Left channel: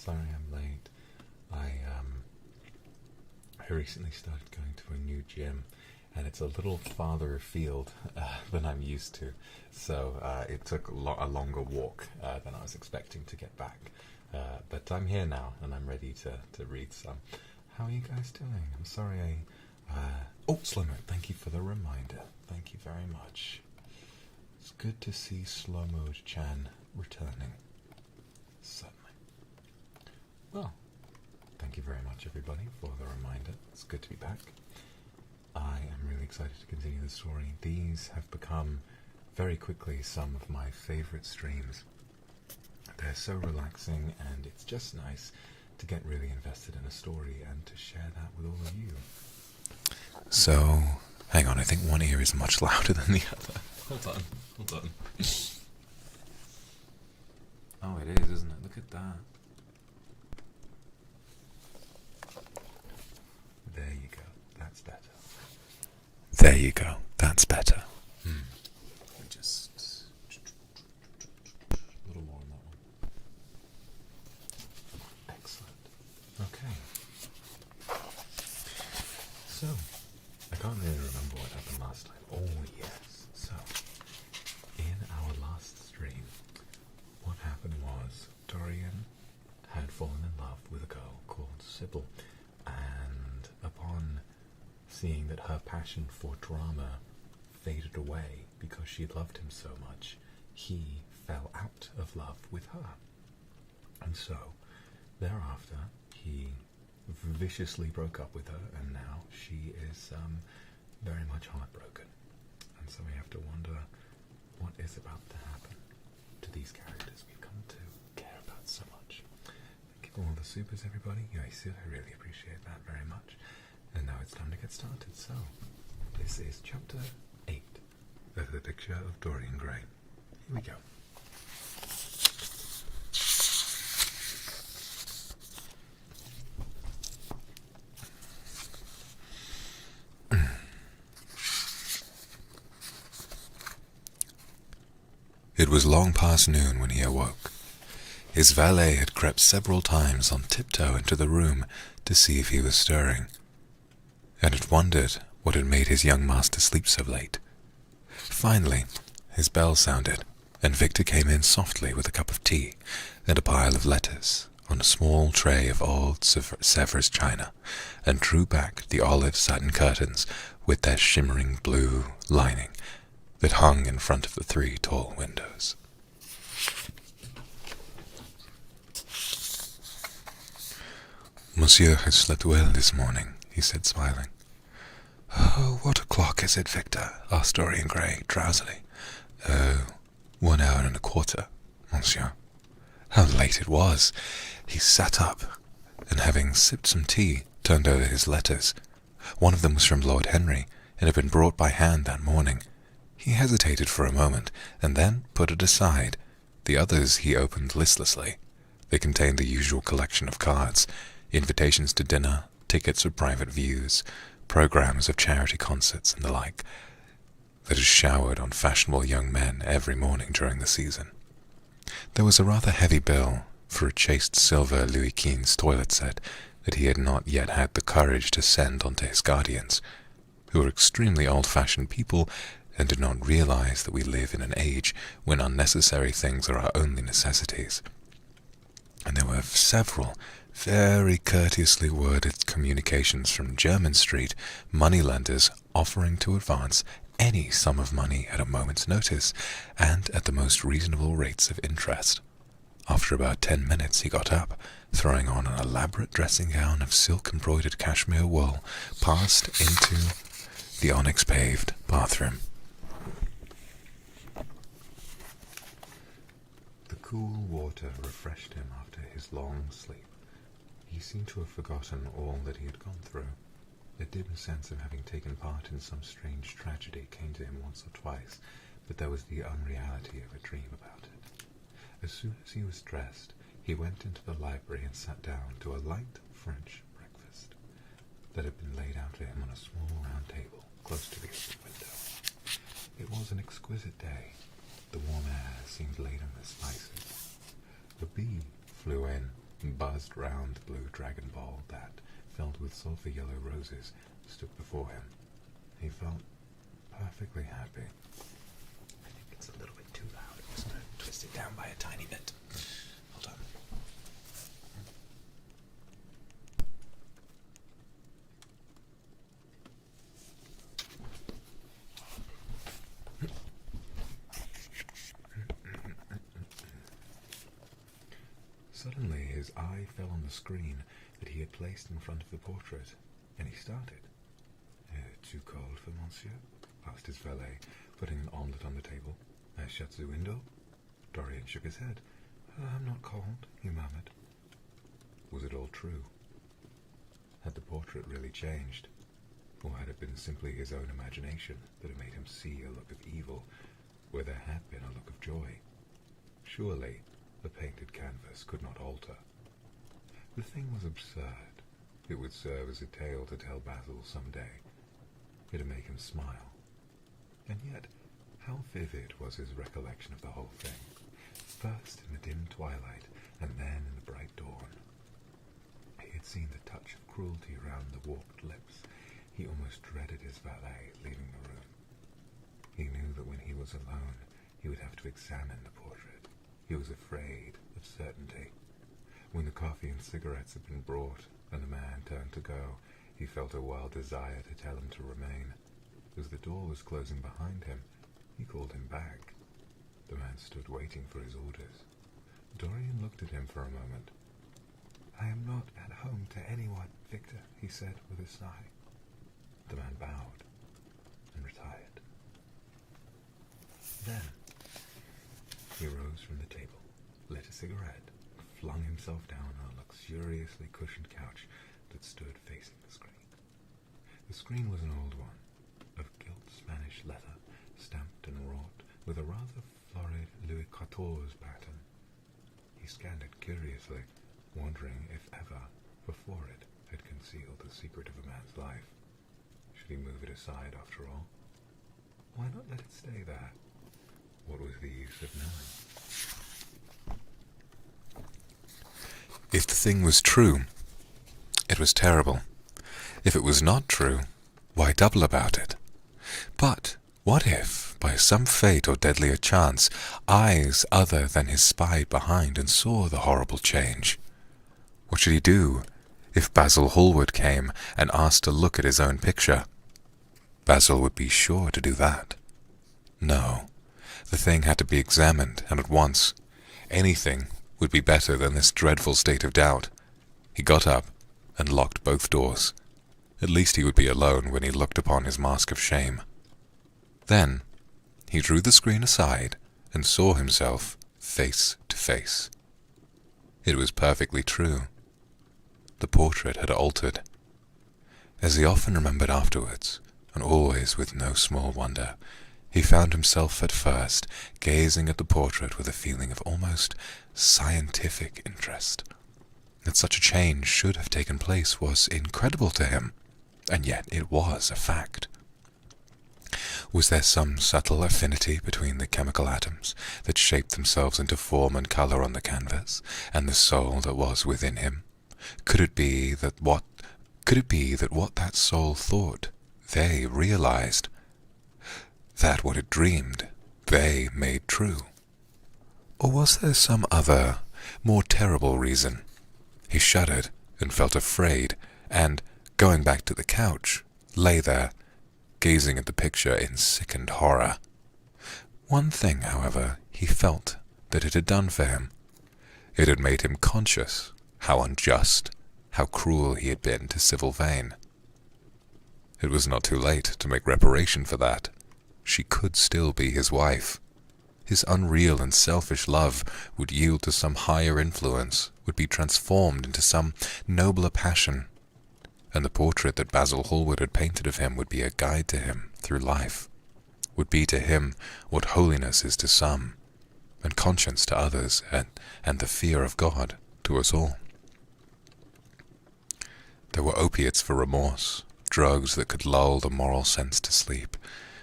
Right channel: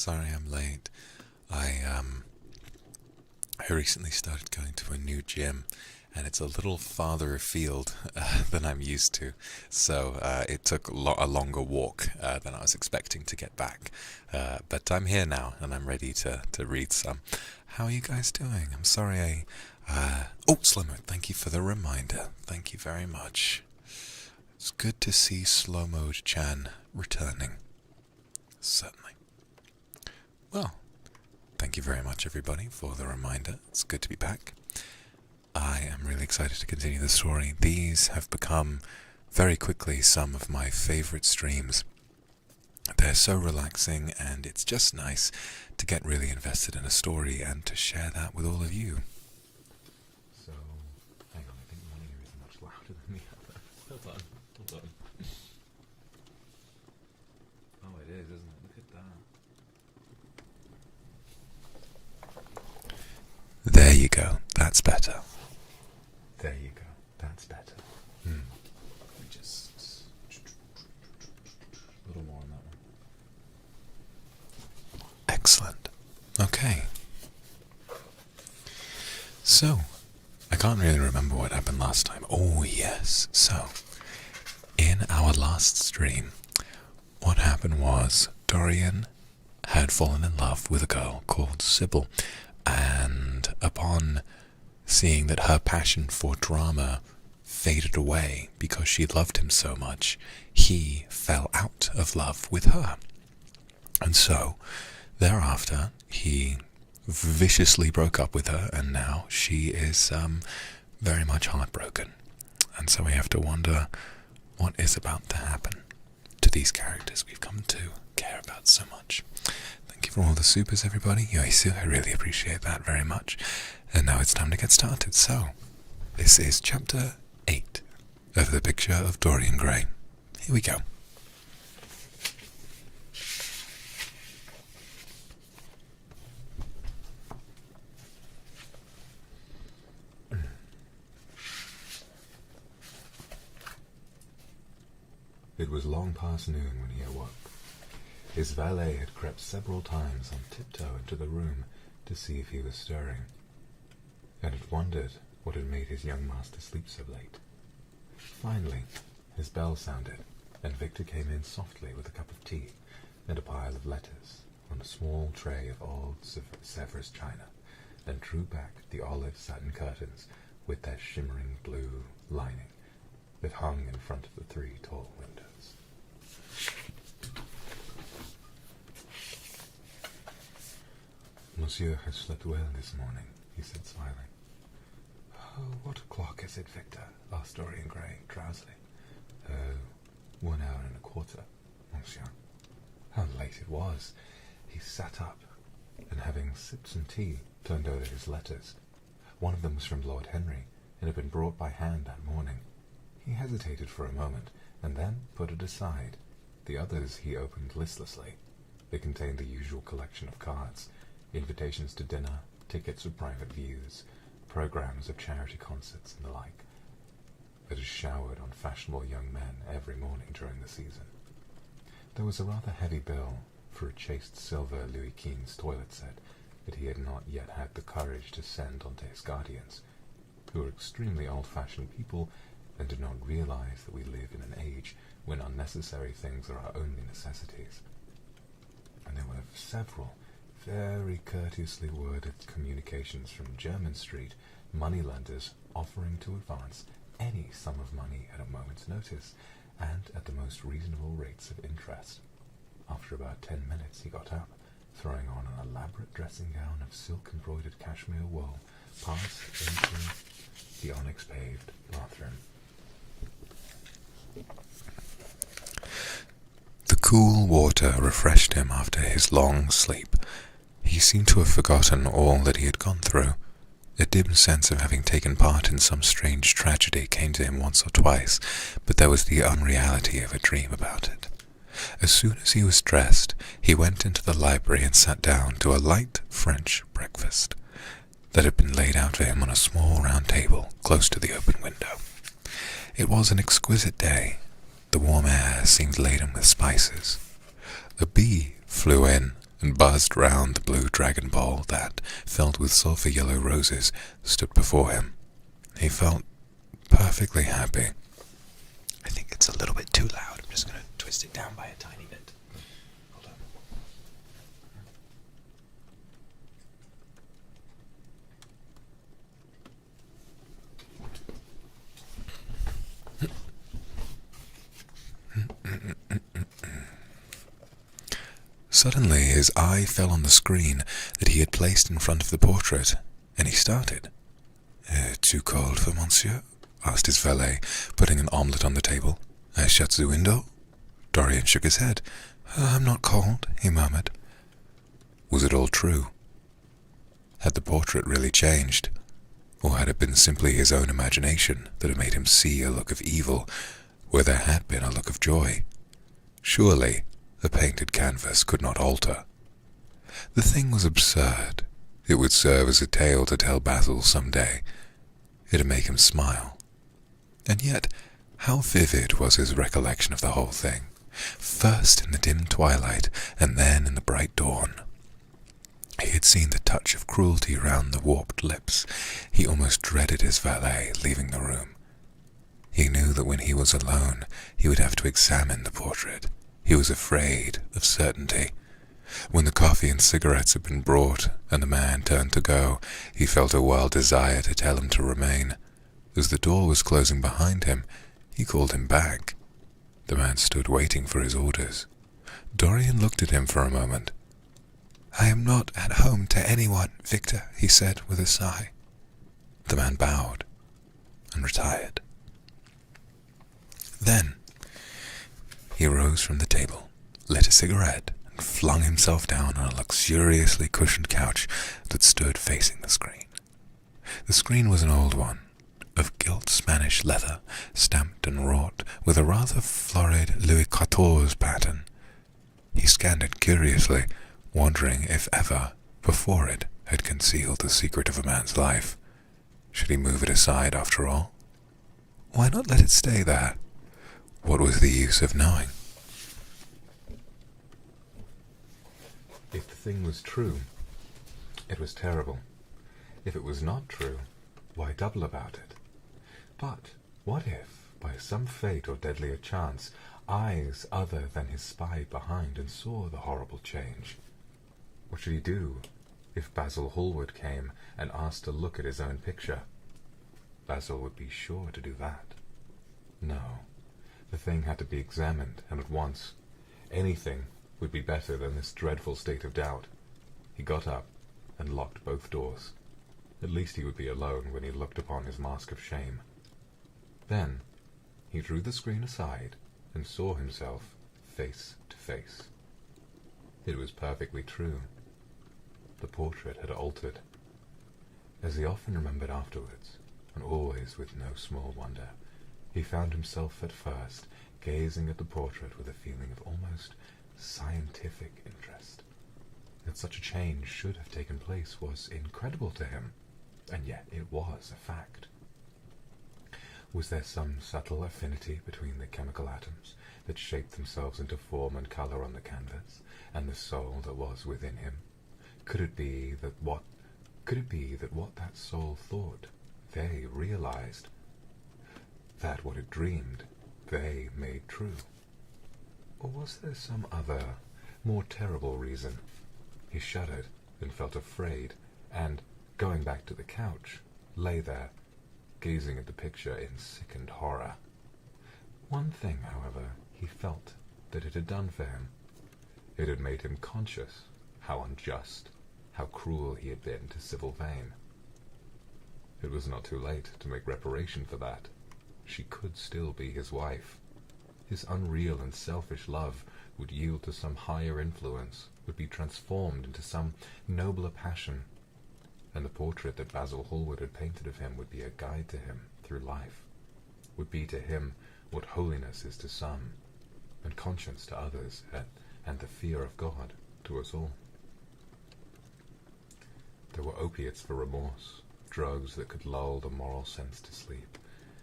Sorry I'm late. I recently started going to a new gym, and it's a little farther afield than I'm used to, so it took a longer walk than I was expecting to get back. But I'm here now, and I'm ready to read some. How are you guys doing? I'm sorry oh, Slow-Mo, thank you for the reminder. Thank you very much. It's good to see Slow-Mo-chan returning. Certainly. Well, thank you very much, everybody, for the reminder. It's good to be back. I am really excited to continue the story. These have become, very quickly, some of my favorite streams. They're so relaxing, and it's just nice to get really invested in a story and to share that with all of you. So, hang on, I think one ear is much louder than the other. Hold on. Oh, it is, isn't it? Look at that. There you go. That's better. There you go. That's better. Just a little more on that one. Excellent. Okay. So, I can't really remember what happened last time. Oh, yes. So, in our last stream, what happened was Dorian had fallen in love with a girl called Sybil, and upon seeing that her passion for drama faded away because she loved him so much, he fell out of love with her. And so, thereafter, he viciously broke up with her, and now she is very much heartbroken. And so we have to wonder what is about to happen to these characters we've come to care about so much. Thank you for all the supers, everybody. Yoisu, I really appreciate that very much. And now it's time to get started. So, this is chapter 8 of The Picture of Dorian Gray. Here we go. It was long past noon when he awoke. His valet had crept several times on tiptoe into the room to see if he was stirring, and had wondered what had made his young master sleep so late. Finally, his bell sounded, and Victor came in softly with a cup of tea and a pile of letters on a small tray of old Sèvres china, and drew back the olive satin curtains with their shimmering blue lining that hung in front of the 3 tall windows. Monsieur has slept well this morning, he said, smiling. Oh, what o'clock is it, Victor? Asked Dorian Gray, drowsily. 1 hour and a quarter, monsieur. How late it was! He sat up, and having sipped some tea, turned over his letters. One of them was from Lord Henry, and had been brought by hand that morning. He hesitated for a moment, and then put it aside. The others he opened listlessly. They contained the usual collection of cards, invitations to dinner, tickets for private views, programs of charity concerts, and the like, that is showered on fashionable young men every morning during the season. There was a rather heavy bill for a chased silver Louis Quinze toilet set that he had not yet had the courage to send on to his guardians, who were extremely old-fashioned people and did not realize that we live in an age when unnecessary things are our only necessities. And there were several very courteously worded communications from Jermyn Street moneylenders offering to advance any sum of money at a moment's notice, and at the most reasonable rates of interest. After about 10 minutes he got up, throwing on an elaborate dressing gown of silk-embroidered cashmere wool, passed into the onyx-paved bathroom. The cool water refreshed him after his long sleep. He seemed to have forgotten all that he had gone through. A dim sense of having taken part in some strange tragedy came to him once or twice, but there was the unreality of a dream about it. As soon as he was dressed, he went into the library and sat down to a light French breakfast that had been laid out for him on a small round table close to the open window. It was an exquisite day. The warm air seemed laden with spices. A bee flew in and buzzed round the blue dragon bowl that, filled with sulphur-yellow roses, stood before him. He felt perfectly happy. I think it's a little bit too loud. I'm just going to twist it down by a tiny bit. Hold on. Suddenly his eye fell on the screen that he had placed in front of the portrait, and he started. Too cold for monsieur? Asked his valet, putting an omelette on the table. I shut the window. Dorian shook his head. I'm not cold, he murmured. Was it all true? Had the portrait really changed? Or had it been simply his own imagination that had made him see a look of evil where there had been a look of joy? Surely a painted canvas could not alter. The thing was absurd. It would serve as a tale to tell Basil some day. It'd make him smile. And yet, how vivid was his recollection of the whole thing, first in the dim twilight, and then in the bright dawn. He had seen the touch of cruelty round the warped lips. He almost dreaded his valet leaving the room. He knew that when he was alone, he would have to examine the portrait. He was afraid of certainty. When the coffee and cigarettes had been brought, and the man turned to go, he felt a wild desire to tell him to remain. As the door was closing behind him, he called him back. The man stood waiting for his orders. Dorian looked at him for a moment. I am not at home to anyone, Victor, he said with a sigh. The man bowed and retired. Then he rose from the table, lit a cigarette, and flung himself down on a luxuriously cushioned couch that stood facing the screen. The screen was an old one, of gilt Spanish leather, stamped and wrought with a rather florid Louis XIV pattern. He scanned it curiously, wondering if ever, before it, had concealed the secret of a man's life. Should he move it aside after all? Why not let it stay there? What was the use of knowing? If the thing was true, it was terrible. If it was not true, why double about it? But what if, by some fate or deadlier chance, eyes other than his spied behind and saw the horrible change? What should he do if Basil Hallward came and asked to look at his own picture? Basil would be sure to do that. No, the thing had to be examined, and at once. Anything would be better than this dreadful state of doubt. He got up and locked both doors. At least he would be alone when he looked upon his mask of shame. Then he drew the screen aside and saw himself face to face. It was perfectly true. The portrait had altered. As he often remembered afterwards, and always with no small wonder, he found himself at first gazing at the portrait with a feeling of almost scientific interest. That such a change should have taken place was incredible to him, and yet it was a fact. Was there some subtle affinity between the chemical atoms that shaped themselves into form and color on the canvas, and the soul that was within him? Could it be that what that soul thought, they realized? That what it dreamed, they made true? Or was there some other, more terrible reason? He shuddered and felt afraid, and, going back to the couch, lay there, gazing at the picture in sickened horror. One thing, however, he felt that it had done for him. It had made him conscious how unjust, how cruel he had been to Sybil Vane. It was not too late to make reparation for that. She could still be his wife. His unreal and selfish love would yield to some higher influence, would be transformed into some nobler passion, and the portrait that Basil Hallward had painted of him would be a guide to him through life, would be to him what holiness is to some, and conscience to others, and the fear of God to us all. There were opiates for remorse, drugs that could lull the moral sense to sleep,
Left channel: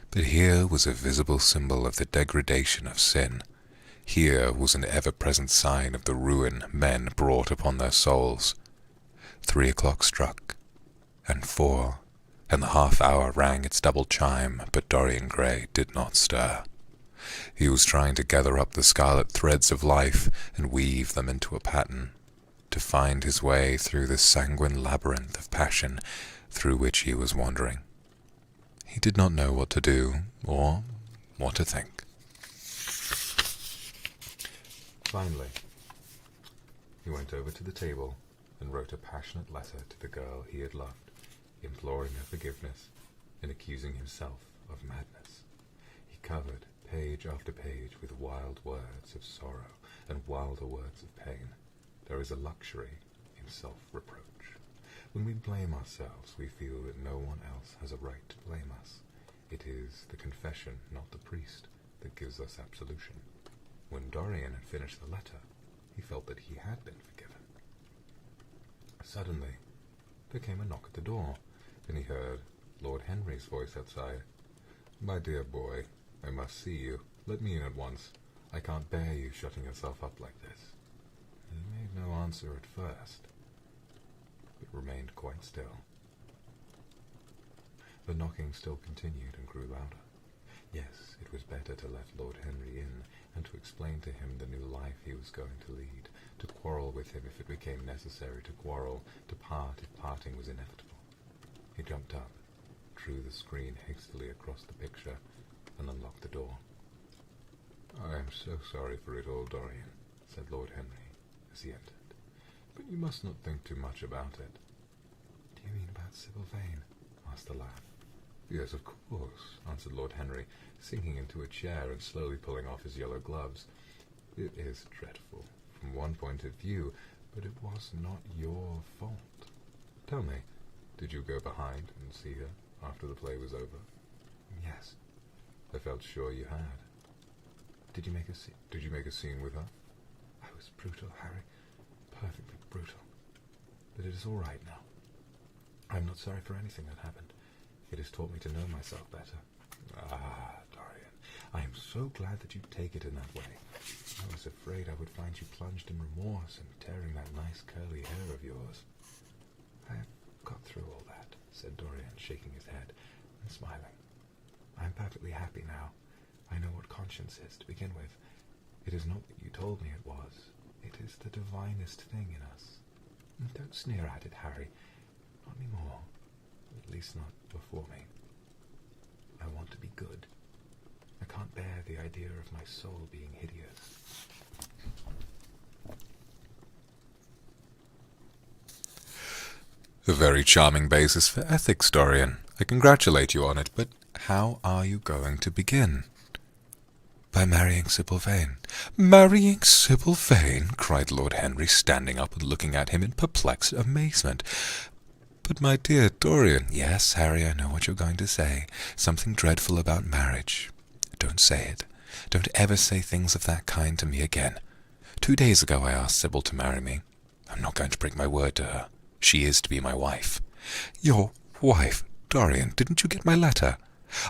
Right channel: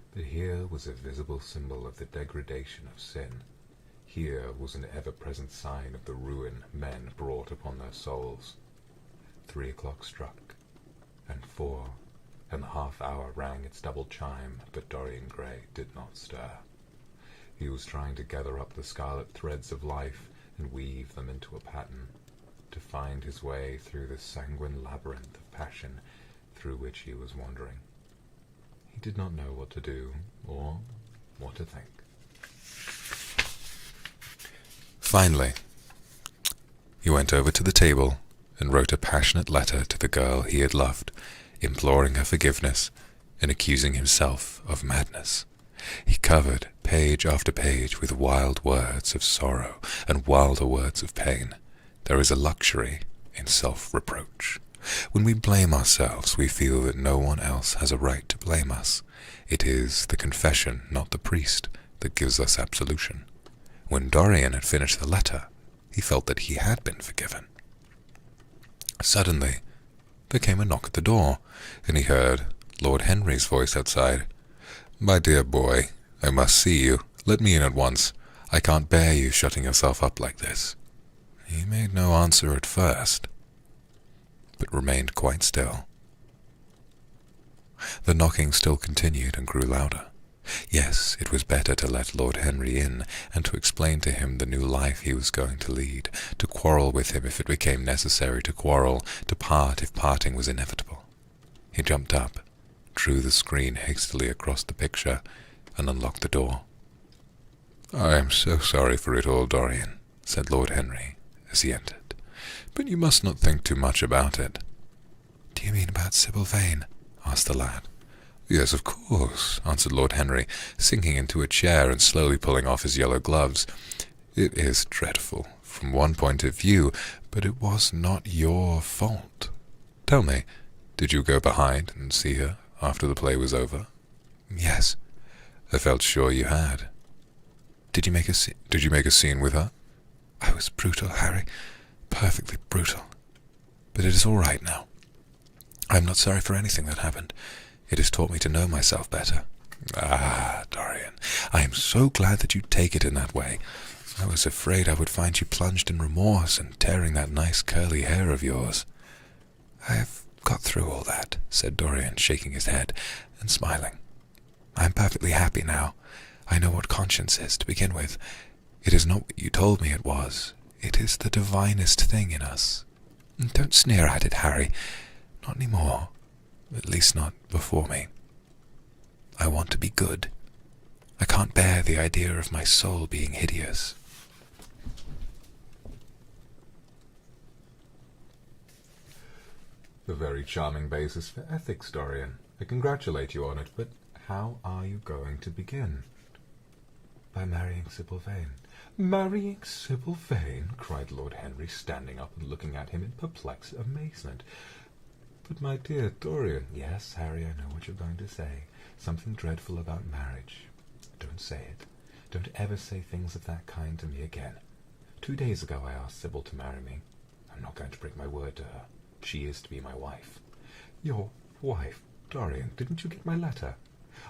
but here was a visible symbol of the degradation of sin. Here was an ever-present sign of the ruin men brought upon their souls. 3 o'clock struck, and 4, and the half-hour rang its double chime, but Dorian Gray did not stir. He was trying to gather up the scarlet threads of life and weave them into a pattern, to find his way through this sanguine labyrinth of passion through which he was wandering. He did not know what to do, or what to think. Finally, he went over to the table and wrote a passionate letter to the girl he had loved, imploring her forgiveness and accusing himself of madness. He covered page after page with wild words of sorrow and wilder words of pain. There is a luxury in self-reproach. When we blame ourselves, we feel that no one else has a right to blame us. It is the confession, not the priest, that gives us absolution. When Dorian had finished the letter, he felt that he had been forgiven. Suddenly, there came a knock at the door, and he heard Lord Henry's voice outside. "My dear boy, I must see you. Let me in at once. I can't bear you shutting yourself up like this." He made no answer at first, but remained quite still. The knocking still continued and grew louder. Yes, it was better to let Lord Henry in, and to explain to him the new life he was going to lead, to quarrel with him if it became necessary to quarrel, to part if parting was inevitable. He jumped up, drew the screen hastily across the picture, and unlocked the door. "I am so sorry for it all, Dorian," said Lord Henry as he entered, "but you must not think too much about it." "Do you mean about Sybil Vane?" asked the lad. "Yes, of course," answered Lord Henry, sinking into a chair and slowly pulling off his yellow gloves. "It is dreadful, from one point of view, but it was not your fault. Tell me, did you go behind and see her after the play was over?" "Yes." "I felt sure you had. Did you make a scene with her?" "I was brutal, Harry, perfectly brutal. But it is all right now. I am not sorry for anything that happened. It has taught me to know myself better." "Ah, Dorian, I am so glad that you take it in that way. I was afraid I would find you plunged in remorse and tearing that nice curly hair of yours." "I have got through all that," said Dorian, shaking his head and smiling. "I am perfectly happy now. I know what conscience is, to begin with. It is not what you told me it was. It is the divinest thing in us. Don't sneer at it, Harry. Not any more. At least not before me. I want to be good. I can't bear the idea of my soul being hideous." "A very charming basis for ethics, Dorian. I congratulate you on it, but how are you going to begin?" "By marrying Sybil Vane." "Marrying Sybil Vane?" cried Lord Henry, standing up and looking at him in perplexed amazement. "But my dear Dorian—" "Yes, Harry, I know what you're going to say. Something dreadful about marriage. Don't say it. Don't ever say things of that kind to me again. 2 days ago I asked Sybil to marry me. I'm not going to break my word to her. She is to be my wife." "Your wife? Dorian, didn't you get my letter?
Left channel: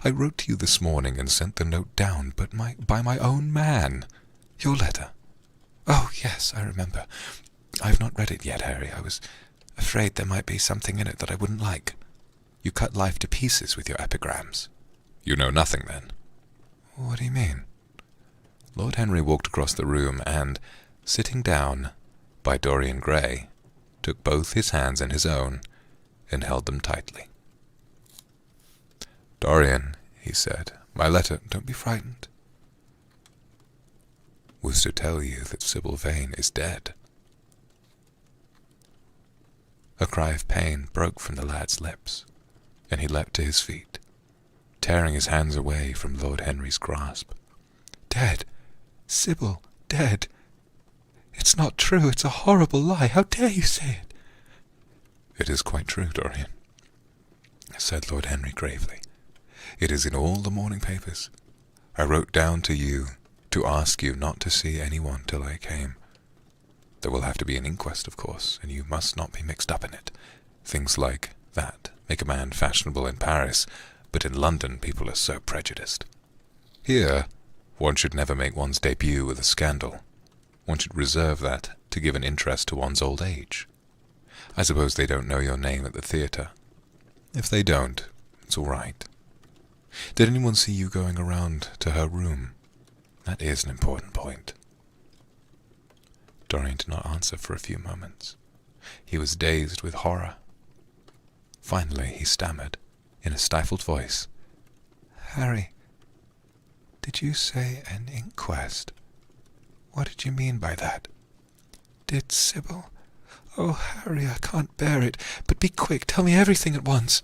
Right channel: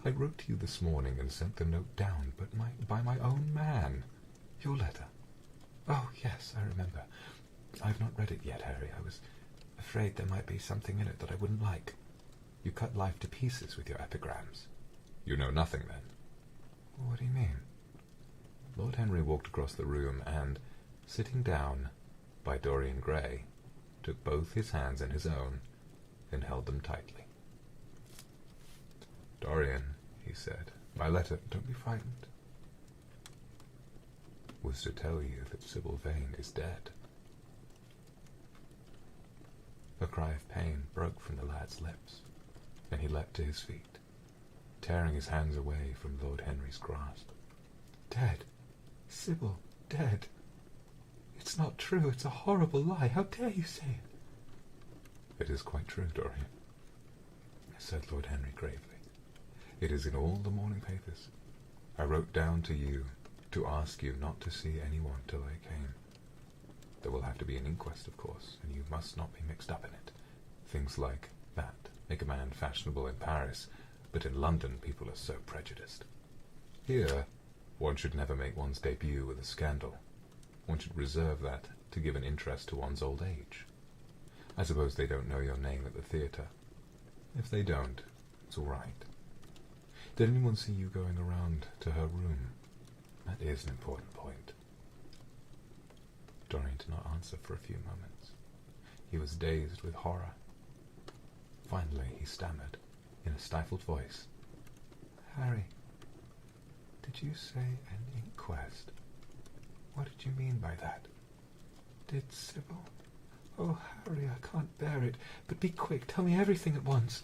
I wrote to you this morning and sent the note down, but by my own man." "Your letter? Oh, yes, I remember. I've not read it yet, Harry. I was afraid there might be something in it that I wouldn't like. You cut life to pieces with your epigrams." "You know nothing, then?" "What do you mean?" Lord Henry walked across the room and, sitting down by Dorian Gray, took both his hands in his own and held them tightly. "Dorian," he said, "my letter—" "Don't be frightened." "Was to tell you that Sybil Vane is dead." A cry of pain broke from the lad's lips, and he leapt to his feet, tearing his hands away from Lord Henry's grasp. "Dead? Sybil dead? It's not true. It's a horrible lie. How dare you say it?" "It is quite true, Dorian," said Lord Henry gravely. "It is in all the morning papers. I wrote down to you to ask you not to see anyone till I came. There will have to be an inquest, of course, and you must not be mixed up in it. Things like that make a man fashionable in Paris, but in London people are so prejudiced. Here, One should never make one's debut with a scandal. One should reserve that to give an interest to one's old age. I suppose they don't know your name at the theatre. If they don't, it's all right. Did anyone see you going around to her room? That is an important point. Dorian did not answer for a few moments. He was dazed with horror. Finally, he stammered, in a stifled voice, "Harry, did you say an inquest? What did you mean by that? Did Sybil? Oh, Harry, I can't bear it. But be quick, tell me everything at once."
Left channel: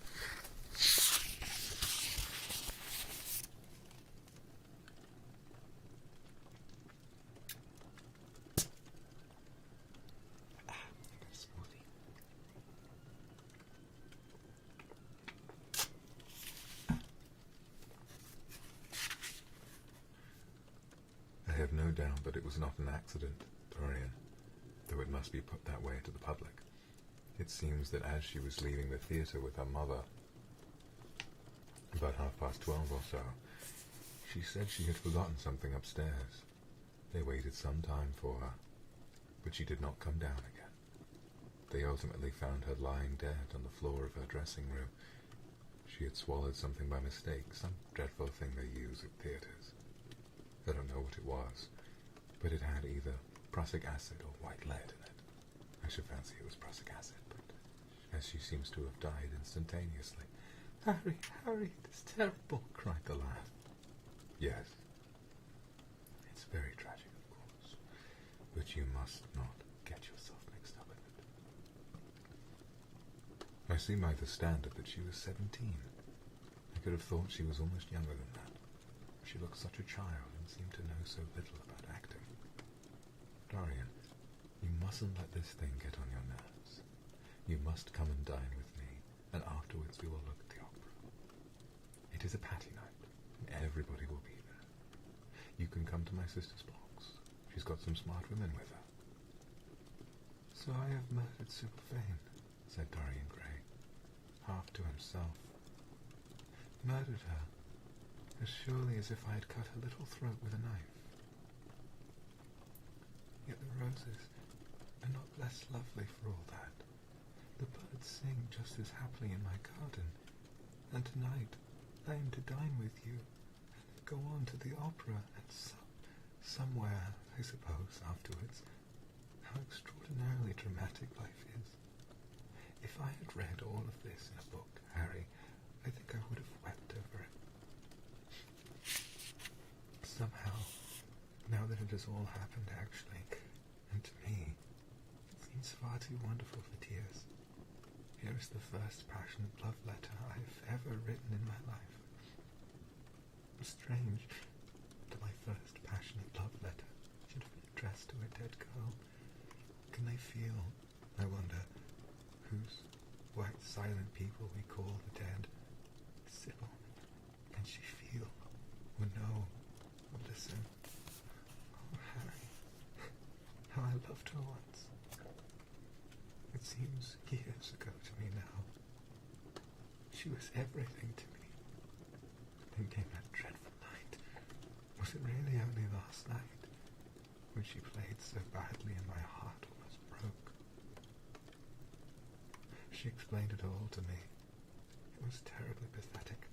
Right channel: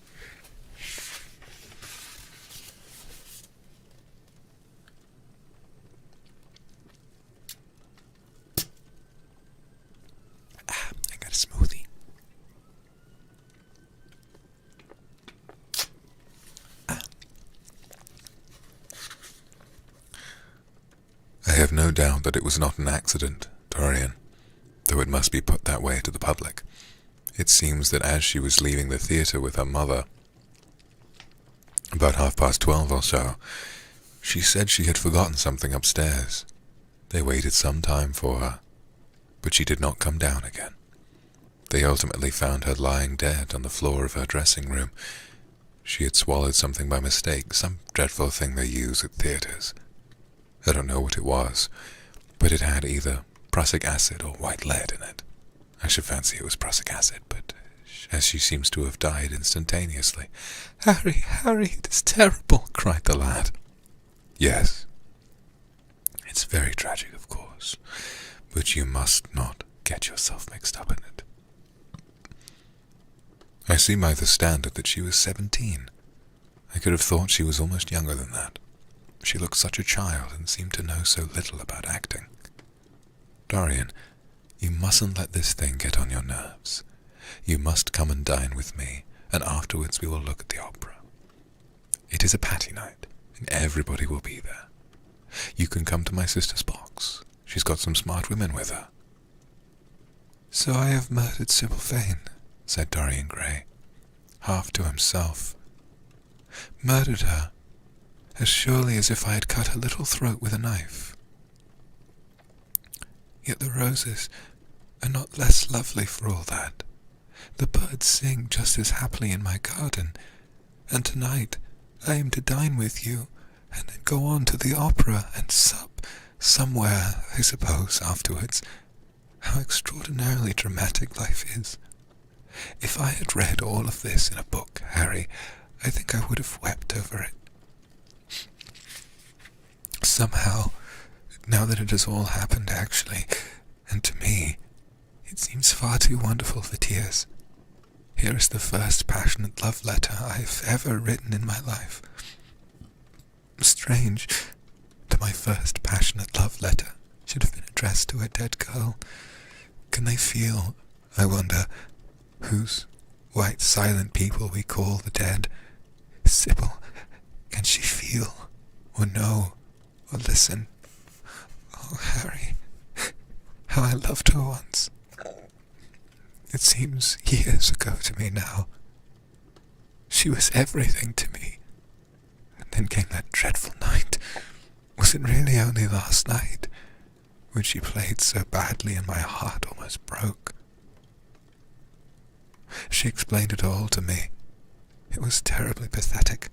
I got a smoothie. I have no doubt that it was not an accident, Dorian, though it must be put that way to the public. It seems that as she was leaving the theatre with her mother, about 12:30 or so, she said she had forgotten something upstairs. They waited some time for her, but she did not come down again. They ultimately found her lying dead on the floor of her dressing room. She had swallowed something by mistake, some dreadful thing they use at theatres. I don't know what it was, but it had either prussic acid or white lead in it. I should fancy it was prussic acid, but as she seems to have died instantaneously. "Harry, Harry, it is terrible," cried the lad. "Yes, it's very tragic, of course, but you must not get yourself mixed up in it. I see by the standard that she was 17. I could have thought she was almost younger than that. She looked such a child and seemed to know so little about acting. Dorian, you mustn't let this thing get on your nerves. You must come and dine with me, and afterwards we will look at the opera. It is a patty night, and everybody will be there. You can come to my sister's box. She's got some smart women with her." "So I have murdered Sybil Vane," said Dorian Gray, half to himself. "Murdered her, as surely as if I had cut her little throat with a knife. Yet the roses are not less lovely for all that. The birds sing just as happily in my garden, and tonight I am to dine with you, and then go on to the opera and sup somewhere, I suppose, afterwards. How extraordinarily dramatic life is. If I had read all of this in a book, Harry, I think I would have wept over it. Somehow, now that it has all happened actually, and to me, it seems far too wonderful for tears. Here is the first passionate love letter I have ever written in my life. Strange that my first passionate love letter should have been addressed to a dead girl. Can they feel, I wonder, whose white silent people we call the dead? Sybil, can she feel, or know, or listen? Oh, Harry, how I loved her once. It seems years ago to me now. She was everything to me. And then came that dreadful night. Was it really only last night, when she played so badly and my heart almost broke? She explained it all to me. It was terribly pathetic,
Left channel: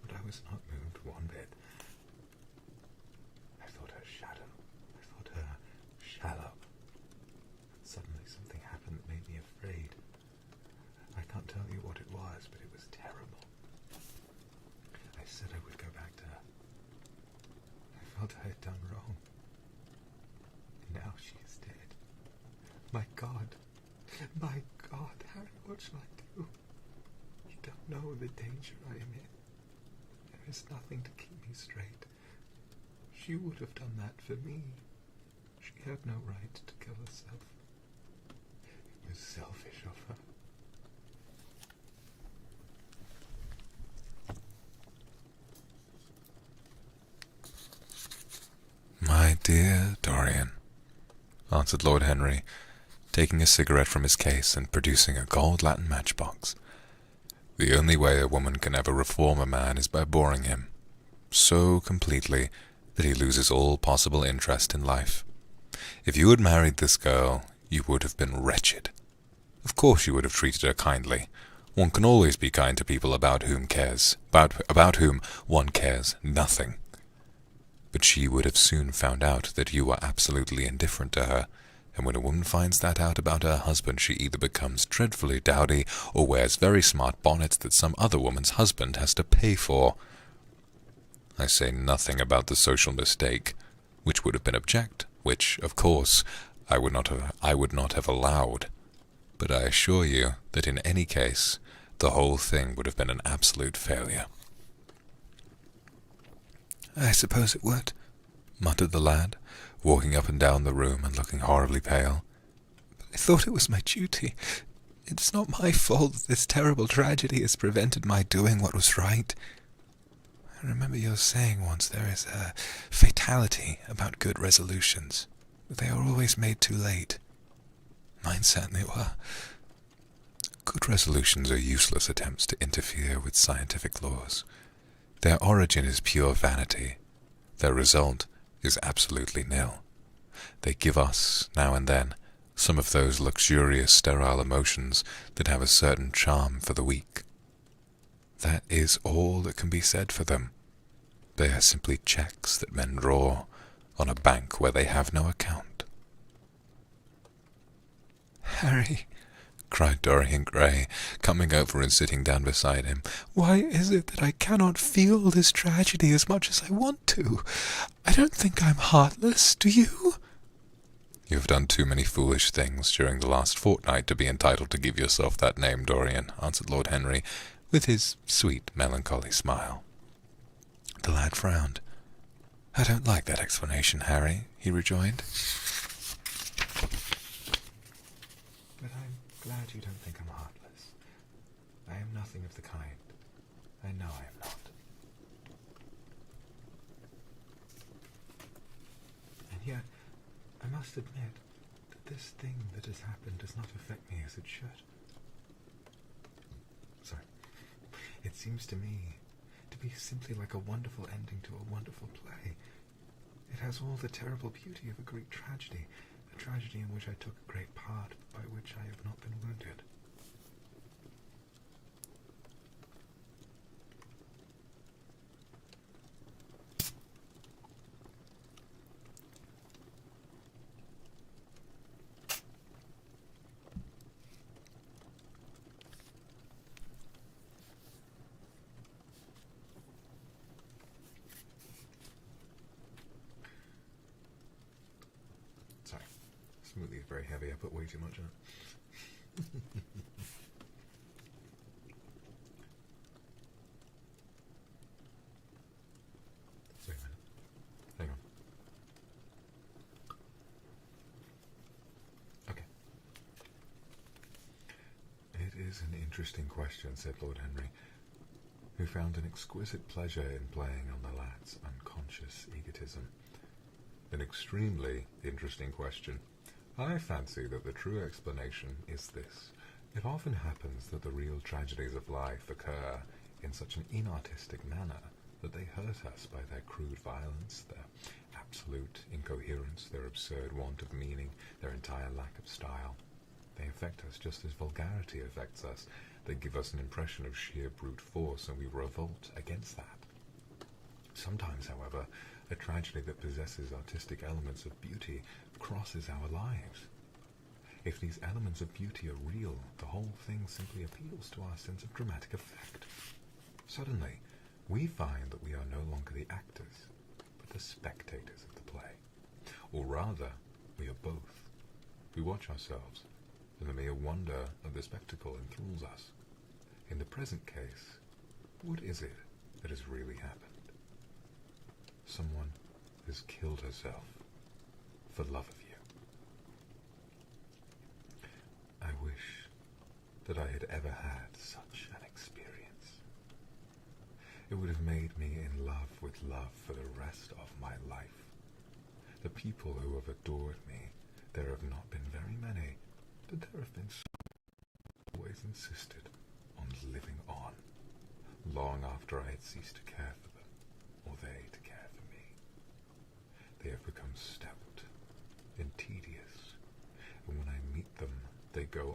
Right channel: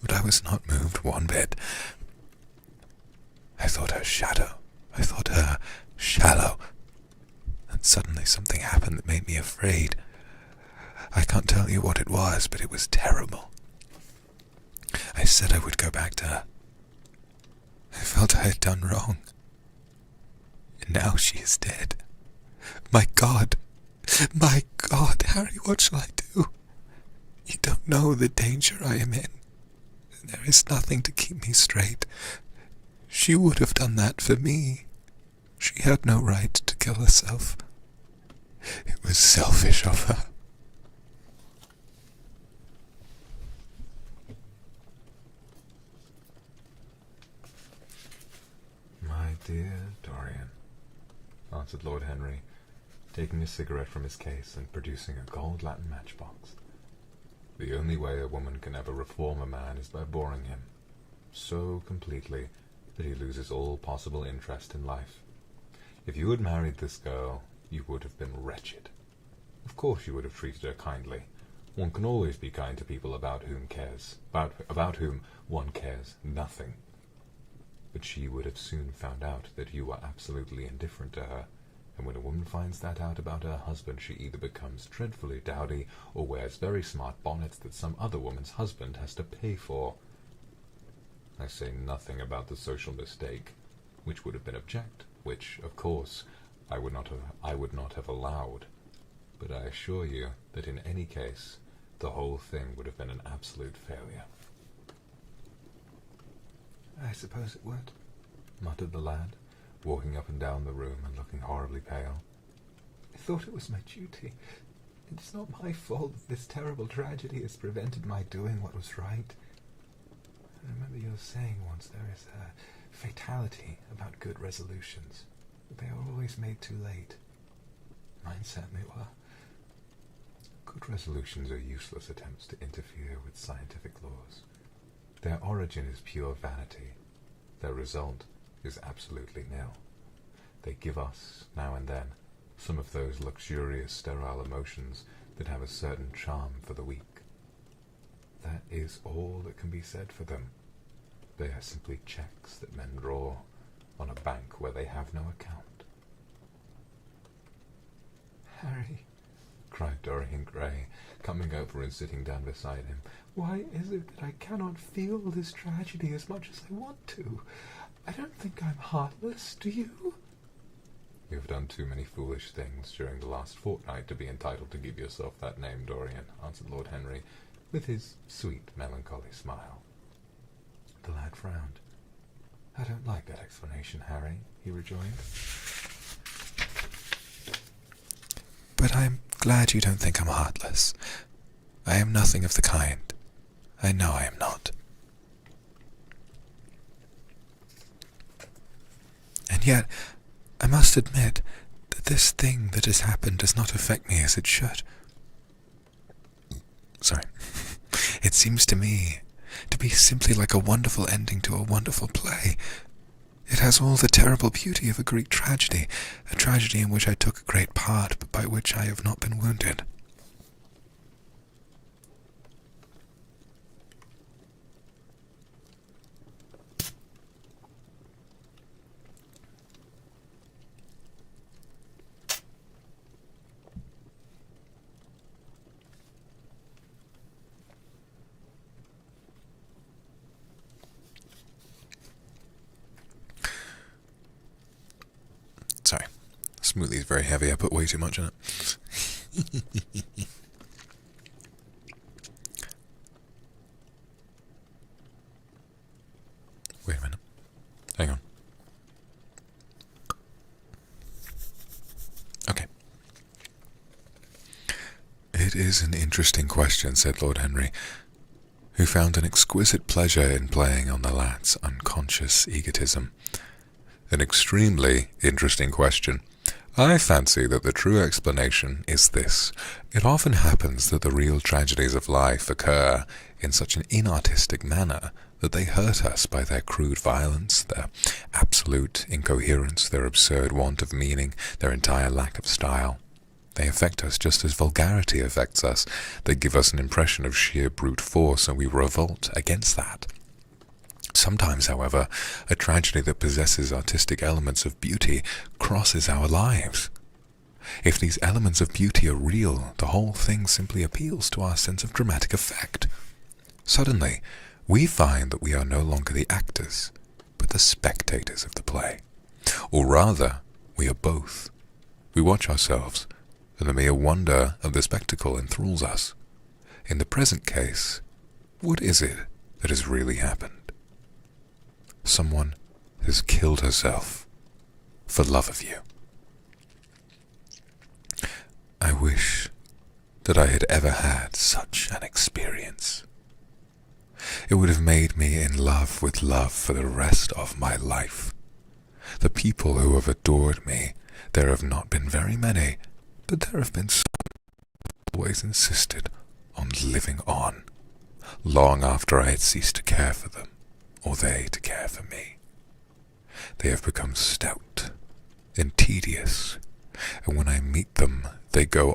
but I was not moved one bit. I thought her shadow. I thought her shallow. And suddenly something happened that made me afraid. I can't tell you what it was, but it was terrible. I said I would go back to her. I felt I had done wrong. And now she is dead. My God! My God, Harry, what shall I do? You don't know the danger I am in. There is nothing to keep me straight. She would have done that for me. She had no right to kill herself. It was selfish of her. My dear Dorian, answered Lord Henry, taking a cigarette from his case and producing a gold Latin matchbox. The only way a woman can ever reform a man is by boring him, so completely that he loses all possible interest in life. If you had married this girl, you would have been wretched. Of course you would have treated her kindly. One can always be kind to people about whom one cares nothing. But she would have soon found out that you were absolutely indifferent to her, and when a woman finds that out about her husband, she either becomes dreadfully dowdy or wears very smart bonnets that some other woman's husband has to pay for. I say nothing about the social mistake, which would have been abject, which, of course, I would not have allowed. But I assure you that in any case, the whole thing would have been an absolute failure. I suppose it would, muttered the lad, walking up and down the room and looking horribly pale. I thought it was my duty. It's not my fault that this terrible tragedy has prevented my doing what was right. I remember your saying once there is a fatality about good resolutions. They are always made too late. Mine certainly were. Good resolutions are useless attempts to interfere with scientific laws. Their origin is pure vanity. Their result is absolutely nil. They give us, now and then, some of those luxurious sterile emotions that have a certain charm for the weak. That is all that can be said for them. They are simply checks that men draw on a bank where they have no account. Harry, cried Dorian Gray, coming over and sitting down beside him, why is it that I cannot feel this tragedy as much as I want to? I don't think I'm heartless, do you? You have done too many foolish things during the last fortnight to be entitled to give yourself that name, Dorian, answered Lord Henry, with his sweet, melancholy smile. The lad frowned. I don't like that explanation, Harry, he rejoined. But I'm glad you don't think I'm heartless. I am nothing of the kind. I know I am not. And yet, I must admit that this thing that has happened does not affect me as it should. Sorry. It seems to me to be simply like a wonderful ending to a wonderful play. It has all the terrible beauty of a Greek tragedy, a tragedy in which I took a great part, but by which I have not been wounded. Sorry, smoothie is very heavy. I put way too much in it. Wait a minute. Hang on. Okay. It is an interesting question, said Lord Henry, who found an exquisite pleasure in playing on the lad's unconscious egotism. An extremely interesting question. I fancy that the true explanation is this. It often happens that the real tragedies of life occur in such an inartistic manner that they hurt us by their crude violence, their absolute incoherence, their absurd want of meaning, their entire lack of style. They affect us just as vulgarity affects us. They give us an impression of sheer brute force, and we revolt against that. Sometimes, however, a tragedy that possesses artistic elements of beauty crosses our lives. If these elements of beauty are real, the whole thing simply appeals to our sense of dramatic effect. Suddenly, we find that we are no longer the actors, but the spectators of the play. Or rather, we are both. We watch ourselves, and the mere wonder of the spectacle enthralls us. In the present case, what is it that has really happened? Someone has killed herself for love of you. I wish that I had ever had such an experience. It would have made me in love with love for the rest of my life. The people who have adored me, there have not been very many, but there have been some who always insisted on living on, long after I had ceased to care for them, or they to care for me. They have become stout and tedious, and when I meet them, they go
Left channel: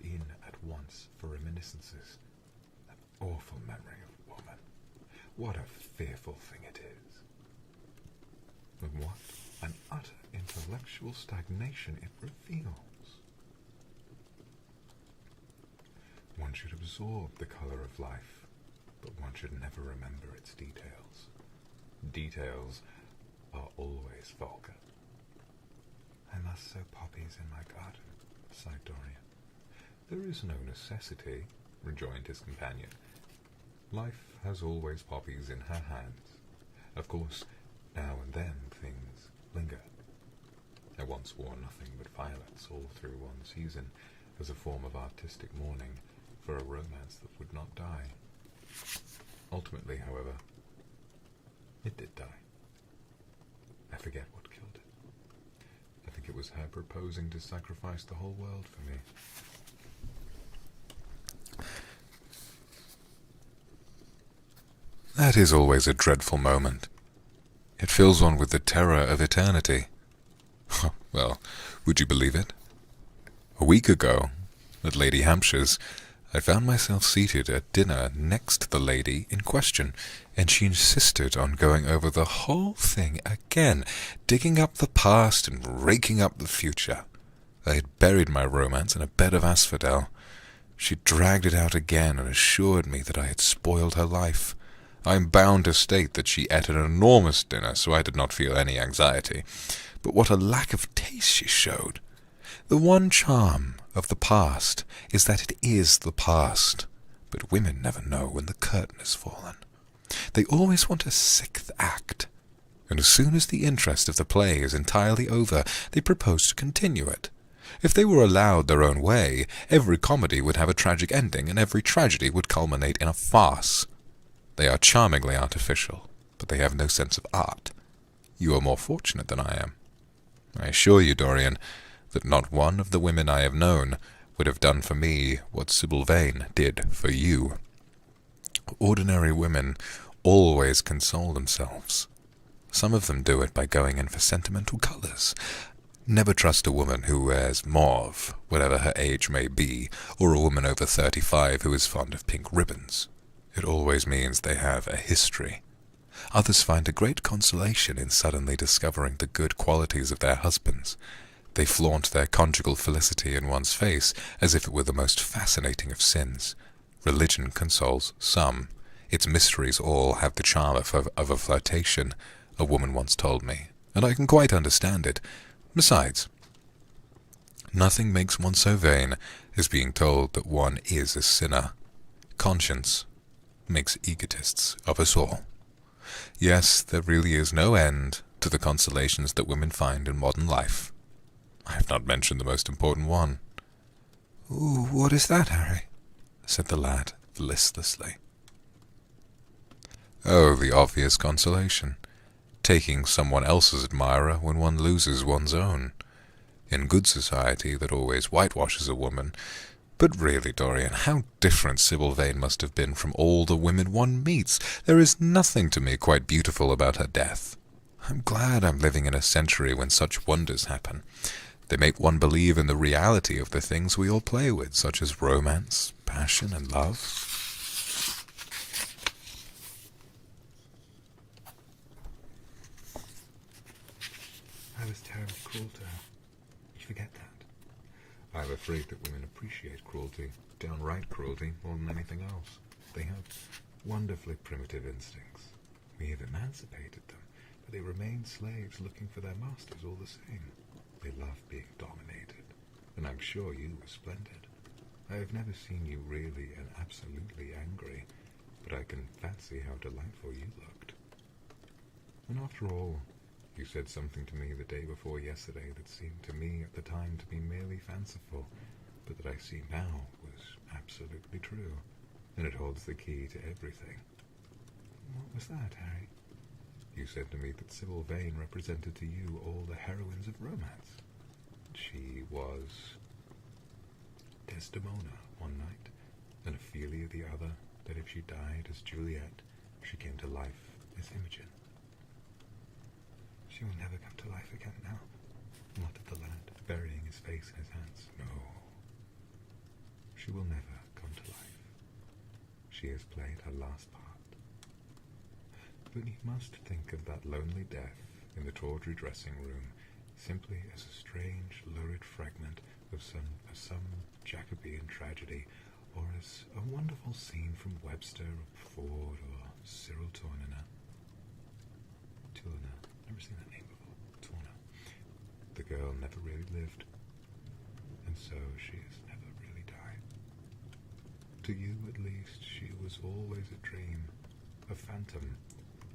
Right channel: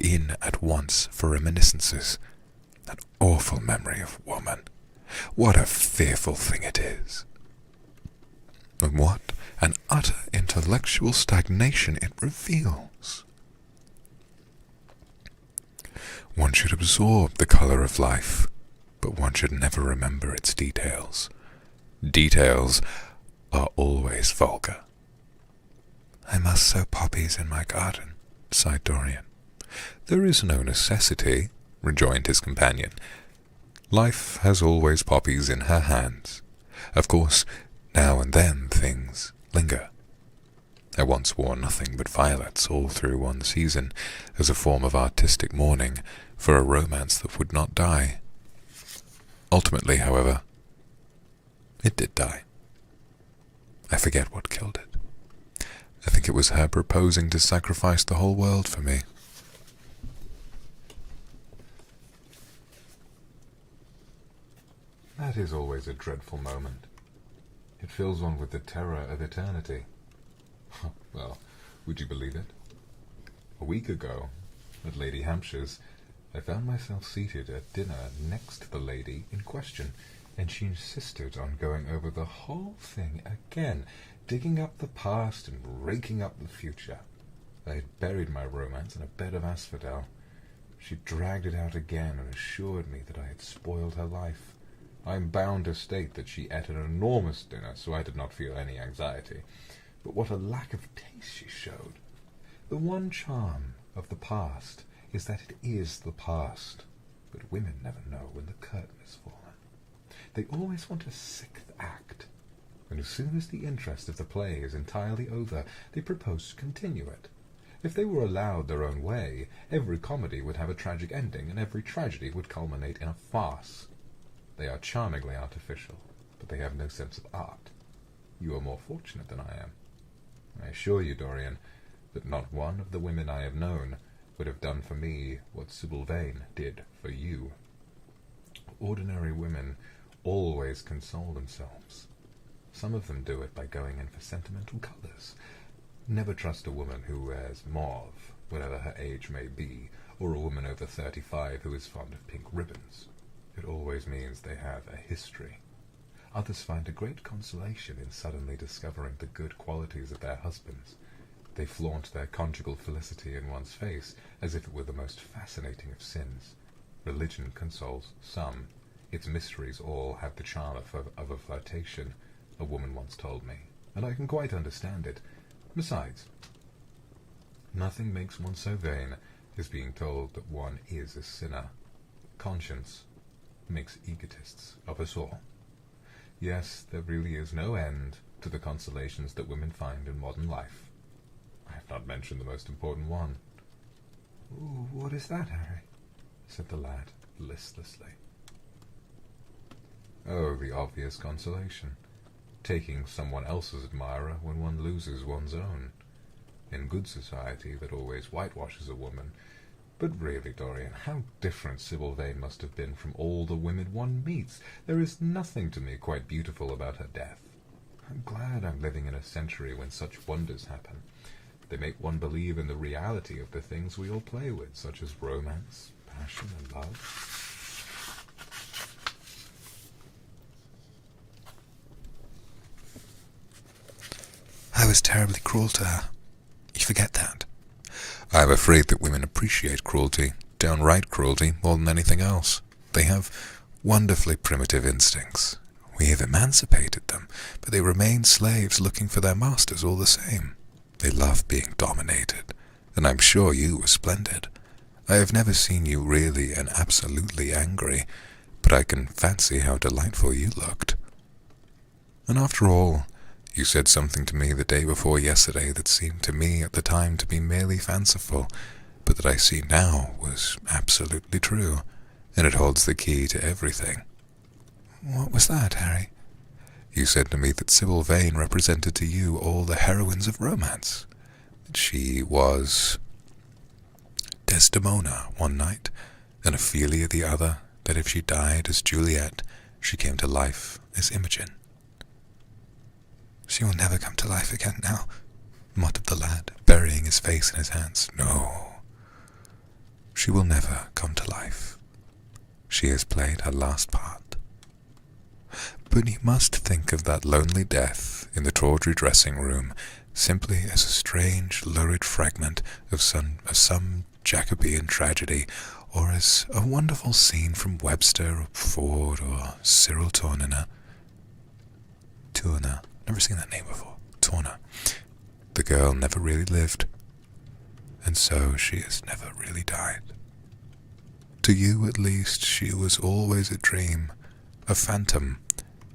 in at once for reminiscences. That awful memory of woman. What a fearful thing it is. And what an utter intellectual stagnation it reveals. One should absorb the colour of life, but one should never remember its details. Details are always vulgar. I must sow poppies in my garden, sighed Dorian. There is no necessity, rejoined his companion. Life has always poppies in her hands. Of course, now and then things linger. I once wore nothing but violets all through one season, as a form of artistic mourning for a romance that would not die. Ultimately, however, it did die. I forget what killed it. I think it was her proposing to sacrifice the whole world for me. That is always a dreadful moment. It fills one with the terror of eternity. Well, would you believe it? A week ago, at Lady Hampshire's, I found myself seated at dinner next to the lady in question, and she insisted on going over the whole thing again, digging up the past and raking up the future. I had buried my romance in a bed of asphodel. She dragged it out again and assured me that I had spoiled her life. I am bound to state that she ate an enormous dinner, so I did not feel any anxiety. But what a lack of taste she showed! The one charm of the past is that it is the past, but women never know when the curtain has fallen. They always want a sixth act, and as soon as the interest of the play is entirely over, they propose to continue it. If they were allowed their own way, every comedy would have a tragic ending, and every tragedy would culminate in a farce. They are charmingly artificial, but they have no sense of art. You are more fortunate than I am. I assure you, Dorian, that not one of the women I have known would have done for me what Sybil Vane did for you. Ordinary women always console themselves. Some of them do it by going in for sentimental colours. Never trust a woman who wears mauve, whatever her age may be, or a woman over 35 who is fond of pink ribbons. It always means they have a history. Others find a great consolation in suddenly discovering the good qualities of their husbands. They flaunt their conjugal felicity in one's face as if it were the most fascinating of sins. Religion consoles some. Its mysteries all have the charm of a flirtation, a woman once told me, and I can quite understand it. Besides, nothing makes one so vain as being told that one is a sinner. Conscience makes egotists of us all. Yes, there really is no end to the consolations that women find in modern life. I have not mentioned the most important one. "Ooh, what is that, Harry?" said the lad listlessly. Oh, the obvious consolation. Taking someone else's admirer when one loses one's own. In good society that always whitewashes a woman. But really, Dorian, how different Sybil Vane must have been from all the women one meets. There is nothing to me quite beautiful about her death. I'm glad I'm living in a century when such wonders happen. They make one believe in the reality of the things we all play with, such as romance, passion, and love. I was terribly cruel to her. You forget that. I'm afraid that women appreciate cruelty, downright cruelty, more than anything else. They have wonderfully primitive instincts. We have emancipated them, but they remain slaves looking for their masters all the same. They love being dominated, and I'm sure you were splendid. I have never seen you really and absolutely angry, but I can fancy how delightful you looked. And after all, you said something to me the day before yesterday that seemed to me at the time to be merely fanciful, but that I see now was absolutely true, and it holds the key to everything. What was that, Harry? You said to me that Sybil Vane represented to you all the heroines of romance. She was Desdemona one night, and Ophelia the other, that if she died as Juliet, she came to life as Imogen. She will never come to life again now, muttered the lad, burying his face in his hands. No, she will never come to life. She has played her last part. But you must think of that lonely death in the tawdry dressing room simply as a strange, lurid fragment of some Jacobean tragedy, or as a wonderful scene from Webster or Ford or Cyril Tourneur. Never seen that name before. Tourneur. The girl never really lived, and so she has never really died. To you, at least, she was always a dream, a phantom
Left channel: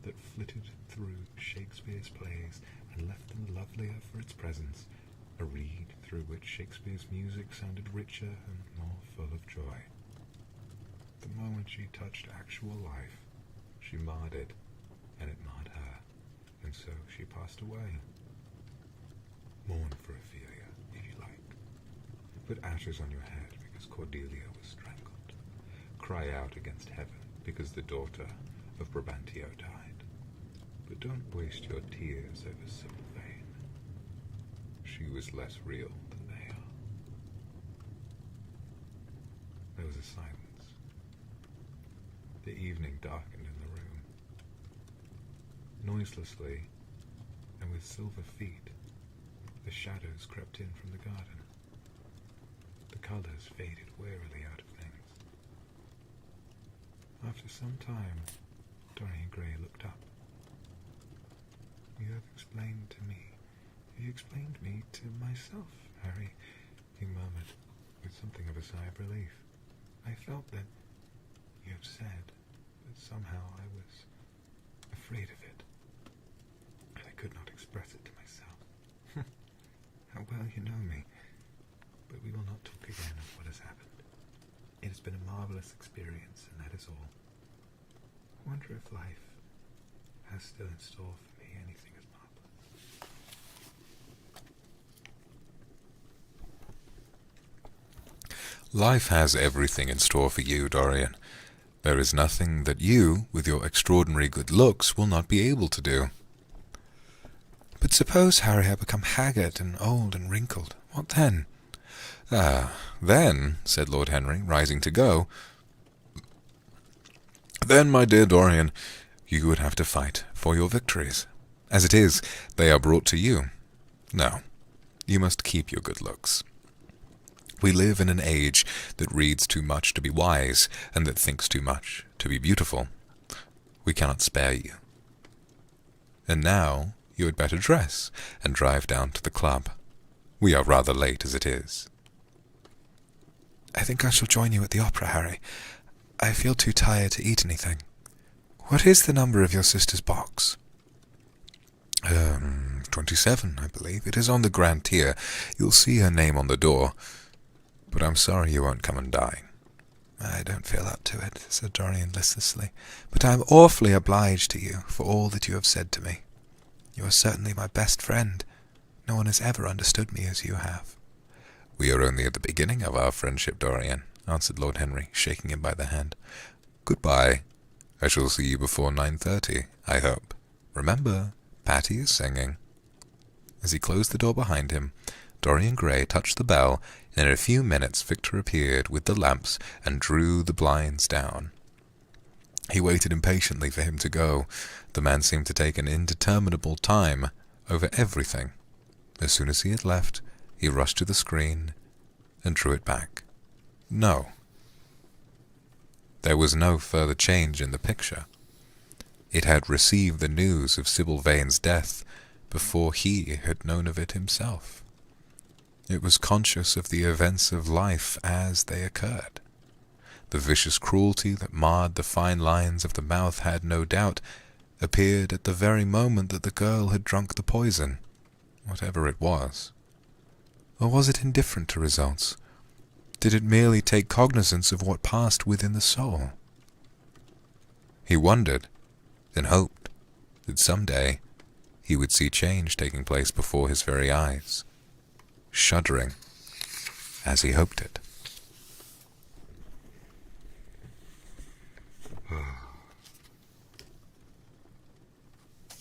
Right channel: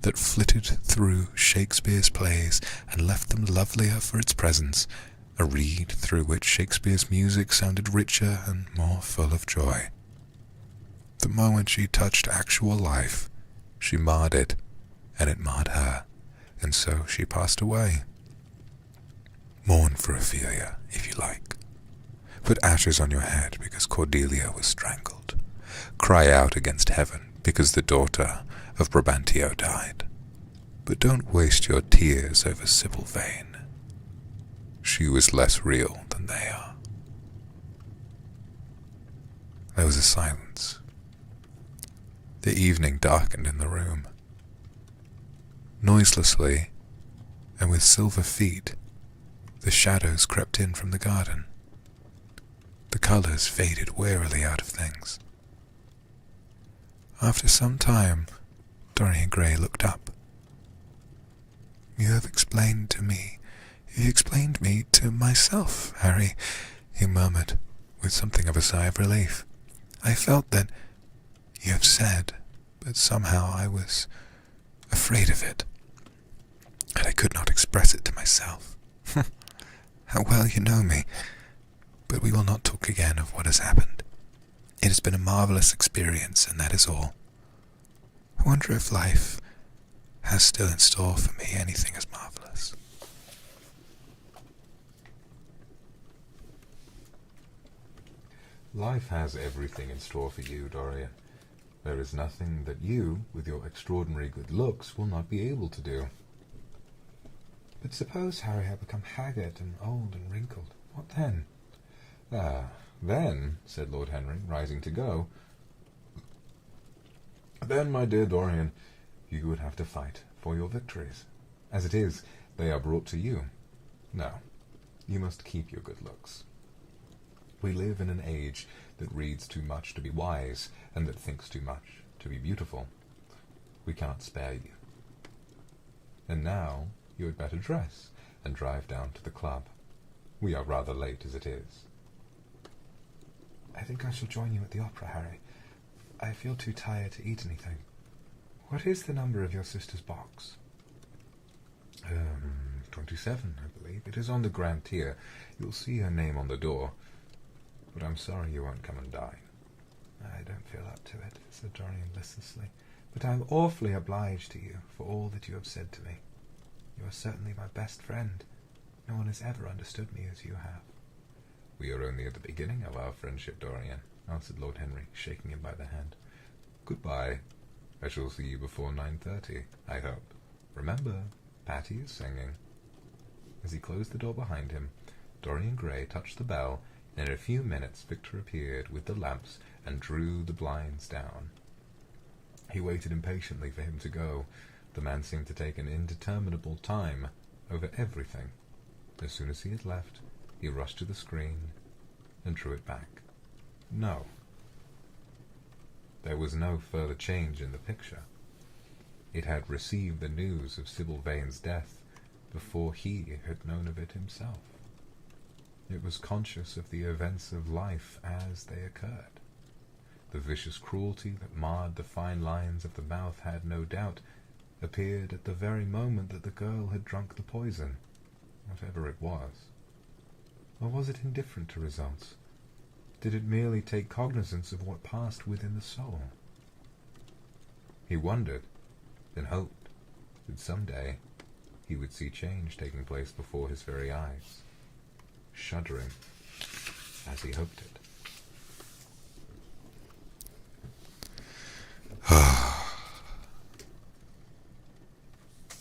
that flitted through Shakespeare's plays and left them lovelier for its presence, a reed through which Shakespeare's music sounded richer and more full of joy. The moment she touched actual life, she marred it, and it marred her, and so she passed away. Mourn for Ophelia, if you like. Put ashes on your head because Cordelia was strangled. Cry out against heaven because the daughter of Brabantio died. But don't waste your tears over Sybil Vane. She was less real than they are. There was a silence. The evening darkened in the room. Noiselessly, and with silver feet, the shadows crept in from the garden. The colours faded wearily out of things. After some time, Dorian Gray looked up. You explained me to myself, Harry, he murmured, with something of a sigh of relief. I felt that you have said, but somehow I was afraid of it, and I could not express it to myself. How well you know me. But we will not talk again of what has happened. It has been a marvellous experience, and that is all. I wonder if life has still in store for me anything as marvellous. Life has everything in store for you, Dorian. There is nothing that you, with your extraordinary good looks, will not be able to do. But suppose Harry had become haggard and old and wrinkled. What then? Then, said Lord Henry, rising to go, then, my dear Dorian, you would have to fight for your victories. As it is, they are brought to you. No, you must keep your good looks. We live in an age that reads too much to be wise, and that thinks too much to be beautiful. We cannot spare you. And now you had better dress and drive down to the club. We are rather late as it is. I think I shall join you at the opera, Harry. I feel too tired to eat anything. What is the number of your sister's box? 27, I believe. It is on the grand tier. You'll see her name on the door. But I'm sorry you won't come and dine. I don't feel up to it, said Dorian listlessly. But I am awfully obliged to you for all that you have said to me. You are certainly my best friend. No one has ever understood me as you have. We are only at the beginning of our friendship, Dorian, answered Lord Henry, shaking him by the hand. Goodbye. I shall see you before 9:30, I hope. Remember, Patty is singing. As he closed the door behind him, Dorian Gray touched the bell, and in a few minutes Victor appeared with the lamps and drew the blinds down. He waited impatiently for him to go. The man seemed to take an indeterminable time over everything. As soon as he had left, he rushed to the screen and drew it back. No. There was no further change in the picture. It had received the news of Sybil Vane's death before he had known of it himself. It was conscious of the events of life as they occurred. The vicious cruelty that marred the fine lines of the mouth had, no doubt, appeared at the very moment that the girl had drunk the poison, whatever it was. Or was it indifferent to results? Did it merely take cognizance of what passed within the soul? He wondered, then hoped, that some day he would see change taking place before his very eyes, shuddering as he hoped it.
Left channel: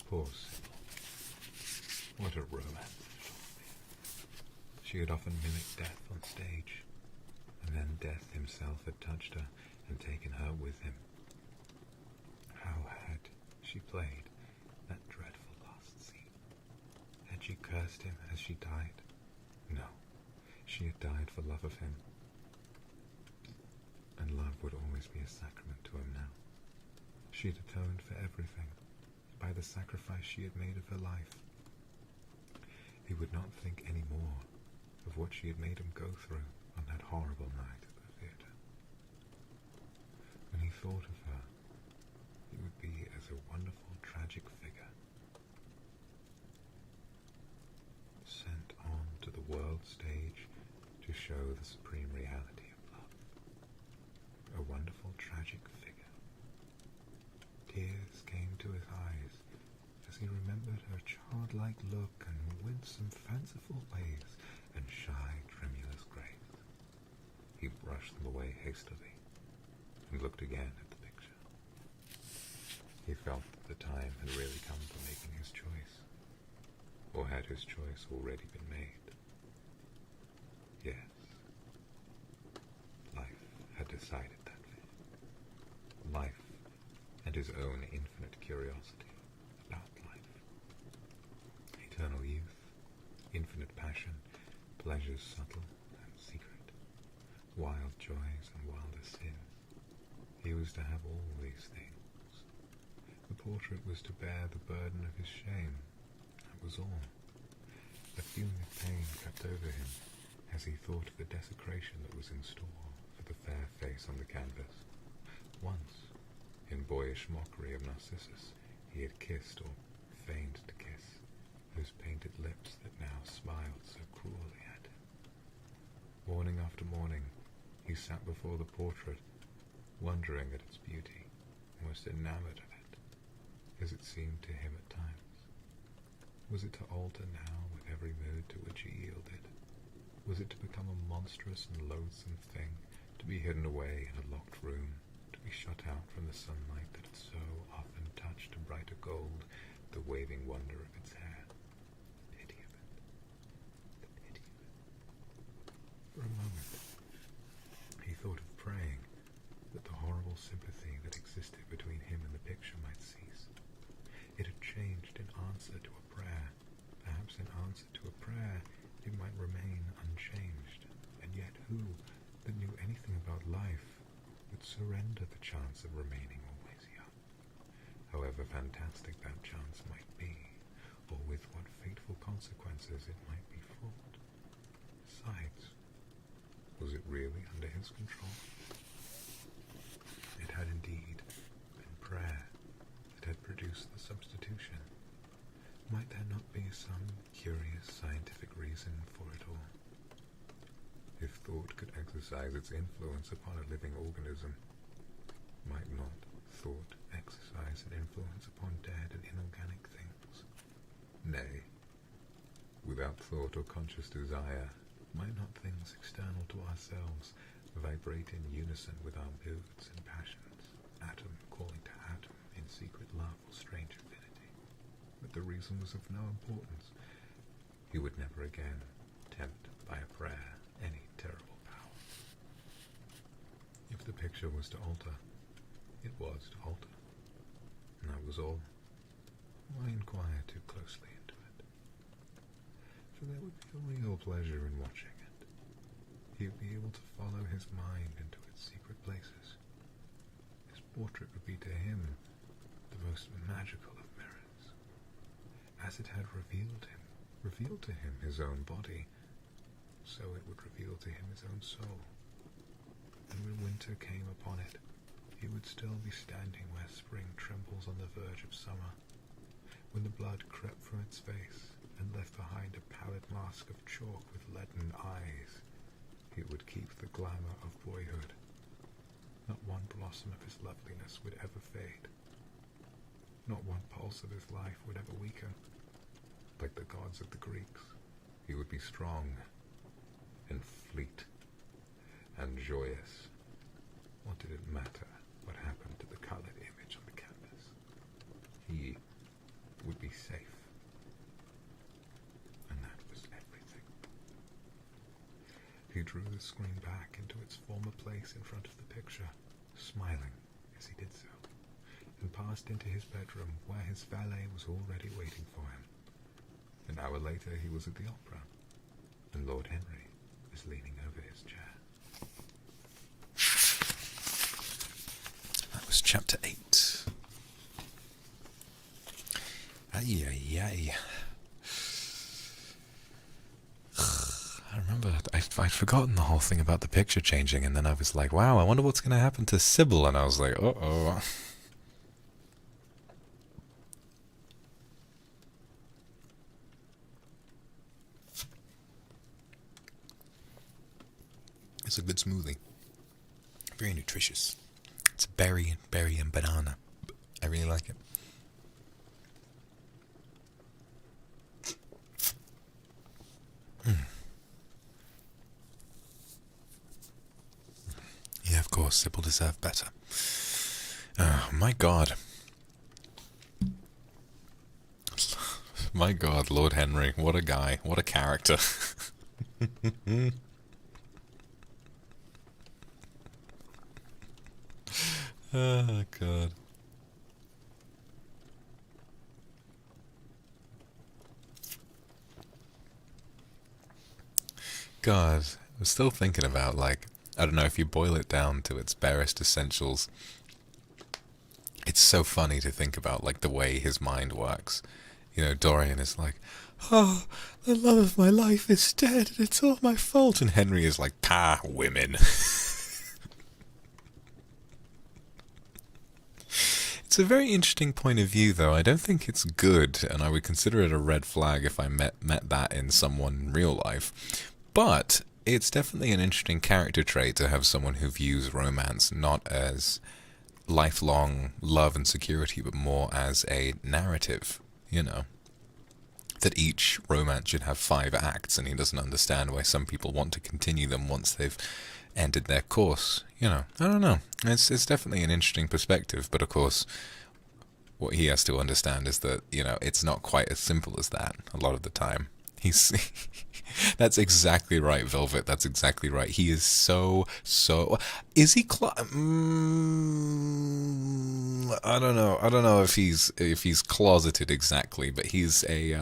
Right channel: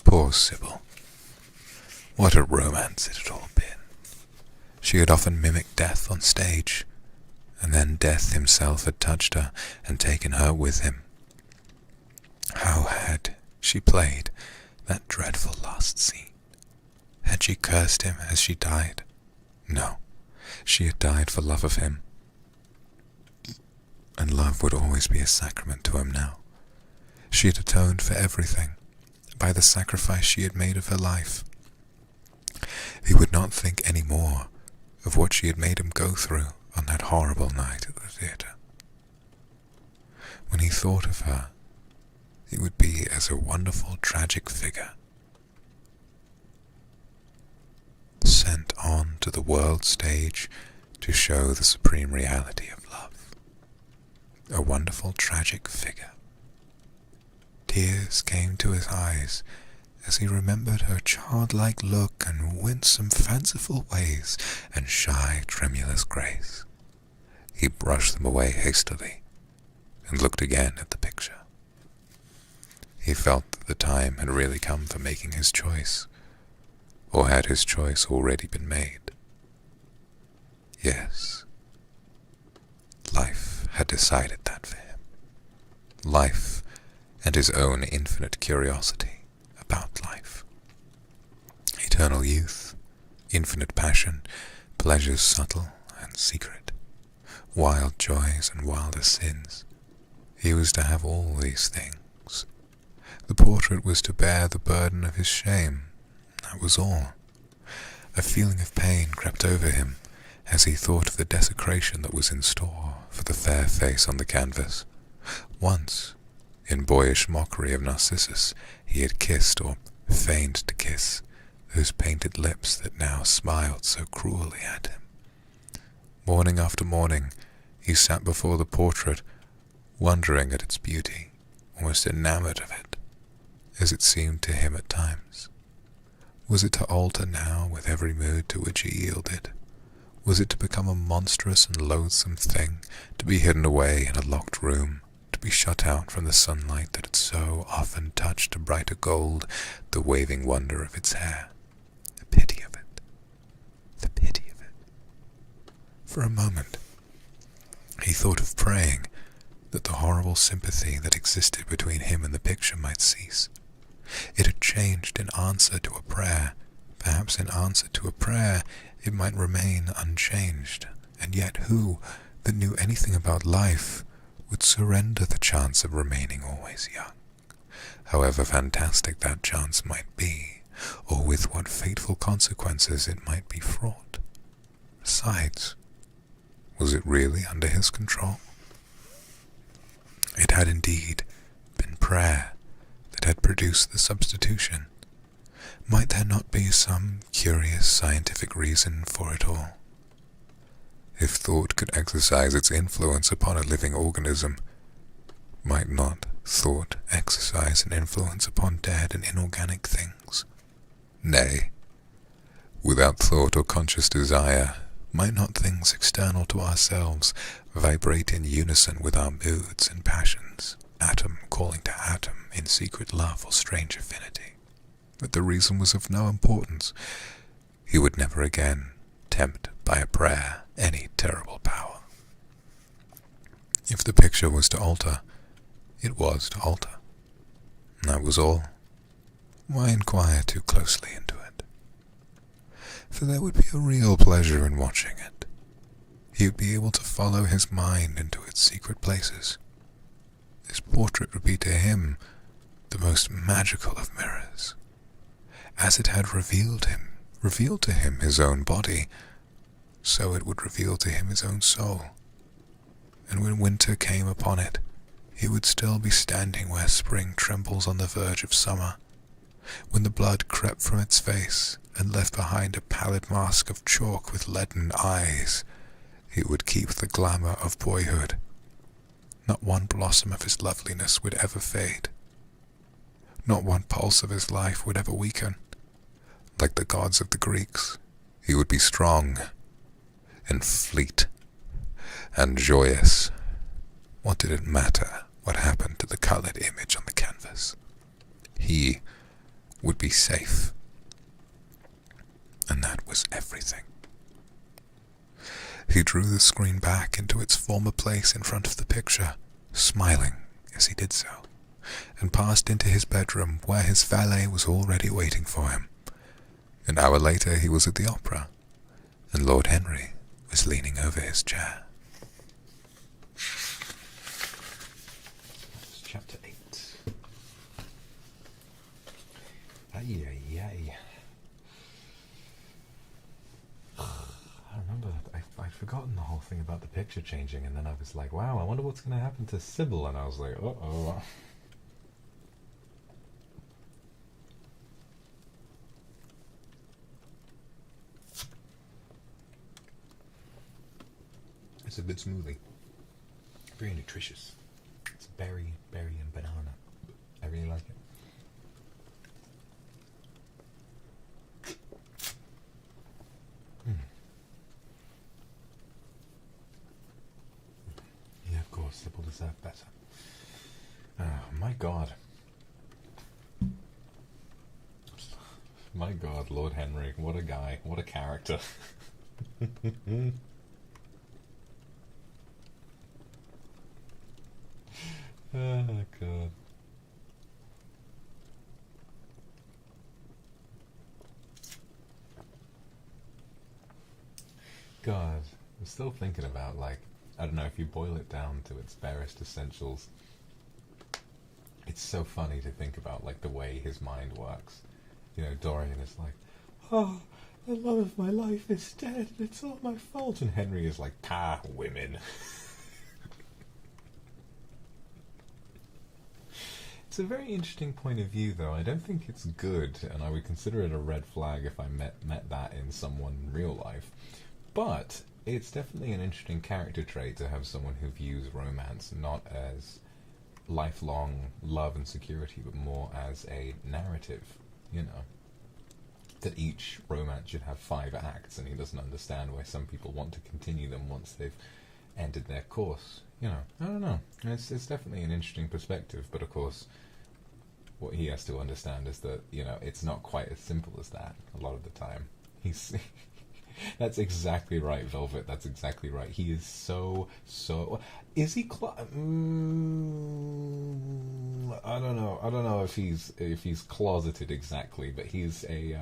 Poor Sybil. What a romance it had all been. She had often mimicked death on stage, and then death himself had touched her and taken her with him. How had she played that dreadful last scene? Had she cursed him as she died? No, she had died for love of him, and love would always be a sacrament to him now. She had atoned for everything by the sacrifice she had made of her life. He would not think any more of what she had made him go through on that horrible night at the theatre. When he thought of her, it would be as a wonderful tragic figure sent on to the world stage to show the supreme reality of love. A wonderful tragic figure. Tears came to his eyes as he remembered her childlike look and winsome fanciful ways and shy tremulous grace. He brushed them away hastily and looked again at the picture. He felt that the time had really come for making his choice, or had his choice already been made? Yes, life had decided that for him. Life and his own infinite curiosity about life. Eternal youth, infinite passion, pleasures subtle and secret, wild joys and wilder sins. He was to have all these things. The portrait was to bear the burden of his shame. That was all. A feeling of pain crept over him as he thought of the desecration that was in store for the fair face on the canvas. Once, in boyish mockery of Narcissus, he had kissed, or feigned to kiss, those painted lips that now smiled so cruelly at him. Morning after morning, he sat before the portrait, wondering at its beauty, almost enamored of it, as it seemed to him at times. Was it to alter now with every mood to which he yielded? Was it to become a monstrous and loathsome thing, to be hidden away in a locked room, to be shut out from the sunlight that had so often touched to brighter gold the waving wonder of its hair? The pity of it. The pity of it. For a moment, he thought of praying that the horrible sympathy that existed between him and the picture might cease. It had changed in answer to a prayer. Perhaps in answer to a prayer it might remain unchanged, and yet who, that knew anything about life, would surrender the chance of remaining always young, however fantastic that chance might be, or with what fateful consequences it might be fraught? Besides, was it really under his control? It had indeed been prayer that had produced the substitution. Might there not be some curious scientific reason for it all? If thought could exercise its influence upon a living organism, might not thought exercise an influence upon dead and inorganic things? Nay, without thought or conscious desire, might not things external to ourselves vibrate in unison with our moods and passions, atom calling to atom in secret love or strange affinity? But the reason was of no importance. He would never again tempt by a prayer any terrible power. If the picture was to alter, it was to alter. That was all. Why inquire too closely into it? For there would be a real pleasure in watching it. He would be able to follow his mind into its secret places. This portrait would be to him the most magical of mirrors. As it had revealed to him his own body, so it would reveal to him his own soul. And when winter came upon it, he would still be standing where spring trembles on the verge of summer. When the blood crept from its face and left behind a pallid mask of chalk with leaden eyes, he would keep the glamour of boyhood. Not one blossom of his loveliness would ever fade. Not one pulse of his life would ever weaken. Like the gods of the Greeks, he would be strong and fleet and joyous. What did it matter what happened to the colored image on the canvas? He would be safe. was everything. He drew the screen back into its former place in front of the picture, smiling as he did so, and passed into his bedroom where his valet was already waiting for him. An hour later he was at the opera, and Lord Henry was leaning over his chair. That was chapter 8. Ay, ay, ay. I remember I'd forgotten the whole thing about the picture changing, and then I was like, wow, I wonder what's going to happen to Sybil, and I was like, uh-oh. It's a good smoothie. Very nutritious. It's berry, and banana. I really like it. Yeah, of course, Sybil deserved better. Oh, my God. My God, Lord Henry, what a guy, what a character. Oh, God. God, I'm still thinking about, like, I don't know, if you boil it down to its barest essentials, it's so funny to think about, like, the way his mind works. You know, Dorian is like, oh, the love of my life is dead, and it's all my fault. And Henry is like, women. It's a very interesting point of view, though. I don't think it's good, and I would consider it a red flag if I met that in someone in real life. But it's definitely an interesting character trait to have someone who views romance not as lifelong love and security, but more as a narrative, you know. That each romance should have 5 acts, and he doesn't understand why some people want to continue them once they've ended their course. You know, I don't know. It's definitely an interesting perspective, but of course, what he has to understand is that, you know, it's not quite as simple as that a lot of the time. He's... That's exactly right, Velvet. That's exactly right. He is so... Is he... I don't know. I don't know if he's closeted exactly, but he's a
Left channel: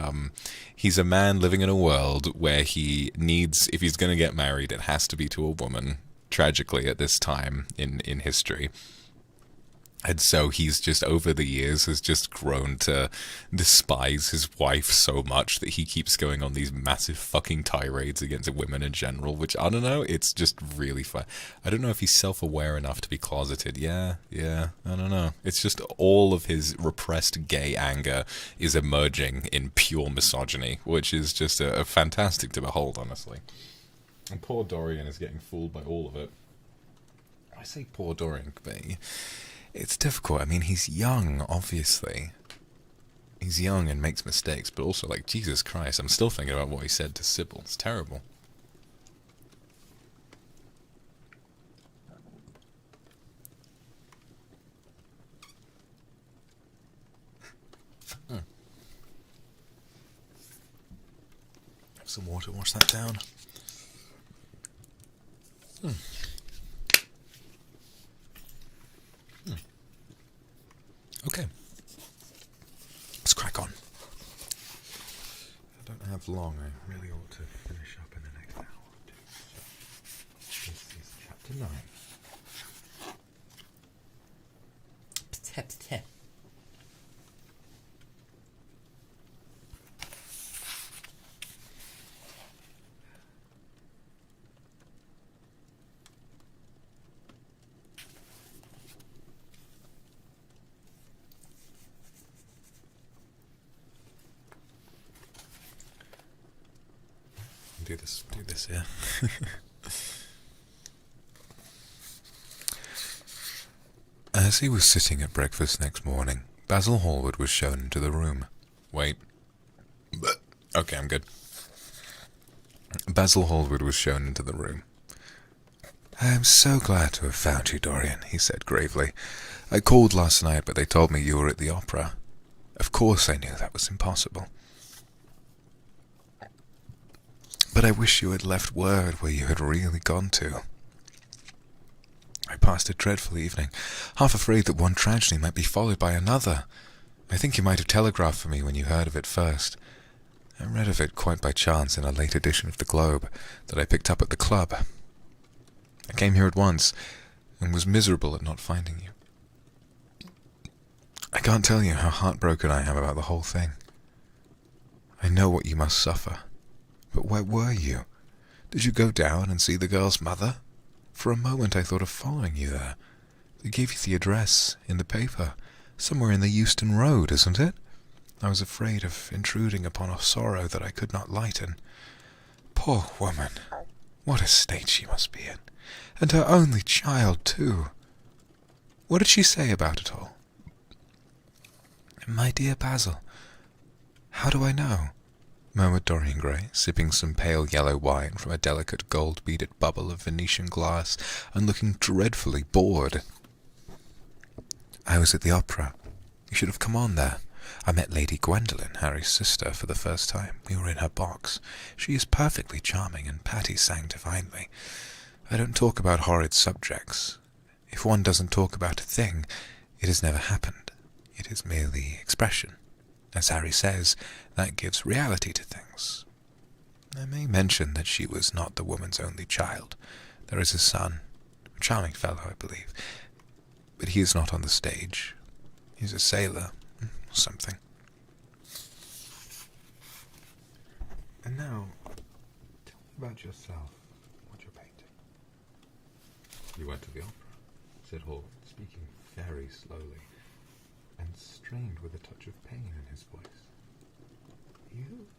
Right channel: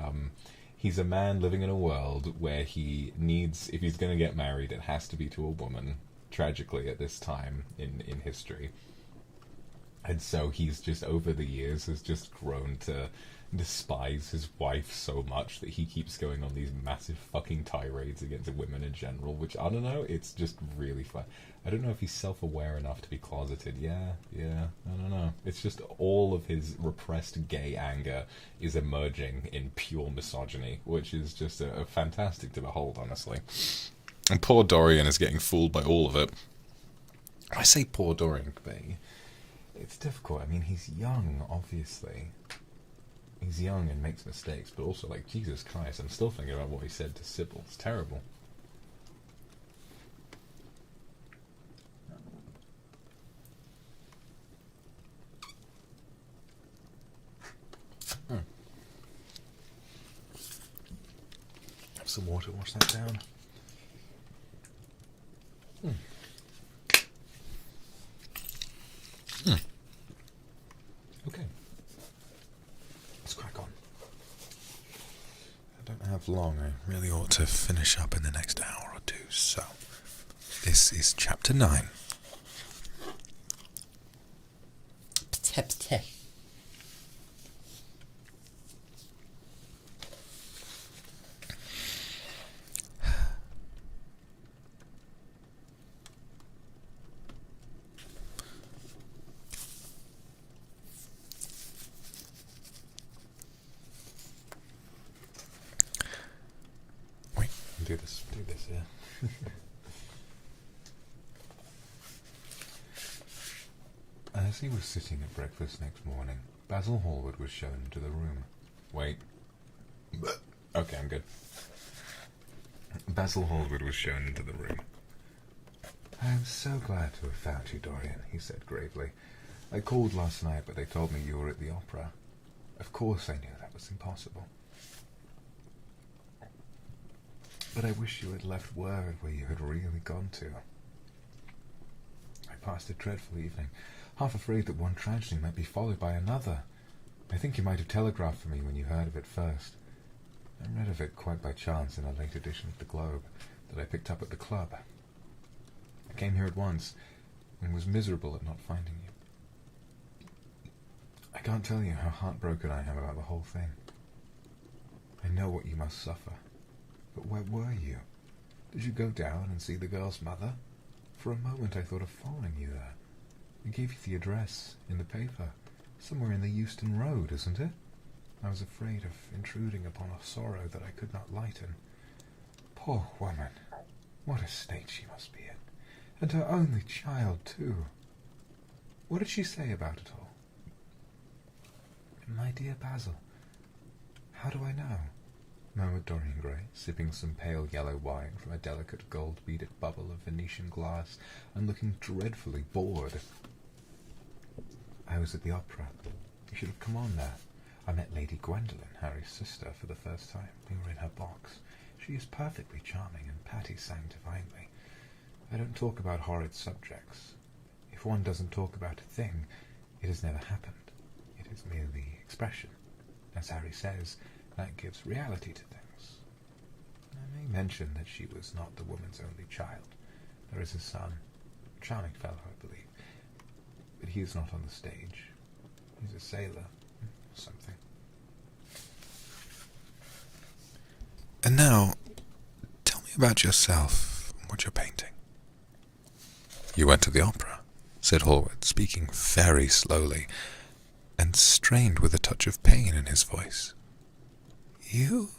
man living in a world where he needs... If he's going to get married, it has to be to a woman, tragically, at this time in history. And so he's just, over the years, has just grown to despise his wife so much that he keeps going on these massive fucking tirades against women in general, which, I don't know, it's just really fun. I don't know if he's self-aware enough to be closeted. Yeah, I don't know. It's just all of his repressed gay anger is emerging in pure misogyny, which is just a fantastic to behold, honestly. And poor Dorian is getting fooled by all of it. I say poor Dorian, but... It's difficult. I mean, he's young, obviously. He's young and makes mistakes, but also, like, Jesus Christ, I'm still thinking about what he said to Sybil. It's terrible. Have some water, wash that down. Okay. Let's crack on. I don't have long. I really ought to finish up in the next hour or two. So, this is chapter 9. Do this, yeah. As he was sitting at breakfast next morning, Basil Hallward was shown into the room. Wait. Okay, I'm good. Basil Hallward was shown into the room. I am so glad to have found you, Dorian, he said gravely. I called last night, but they told me you were at the opera. Of course I knew that was impossible. But I wish you had left word where you had really gone to. I passed a dreadful evening, half afraid that one tragedy might be followed by another. I think you might have telegraphed for me when you heard of it first. I read of it quite by chance in a late edition of the Globe that I picked up at the club. I came here at once and was miserable at not finding you. I can't tell you how heartbroken I am about the whole thing. I know what you must suffer. But where were you? Did you go down and see the girl's mother? For a moment I thought of following you there. They gave you the address in the paper. Somewhere in the Euston Road, isn't it? I was afraid of intruding upon a sorrow that I could not lighten. Poor woman. What a state she must be in. And her only child, too. What did she say about it all? My dear Basil, how do I know? Murmured Dorian Gray, sipping some pale yellow wine from a delicate gold-beaded bubble of Venetian glass and looking dreadfully bored. I was at the opera. You should have come on there. I met Lady Gwendolen, Harry's sister, for the first time. We were in her box. She is perfectly charming, and Patty sang divinely. I don't talk about horrid subjects. If one doesn't talk about a thing, it has never happened. It is merely expression. As Harry says, that gives reality to things. I may mention that she was not the woman's only child. There is a son, a charming fellow, I believe, but he is not on the stage. He's a sailor, or something. And now, tell me about yourself and what you're painting. You went to the opera, said Hallward, speaking very slowly, and strained with a touch of pain in his voice. You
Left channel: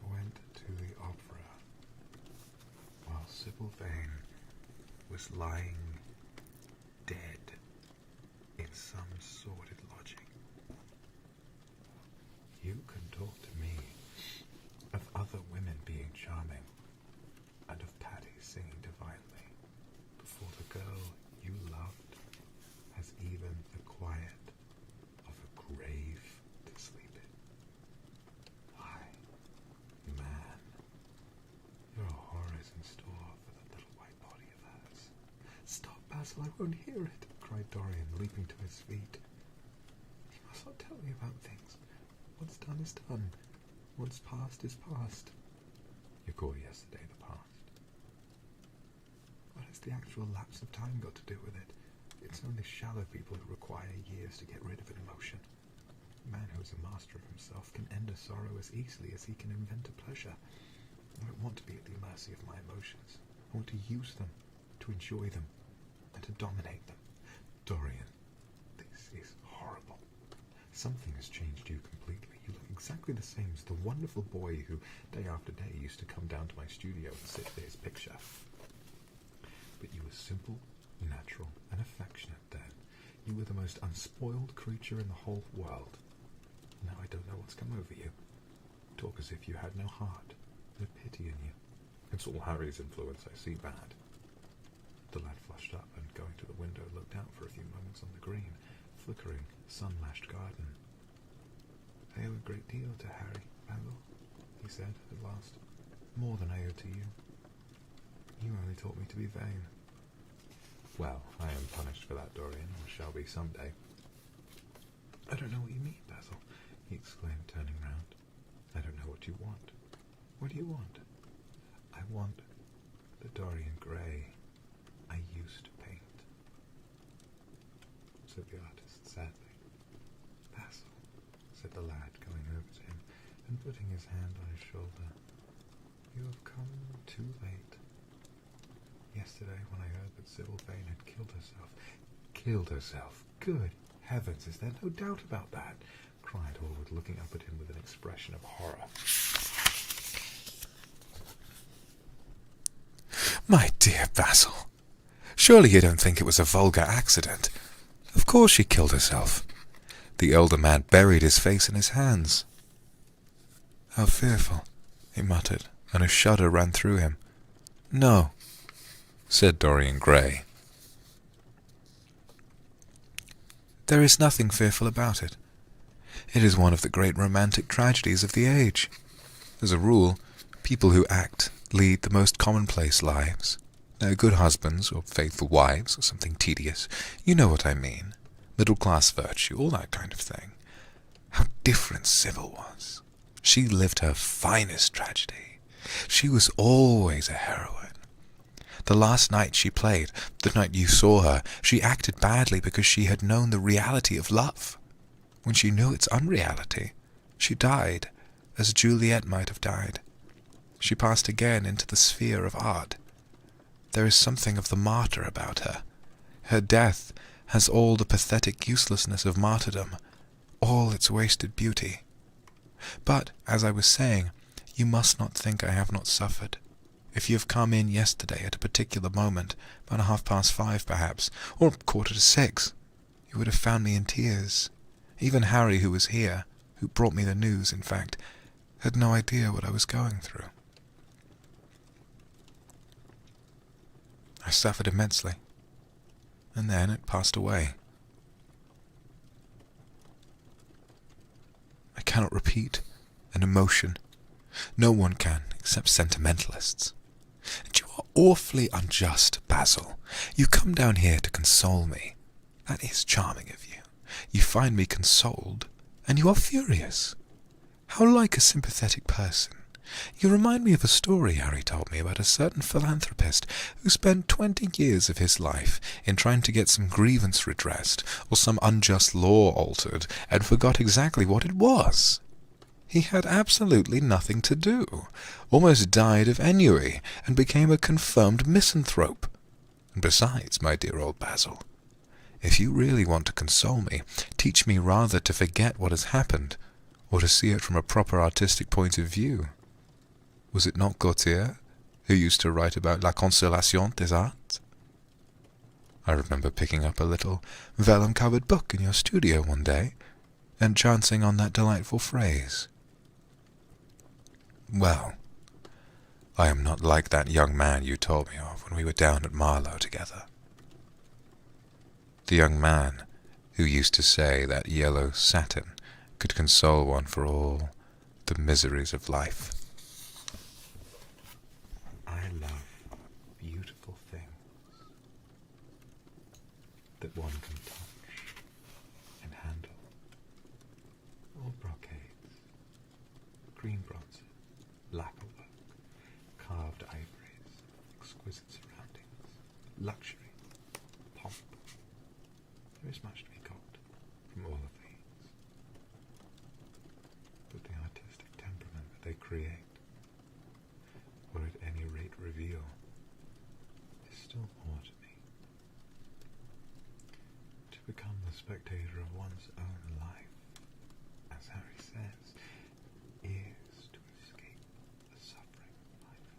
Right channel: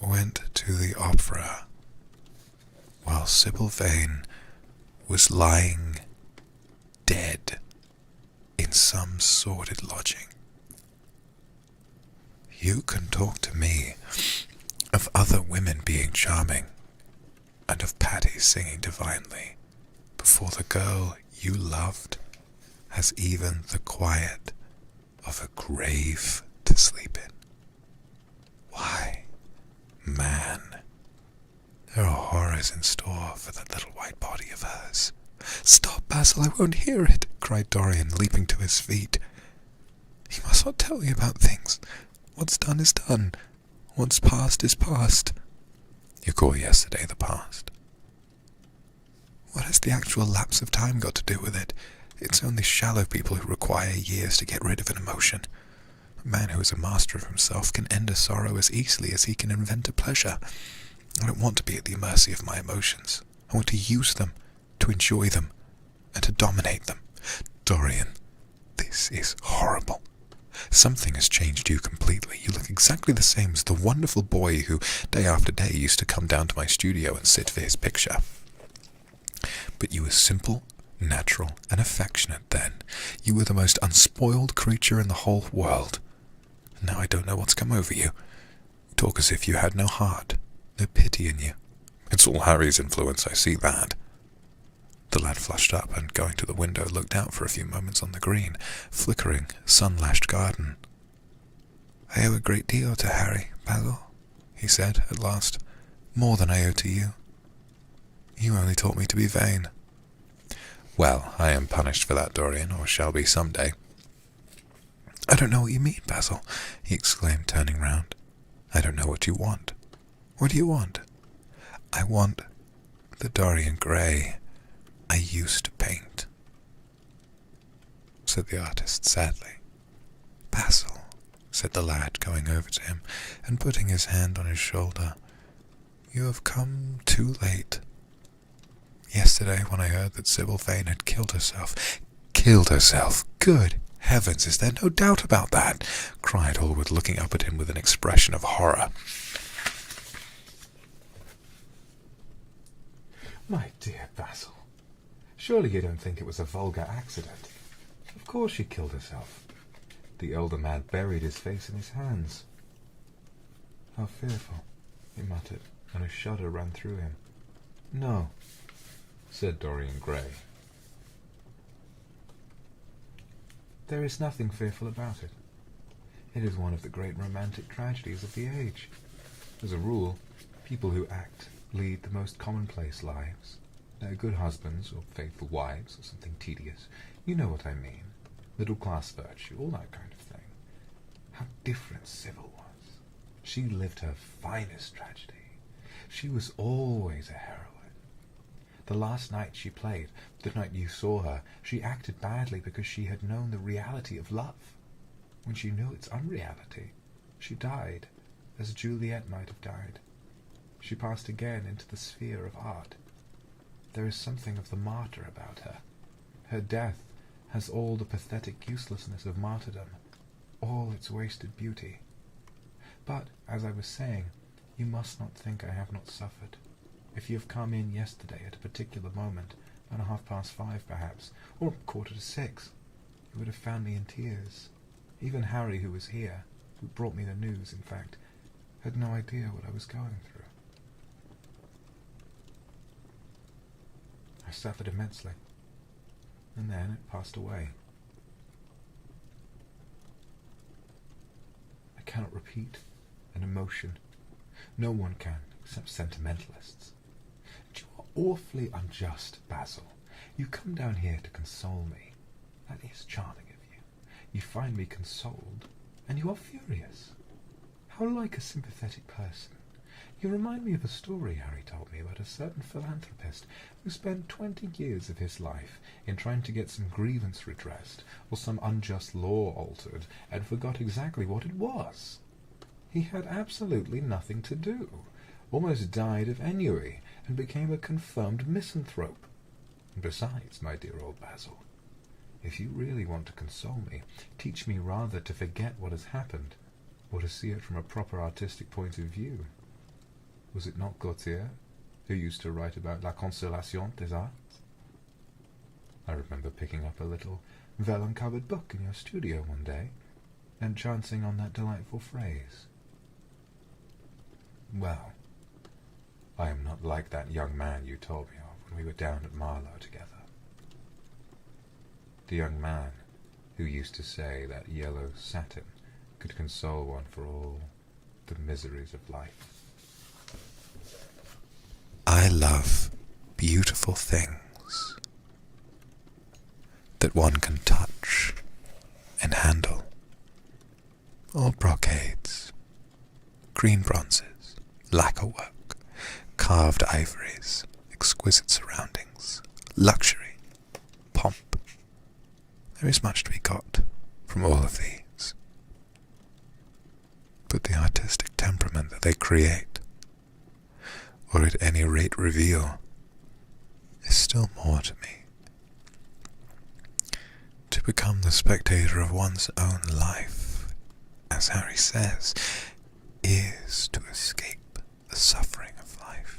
went to the opera while Sybil Vane was lying dead in some sordid lodging. You can talk to me of other women being charming and of Patty singing divinely before the girl you loved has even the quiet of a grave to sleep in. Why, man, there are horrors in store for that little white body of hers. Stop, Basil, I won't hear it, cried Dorian, leaping to his feet. You must not tell me about things. What's done is done. What's past is past. You call yesterday the past. What has the actual lapse of time got to do with it? It's only shallow people who require years to get rid of an emotion. A man who is a master of himself can end a sorrow as easily as he can invent a pleasure. I don't want to be at the mercy of my emotions. I want to use them, to enjoy them, and to dominate them. Dorian, this is horrible. Something has changed you completely. You look exactly the same as the wonderful boy who, day after day, used to come down to my studio and sit for his picture. But you were simple, natural, and affectionate then. You were the most unspoiled creature in the whole world. Now I don't know what's come over you. You talk as if you had no heart, no pity in you. It's all Harry's influence, I see that. The lad flushed up and, going to the window, looked out for a few moments on the green, flickering, sun-lashed garden. I owe a great deal to Harry, Basil, he said at last. More than I owe to you. You only taught me to be vain. Well, I am punished for that, Dorian, or shall be some day. I don't know what you mean, Basil, he exclaimed, turning round. I don't know what you want. What do you want? I want the Dorian Gray I used to paint, said the artist sadly. Basil, said the lad, going over to him and putting his hand on his shoulder, you have come too late. Yesterday, when I heard that Sybil Vane had killed herself... Killed herself? Good heavens, is there no doubt about that? Cried Hallward, looking up at him with an expression of horror. My dear Basil, surely you don't think it was a vulgar accident? Of course she killed herself. The elder man buried his face in his hands. How fearful, he muttered, and a shudder ran through him. No, said Dorian Gray. There is nothing fearful about it. It is one of the great romantic tragedies of the age. As a rule, People who act lead the most commonplace lives. They're good husbands or faithful wives or something tedious. You know what I mean. Middle-class virtue, all that kind of thing. How different Sybil was. She lived her finest tragedy. She was always a heroine. The last night she played, the night you saw her, she acted badly because she had known the reality of love. When she knew its unreality, she died, as Juliet might have died. She passed again into the sphere of art. There is something of the martyr about her. Her death has all the pathetic uselessness of martyrdom, all its wasted beauty. But, as I was saying, you must not think I have not suffered. If you have come in yesterday at a particular moment, about 5:30 perhaps, or 5:45, you would have found me in tears. Even Harry, who was here, who brought me the news, in fact, had no idea what I was going through. I suffered immensely, and then it passed away. I cannot repeat an emotion. No one can, except sentimentalists. And you are awfully unjust, Basil. You come down here to console me. That is charming of you. You find me consoled, and you are furious. How like a sympathetic person. You remind me of a story Harry told me about a certain philanthropist who spent 20 years of his life in trying to get some grievance redressed or some unjust law altered and forgot exactly what it was. He had absolutely nothing to do, almost died of ennui, and became a confirmed misanthrope. And besides, my dear old Basil, if you really want to console me, teach me rather to forget what has happened, or to see it from a proper artistic point of view. Was it not Gautier who used to write about la consolation des arts? I remember picking up a little vellum-covered book in your studio one day, and chancing on that delightful phrase. Well, I am not like that young man you told me of when we were down at Marlow together. The young man who used to say that yellow satin could console one for all the miseries of life. I love beautiful things that one can touch and handle. All brocades, green bronzes, lacquer work, carved ivories, exquisite surroundings, luxury, pomp. There is much to be got from all of these. But the artistic temperament that they create, or at any rate reveal, is still more to me. To become the spectator of one's own life, as Harry says, is to escape the suffering of life.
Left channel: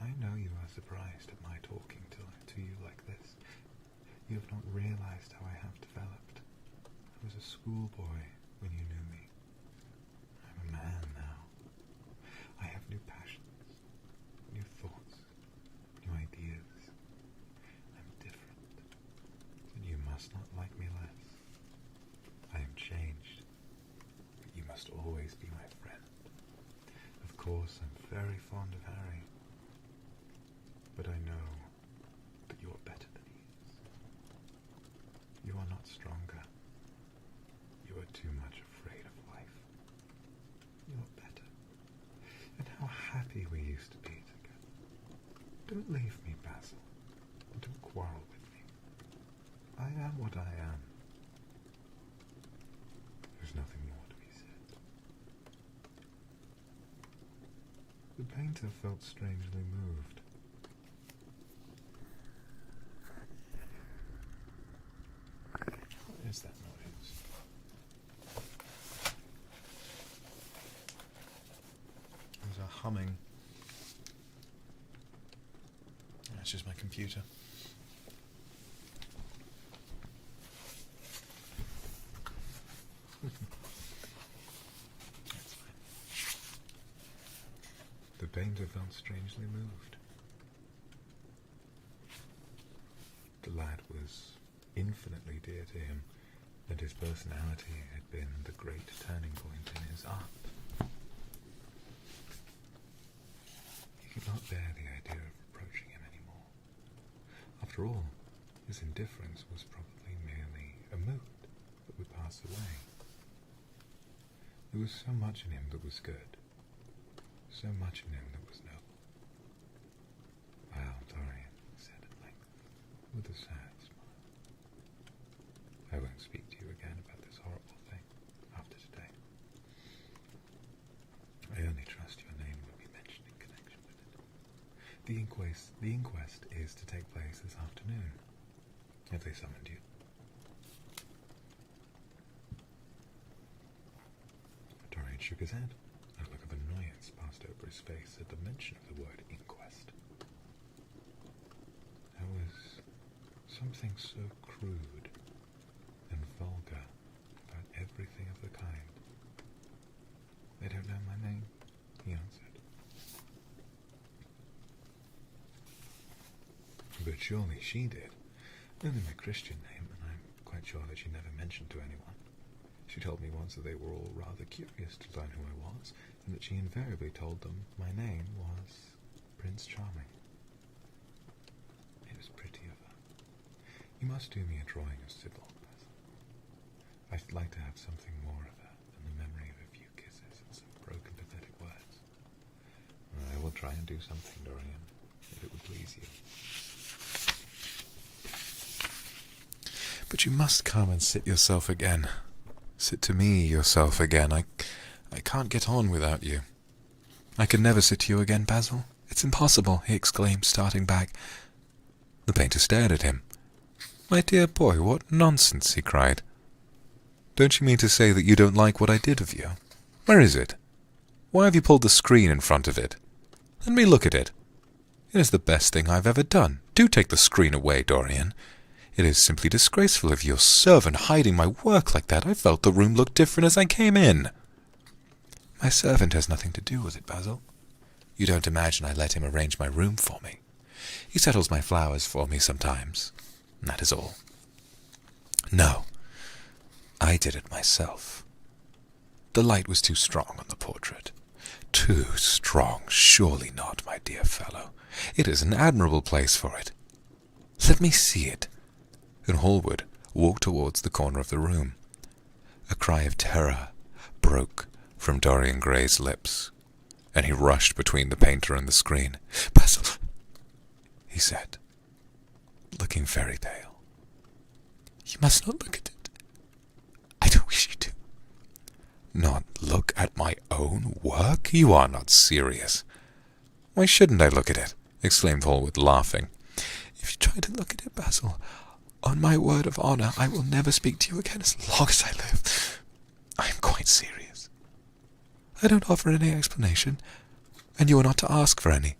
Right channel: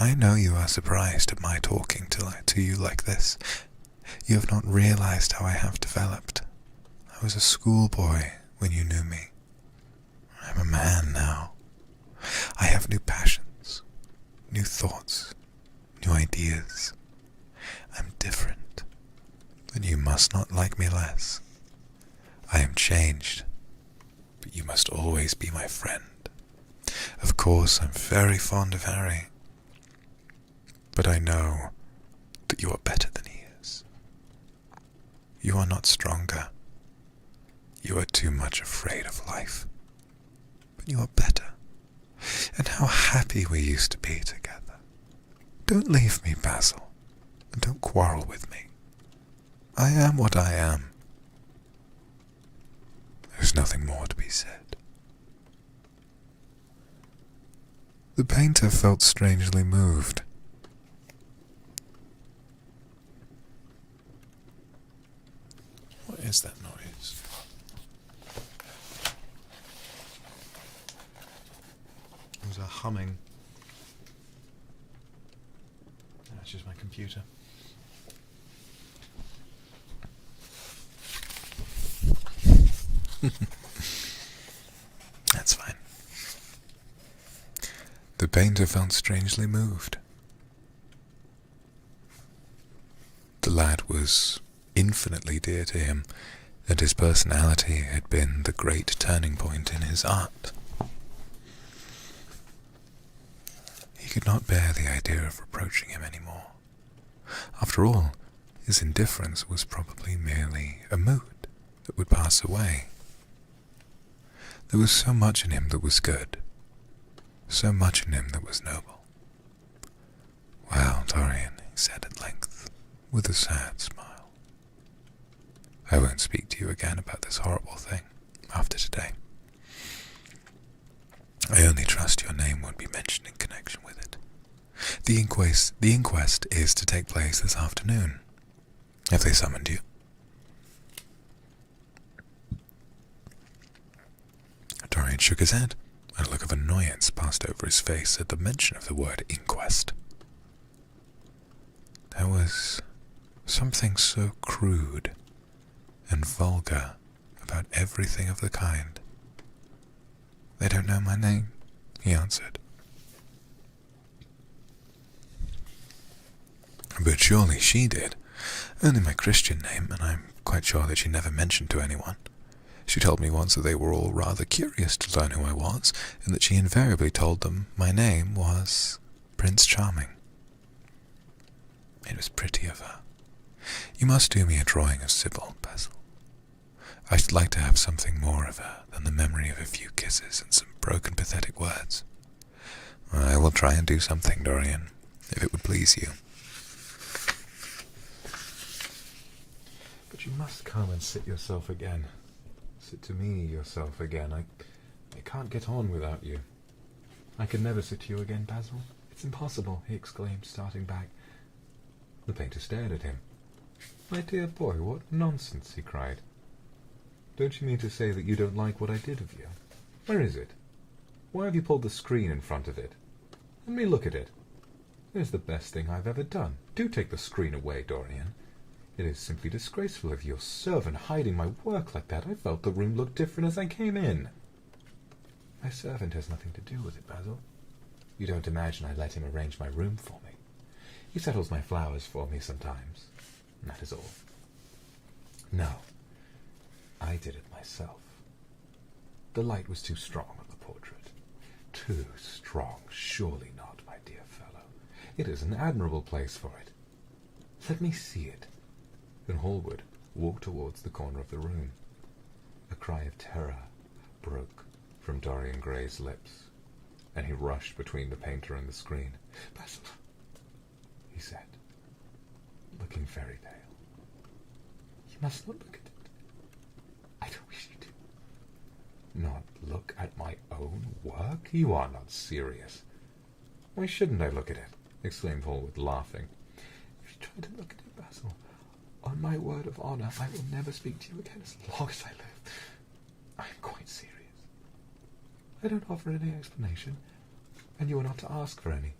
I know you are surprised at my talking to you like this. You have not realized how I have developed. I was a schoolboy when you knew me. I'm a man now. I have new passions, new thoughts, new ideas. I'm different, but you must not like me less. I am changed, but you must always be my friend. Of course, I'm very fond of Harry, but I know that you are better than he is. You are not stronger. You are too much afraid of life. But you are better. And how happy we used to be together. Don't leave me, Basil, and don't quarrel with me. I am what I am. There's nothing more to be said. The painter felt strangely moved. What is that noise? There's a humming. That's just my computer. That's fine. The painter felt strangely moved. The lad was infinitely dear to him, and his personality had been the great turning point in his art. could not bear the idea of approaching him any more. After all, his indifference was probably merely a mood that would pass away. There was so much in him that was good, so much in him that was noble. "Well, Dorian," he said at length, with a sad smile, "I won't speak to you again about this horrible thing after today. I only trust your name won't be mentioned in connection with it. The inquest is to take place this afternoon. Have they summoned you?" Dorian shook his head, and a look of annoyance passed over his face at the mention of the word inquest. There was something so crude and vulgar about everything of the kind. "They don't know my name," he answered. "But surely she did. Only my Christian name, and I'm quite sure that she never mentioned to anyone. She told me once that they were all rather curious to learn who I was, and that she invariably told them my name was Prince Charming. It was pretty of her. You must do me a drawing of Sybil, Basil. I should like to have something more of her than the memory of a few kisses and some broken, pathetic words. I will try and do something, Dorian, if it would please you. But you must come and sit yourself again. Sit to me yourself again. I can't get on without you." "I can never sit to you again, Basil. It's impossible," he exclaimed, starting back. The painter stared at him. "My dear boy, what nonsense," he cried. "Don't you mean to say that you don't like what I did of you? Where is it? Why have you pulled the screen in front of it? Let me look at it. It is the best thing I've ever done. Do take the screen away, Dorian. It is simply disgraceful of your servant hiding my work like that. I felt the room looked different as I came in." "My servant has nothing to do with it, Basil. You don't imagine I let him arrange my room for me. He settles my flowers for me sometimes, and that is all. No, I did it myself. The light was too strong on the portrait. Too strong, surely not, my dear fellow. It is an admirable place for it. Let me see it." And Hallward walked towards the corner of the room. A cry of terror broke from Dorian Gray's lips, and he rushed between the painter and the screen. "Basil," he said, looking very pale, "you must not look at it. I don't wish you to." "Not look at my own work? You are not serious." "Why shouldn't I look at it?" exclaimed Hallward, laughing. "If you try to look at it, Basil, on my word of honour, I will never speak to you again as long as I live. I am quite serious. I don't offer any explanation, and you are not to ask for any.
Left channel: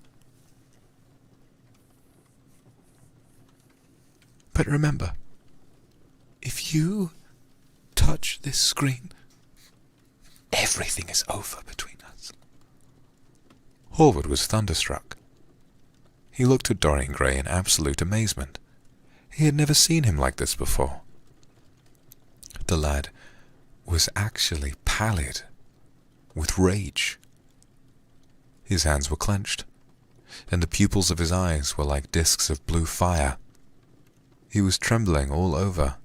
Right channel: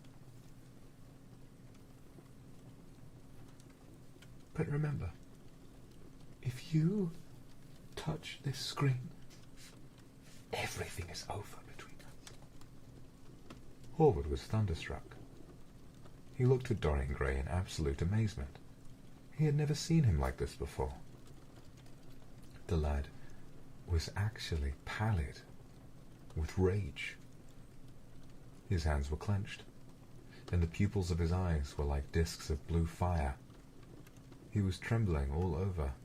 But remember, if you touch this screen, everything is over between us." Hallward was thunderstruck. He looked at Dorian Gray in absolute amazement. He had never seen him like this before. The lad was actually pallid with rage. His hands were clenched, and the pupils of his eyes were like discs of blue fire. He was trembling all over.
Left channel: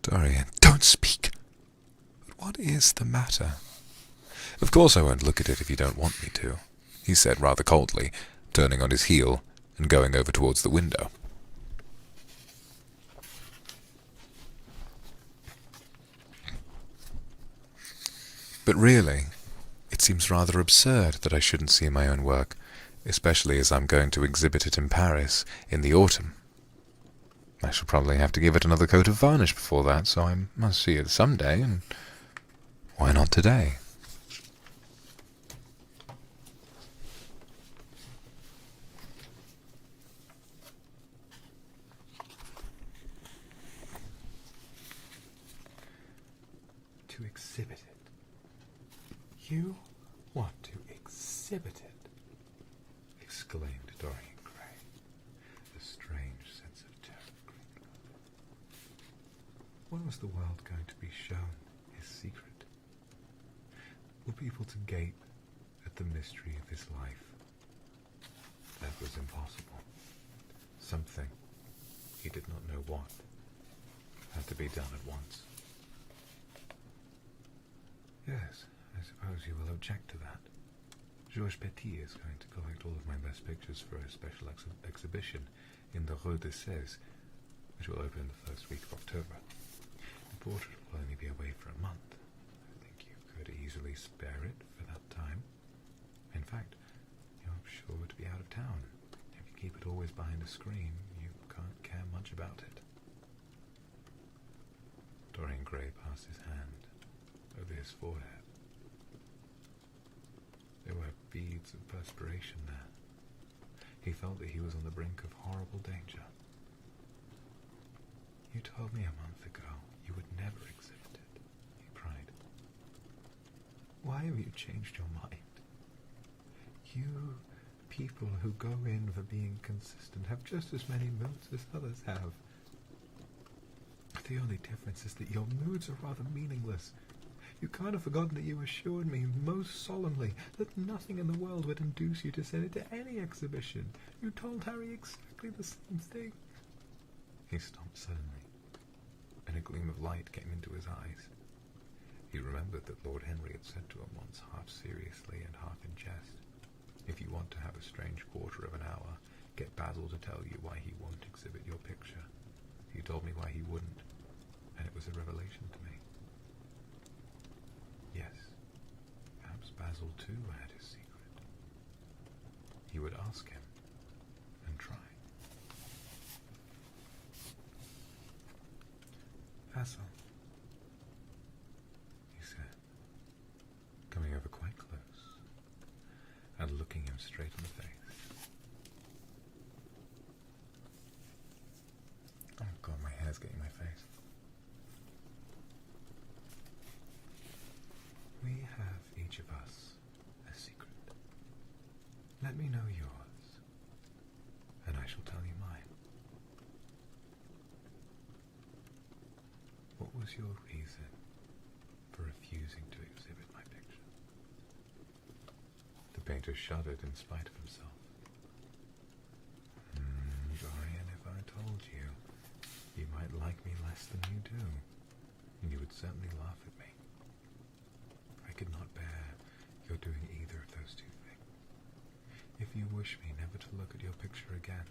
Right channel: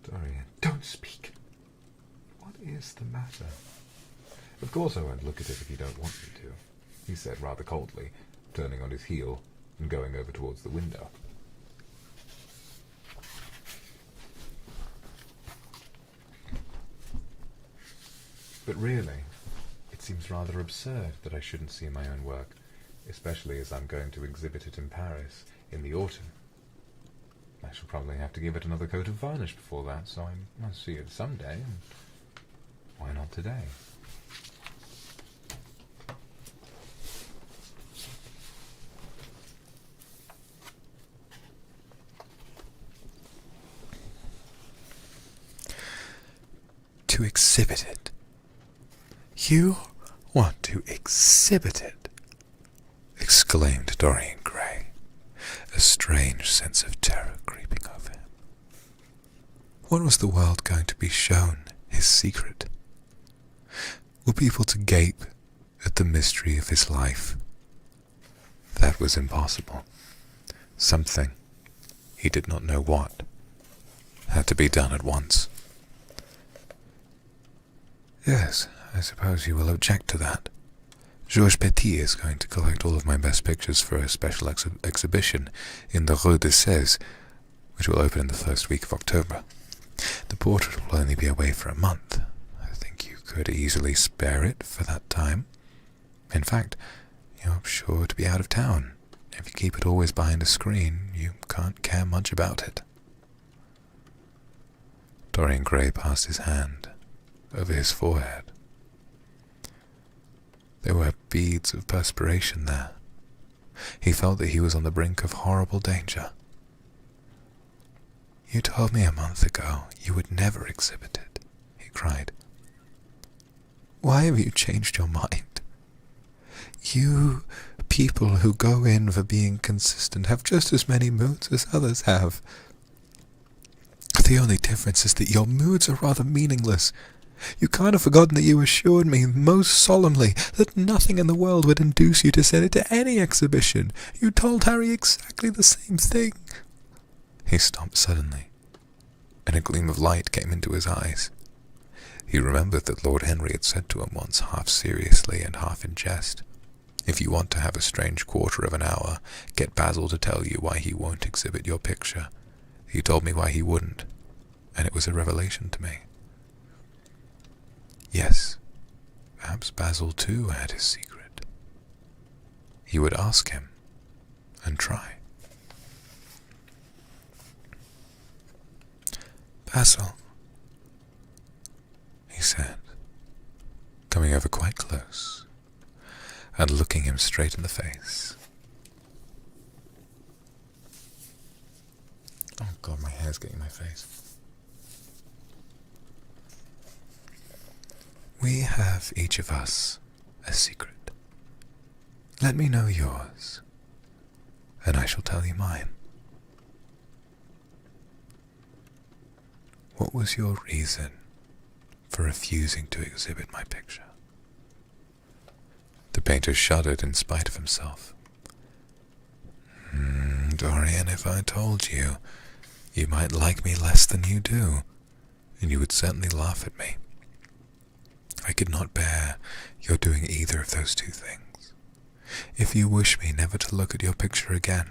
"Dorian, don't speak! What is the matter?" "Of course I won't look at it if you don't want me to," he said rather coldly, turning on his heel and going over towards the window. "But really, it seems rather absurd that I shouldn't see my own work, especially as I'm going to exhibit it in Paris in the autumn. I shall probably have to give it another coat of varnish before that, so I must see it some day, and why not today?" "To exhibit it? You want to exhibit it?" exclaimed Dorian Gray, a strange sense of terror creeping over him. What was the world going to be shown his secret? Were people to gape at the mystery of his life That was impossible. Something, he did not know what, had to be done at once. Yes, I suppose you will object to that. Georges Petit is going to collect all of my best pictures for a special exhibition in the Rue de Sèze, which will open in the first week of October. The portrait will only be away for a month. I think you could easily spare it for that time. In fact, you're sure to be out of town. If you keep it always behind a screen, you can't care much about it. Dorian Gray passed his hand over his forehead. There were beads of perspiration there. He felt that he was on the brink of horrible danger. You told me a month ago you would never exhibit it, he cried. Why have you changed your mind? You people who go in for being consistent have just as many moods as others have. The only difference is that your moods are rather meaningless. You can't have forgotten that you assured me most solemnly that nothing in the world would induce you to send it to any exhibition. You told Harry exactly the same thing. He stopped suddenly, and a gleam of light came into his eyes. He remembered that Lord Henry had said to him once, half seriously and half in jest, "If you want to have a strange quarter of an hour, get Basil to tell you why he won't exhibit your picture. He told me why he wouldn't, and it was a revelation to me." Yes, perhaps Basil too had his secret. He would ask him and try. "Basil," he said, coming over quite close and looking him straight in the face. Oh God, my hair's getting in my face. "We have each of us a secret. Let me know yours, and I shall tell you mine. What was your reason for refusing to exhibit my picture?" The painter shuddered in spite of himself. Dorian, if I told you, you might like me less than you do, and you would certainly laugh at me. I could not bear your doing either of those two things. If you wish me never to look at your picture again,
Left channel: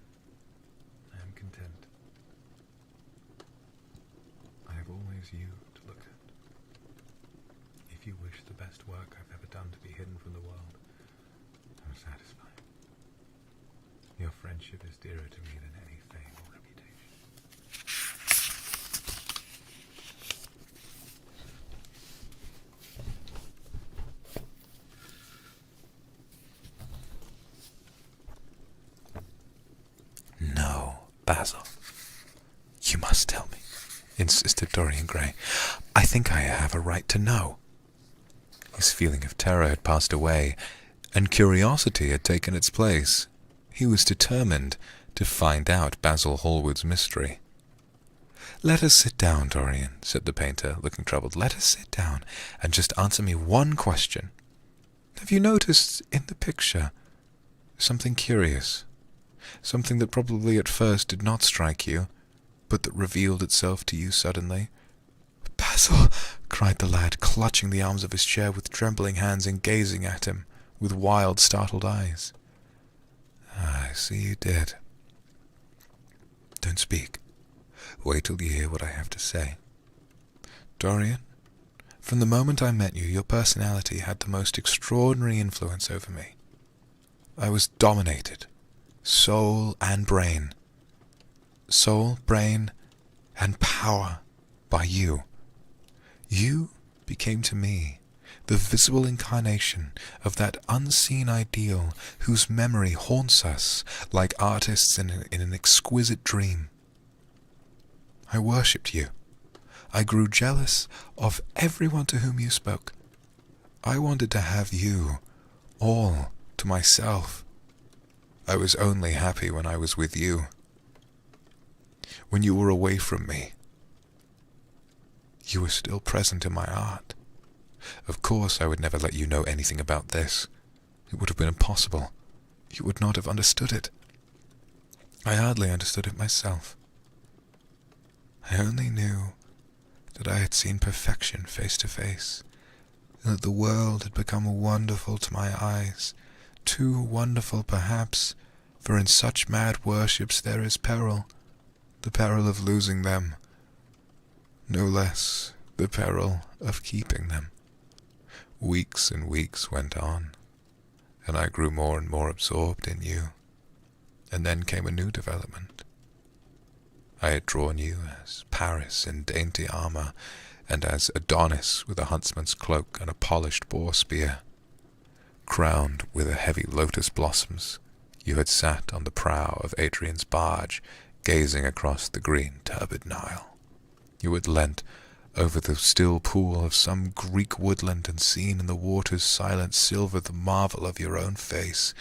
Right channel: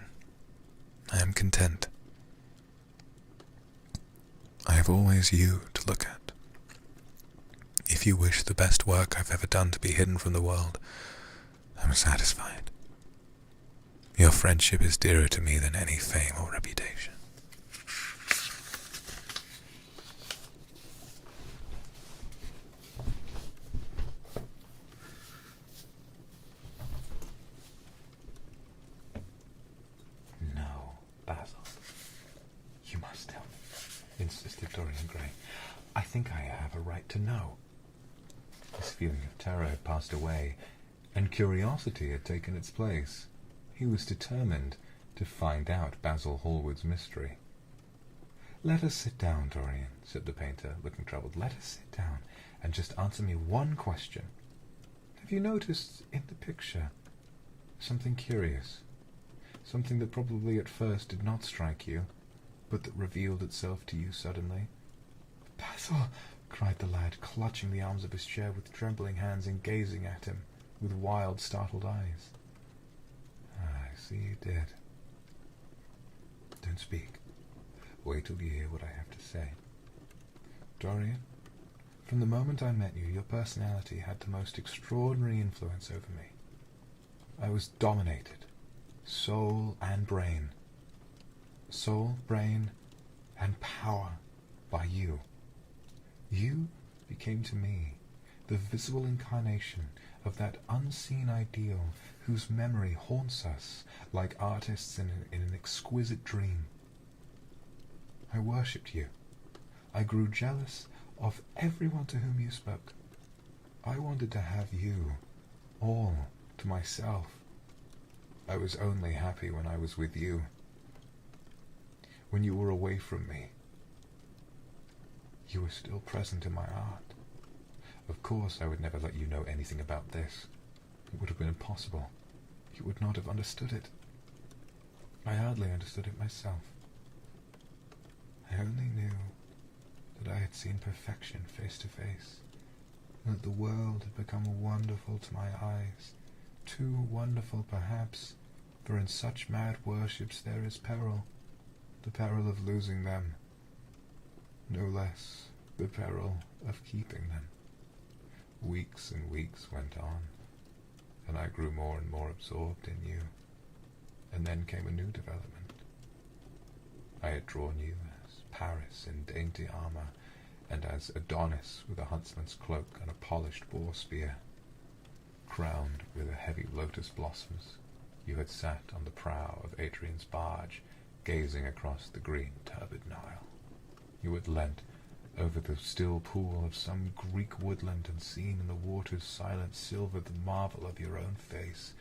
I am content. I have always you to look at. If you wish the best work I've ever done to be hidden from the world, I'm satisfied. Your friendship is dearer to me than any fame or reputation. No, Basil. You must tell me, insisted Dorian Gray. I think I have a right to know. His feeling of terror had passed away, and curiosity had taken its place. He was determined to find out Basil Hallward's mystery. "Let us sit down, Dorian," said the painter, looking troubled. "Let us sit down and just answer me one question. Have you noticed in the picture something curious? Something that probably at first did not strike you, but that revealed itself to you suddenly?" "Basil!" cried the lad, clutching the arms of his chair with trembling hands and gazing at him with wild, startled eyes. "I see you did. Don't speak. Wait till you hear what I have to say. Dorian, from the moment I met you, your personality had the most extraordinary influence over me. I was dominated, soul and brain, and power by you. You became to me the visible incarnation of that unseen ideal whose memory haunts us like artists in an exquisite dream. I worshipped you. I grew jealous of everyone to whom you spoke. I wanted to have you all to myself. I was only happy when I was with you. When you were away from me, you were still present in my art. Of course I would never let you know anything about this. It would have been impossible. You would not have understood it. I hardly understood it myself. I only knew that I had seen perfection face to face, and that the world had become wonderful to my eyes, too wonderful perhaps, for in such mad worships there is peril, the peril of losing them, no less the peril of keeping them. Weeks and weeks went on, and I grew more and more absorbed in you, and then came a new development. I had drawn you as Paris in dainty armour, and as Adonis with a huntsman's cloak and a polished boar spear. Crowned with a heavy lotus blossoms, you had sat on the prow of Adrian's barge, gazing across the green turbid Nile. You had leant over the still pool of some Greek woodland and seen in the water's silent silver the marvel of your own face,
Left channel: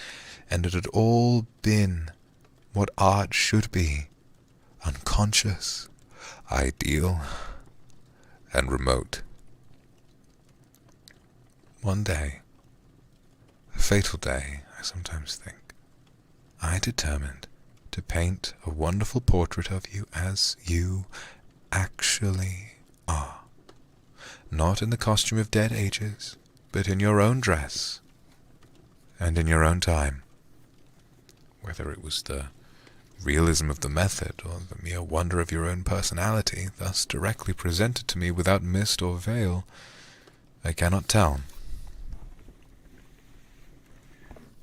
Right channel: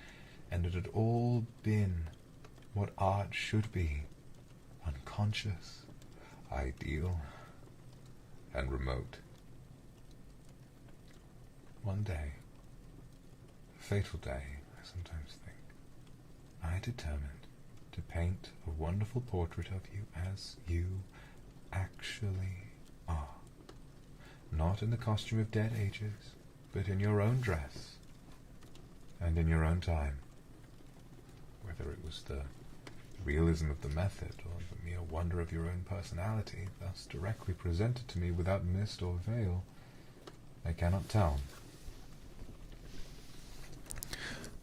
and it had all been what art should be, unconscious, ideal, and remote. One day, a fatal day, I sometimes think, I determined to paint a wonderful portrait of you as you actually are. Not in the costume of dead ages, but in your own dress, and in your own time. Whether it was the realism of the method, or the mere wonder of your own personality, thus directly presented to me without mist or veil, I cannot tell.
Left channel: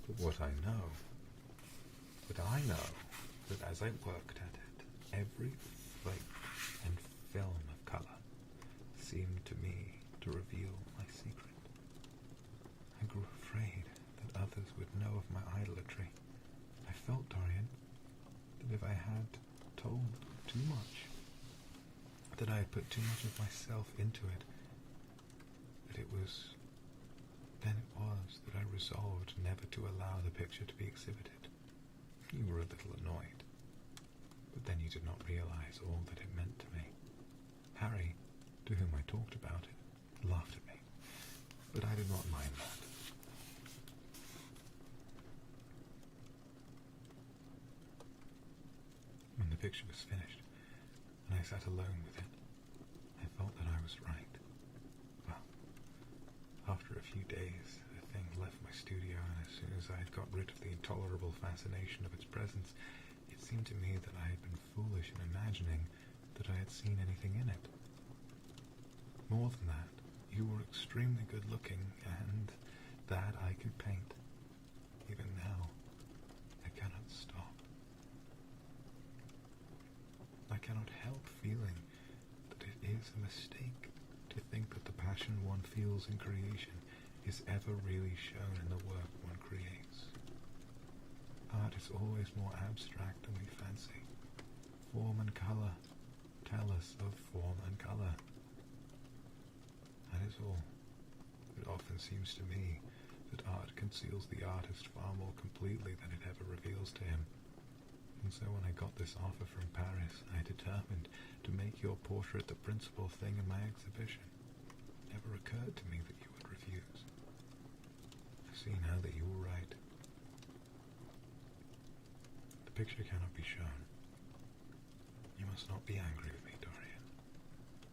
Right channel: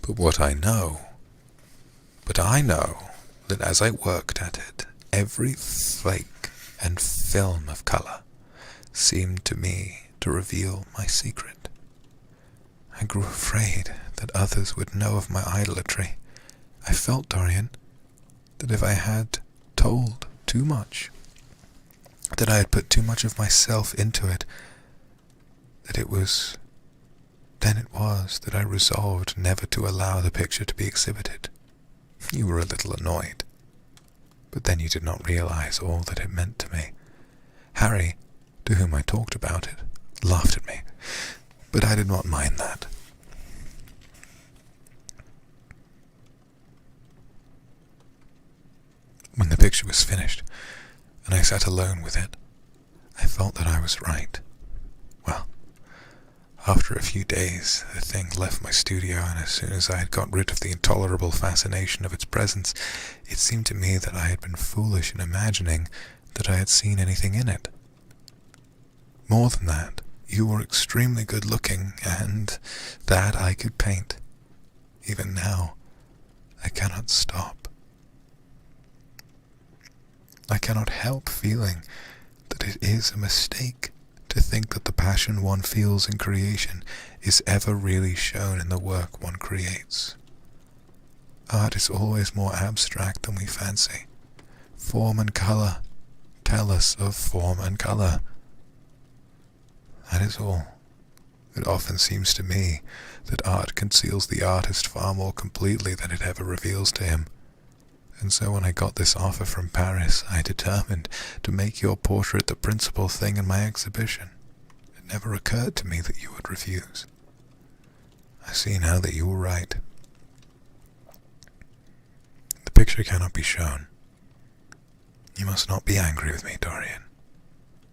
But I know that as I worked at it, every flake and film of colour seemed to me to reveal my secret. I grew afraid that others would know of my idolatry. I felt, Dorian, that if I had told too much, that I had put too much of myself into it, then it was that I resolved never to allow the picture to be exhibited. You were a little annoyed, but then you did not realize all that it meant to me. Harry, to whom I talked about it, laughed at me, but I did not mind that. When the picture was finished, and I sat alone with it, I felt that I was right. Well, after a few days, the thing left my studio, and as soon as I had got rid of the intolerable fascination of its presence, it seemed to me that I had been foolish in imagining that I had seen anything in it. More than that, you were extremely good-looking, and that I could paint. Even now, I cannot stop. I cannot help feeling that it is a mistake to think that the passion one feels in creation is ever really shown in the work one creates. Art is always more abstract than we fancy. Form and colour tell us of form and colour. That is all. It often seems to me that art conceals the artist far more completely than it ever reveals to him. And so when I got this offer from Paris, I determined to make your portrait the principal thing in my exhibition. It never occurred to me that you would refuse. I see now that you were right. The picture cannot be shown. You must not be angry with me, Dorian.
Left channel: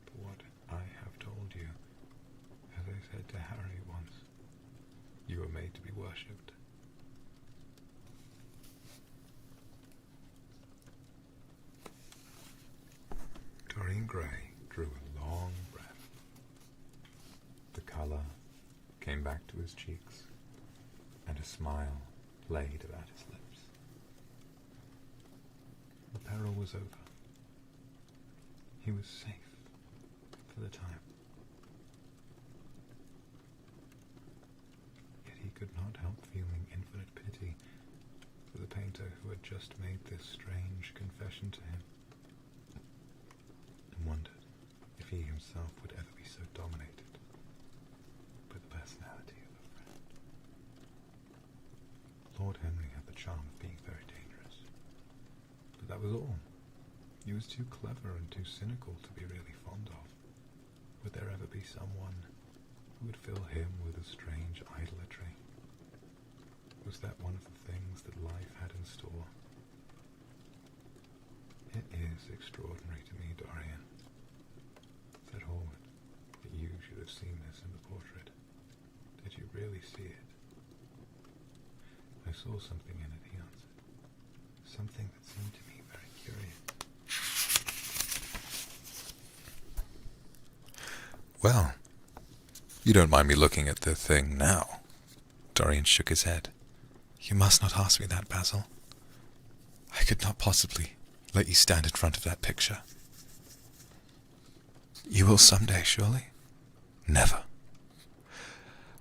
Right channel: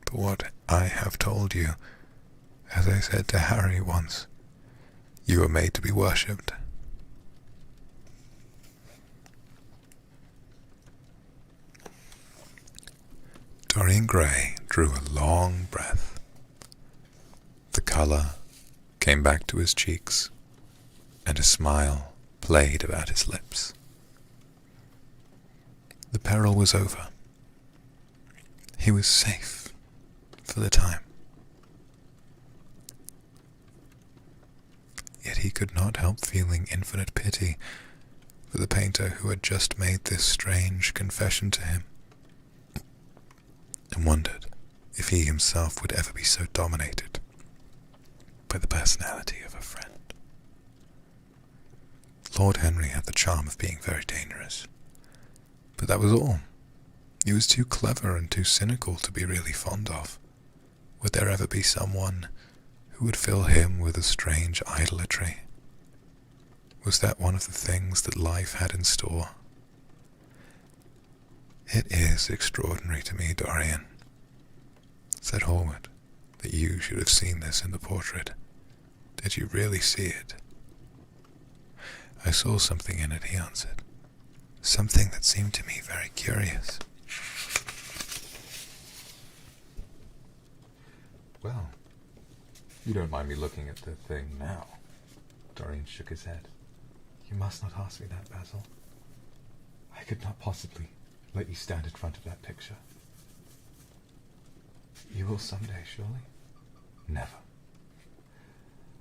But what I have told you, as I said to Harry once, you are made to be worshipped. Dorian Gray drew a long breath. The colour came back to his cheeks, and a smile played about his lips. The peril was over. He was safe for the time. Yet he could not help feeling infinite pity for the painter who had just made this strange confession to him, and wondered if he himself would ever be so dominated by the personality of a friend. Lord Henry had the charm of being very dangerous, but that was all. He was too clever and too cynical to be really fond of. Would there ever be someone who would fill him with a strange idolatry? Was that one of the things that life had in store? It is extraordinary to me, Dorian, said Hallward, that you should have seen this in the portrait. Did you really see it? I saw something in it, he answered. Something that seemed to me very curious. Well, you don't mind me looking at the thing now? Dorian shook his head. You must not ask me that, Basil. I could not possibly let you stand in front of that picture. You will someday, surely? Never.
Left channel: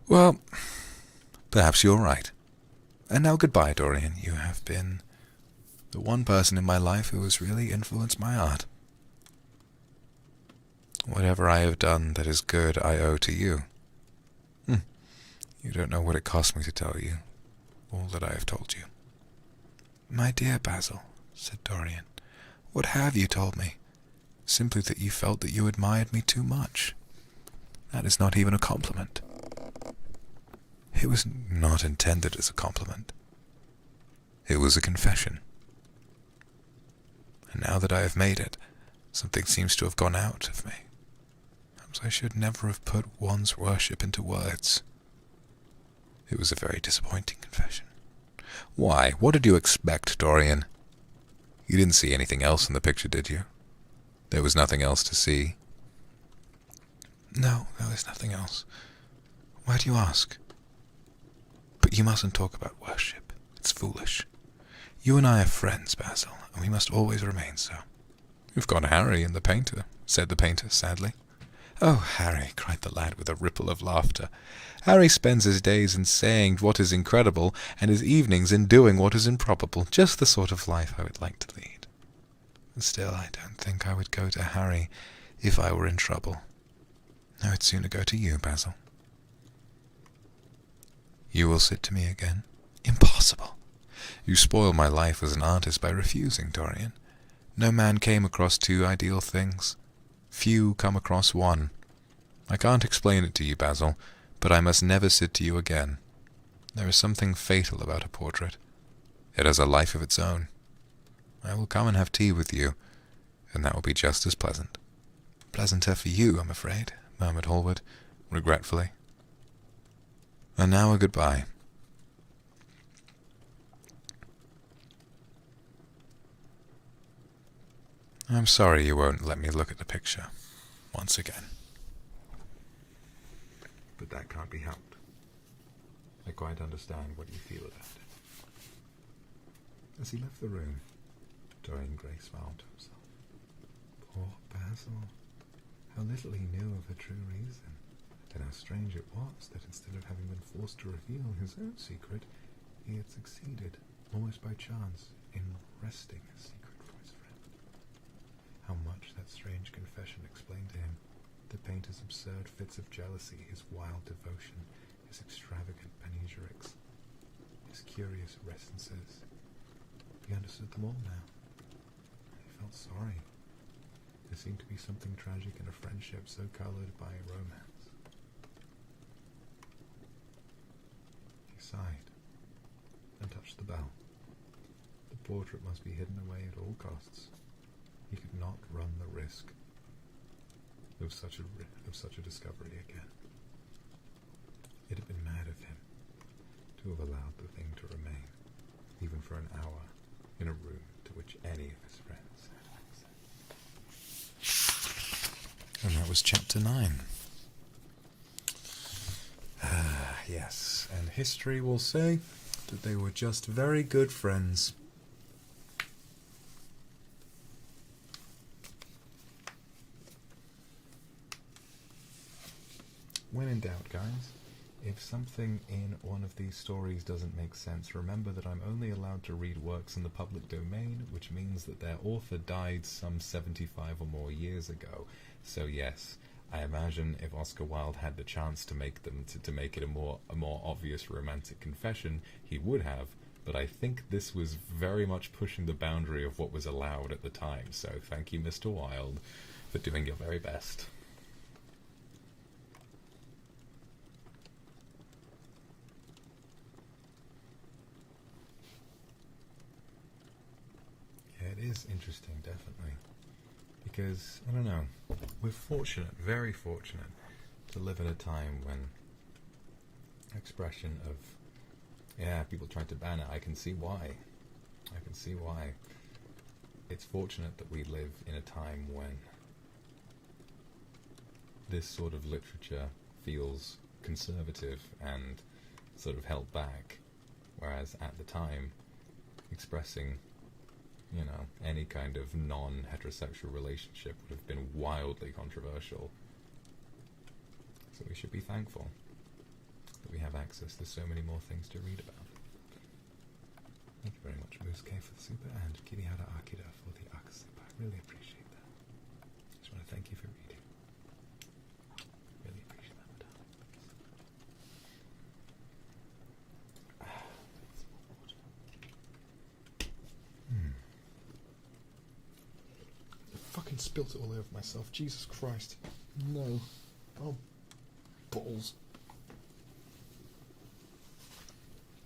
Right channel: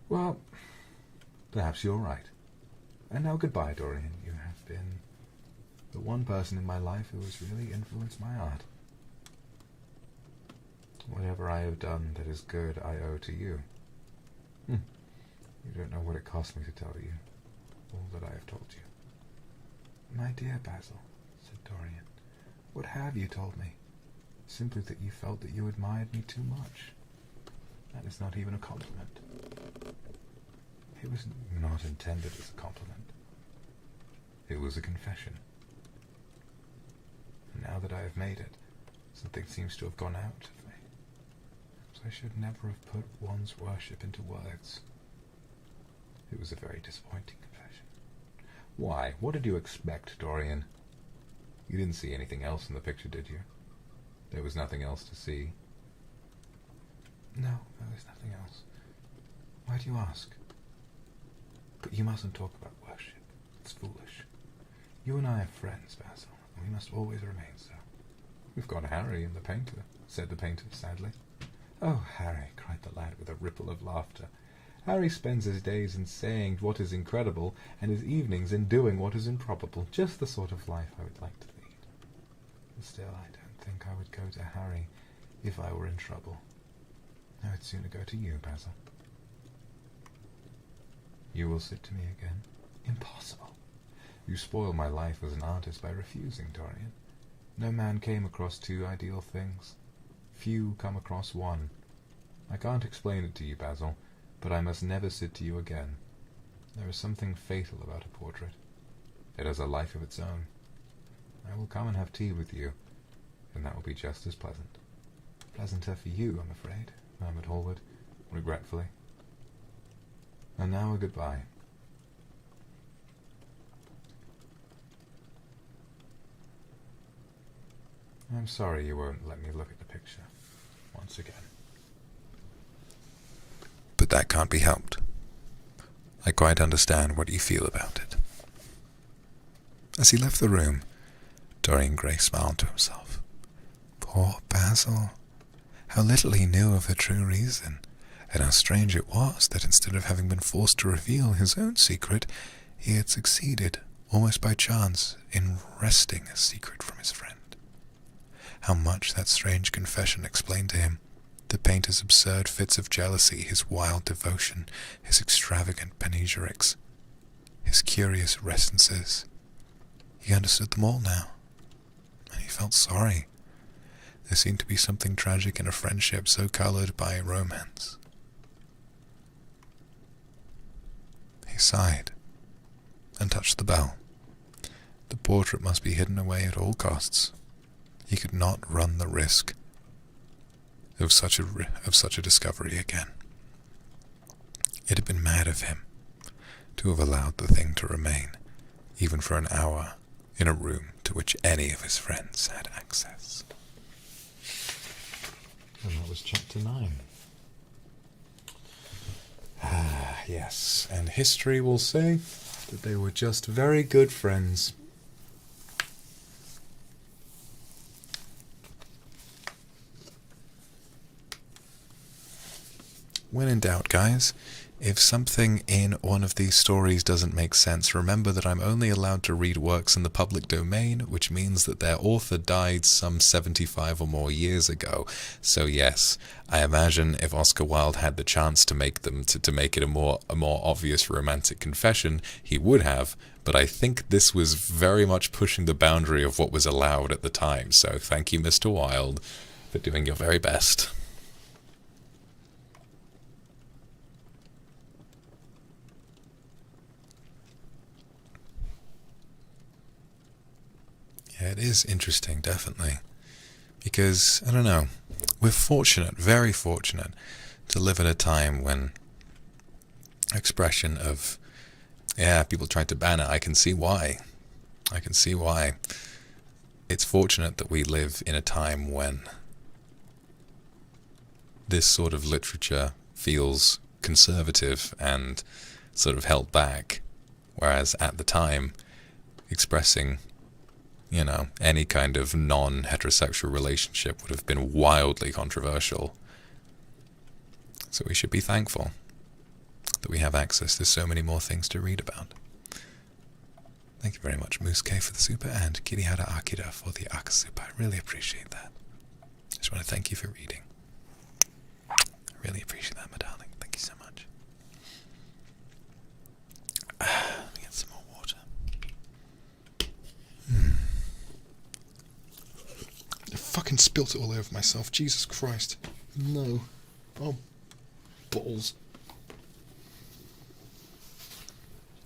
Well, perhaps you're right. And now goodbye, Dorian. You have been the one person in my life who has really influenced my art. Whatever I have done that is good, I owe to you. You don't know what it cost me to tell you all that I have told you. My dear Basil, said Dorian, what have you told me? Simply that you felt that you admired me too much. That is not even a compliment. It was not intended as a compliment. It was a confession. And now that I have made it, something seems to have gone out of me. Perhaps I should never have put one's worship into words. It was a very disappointing confession. Why? What did you expect, Dorian? You didn't see anything else in the picture, did you? There was nothing else to see. No, there was nothing else. Why do you ask? But you mustn't talk about worship. It's foolish. You and I are friends, Basil, and we must always remain so. You've got Harry and the painter, said the painter sadly. Oh, Harry, cried the lad with a ripple of laughter. Harry spends his days in saying what is incredible, and his evenings in doing what is improbable. Just the sort of life I would like to lead. And still, I don't think I would go to Harry if I were in trouble. I would sooner go to you, Basil. You will sit to me again? Impossible. You spoil my life as an artist by refusing, Dorian. No man came across two ideal things. Few come across one. I can't explain it to you, Basil, but I must never sit to you again. There is something fatal about a portrait. It has a life of its own. I will come and have tea with you, and that will be just as pleasant. Pleasanter for you, I'm afraid, murmured Hallward, regretfully. And now a goodbye. I'm sorry you won't let me look at the picture once again. But that can't be helped. I quite understand what you feel about it. As he left the room, Dorian Gray smiled to himself. Poor Basil. How little he knew of her true reason, and how strange it was that instead of having been forced to reveal his own secret, he had succeeded, almost by chance, in wresting a secret from his friend. How much that strange confession explained to him the painter's absurd fits of jealousy, his wild devotion, his extravagant panegyrics, his curious reticences. He understood them all now, and he felt sorry. There seemed to be something tragic in a friendship so coloured by romance. He sighed and touched the bell. The portrait must be hidden away at all costs. He could not run the risk of such a discovery again. It had been mad of him to have allowed the thing to remain, even for an hour, in a room to which any of his friends had access. And that was chapter 9. Ah, yes, and history will say that they were just very good friends. When in doubt, guys, if something in one of these stories doesn't make sense, remember that I'm only allowed to read works in the public domain, which means that their author died some 75 or more years ago. So yes, I imagine if Oscar Wilde had the chance to make them to make it a more obvious romantic confession, he would have. But I think this was very much pushing the boundary of what was allowed at the time. So thank you, Mr. Wilde, for doing your very best. it is interesting, definitely. Because, I don't know, we're fortunate, very fortunate, to live at a time when expression of, people tried to ban it. I can see why. It's fortunate that we live in a time when this sort of literature feels conservative and sort of held back, whereas at the time, expressing, any kind of non-heterosexual relationship would have been wildly controversial. So we should be thankful that we have access to so many more things to read about. Thank you very much, Moose K, for the super, and Kirihara Akira for the Aka super. I really appreciate that. Just want to thank you for reading. I really appreciate that, my darling. Thank you so much. Let me get some more water. I fucking spilt it all over myself. Jesus Christ. No. Oh, balls.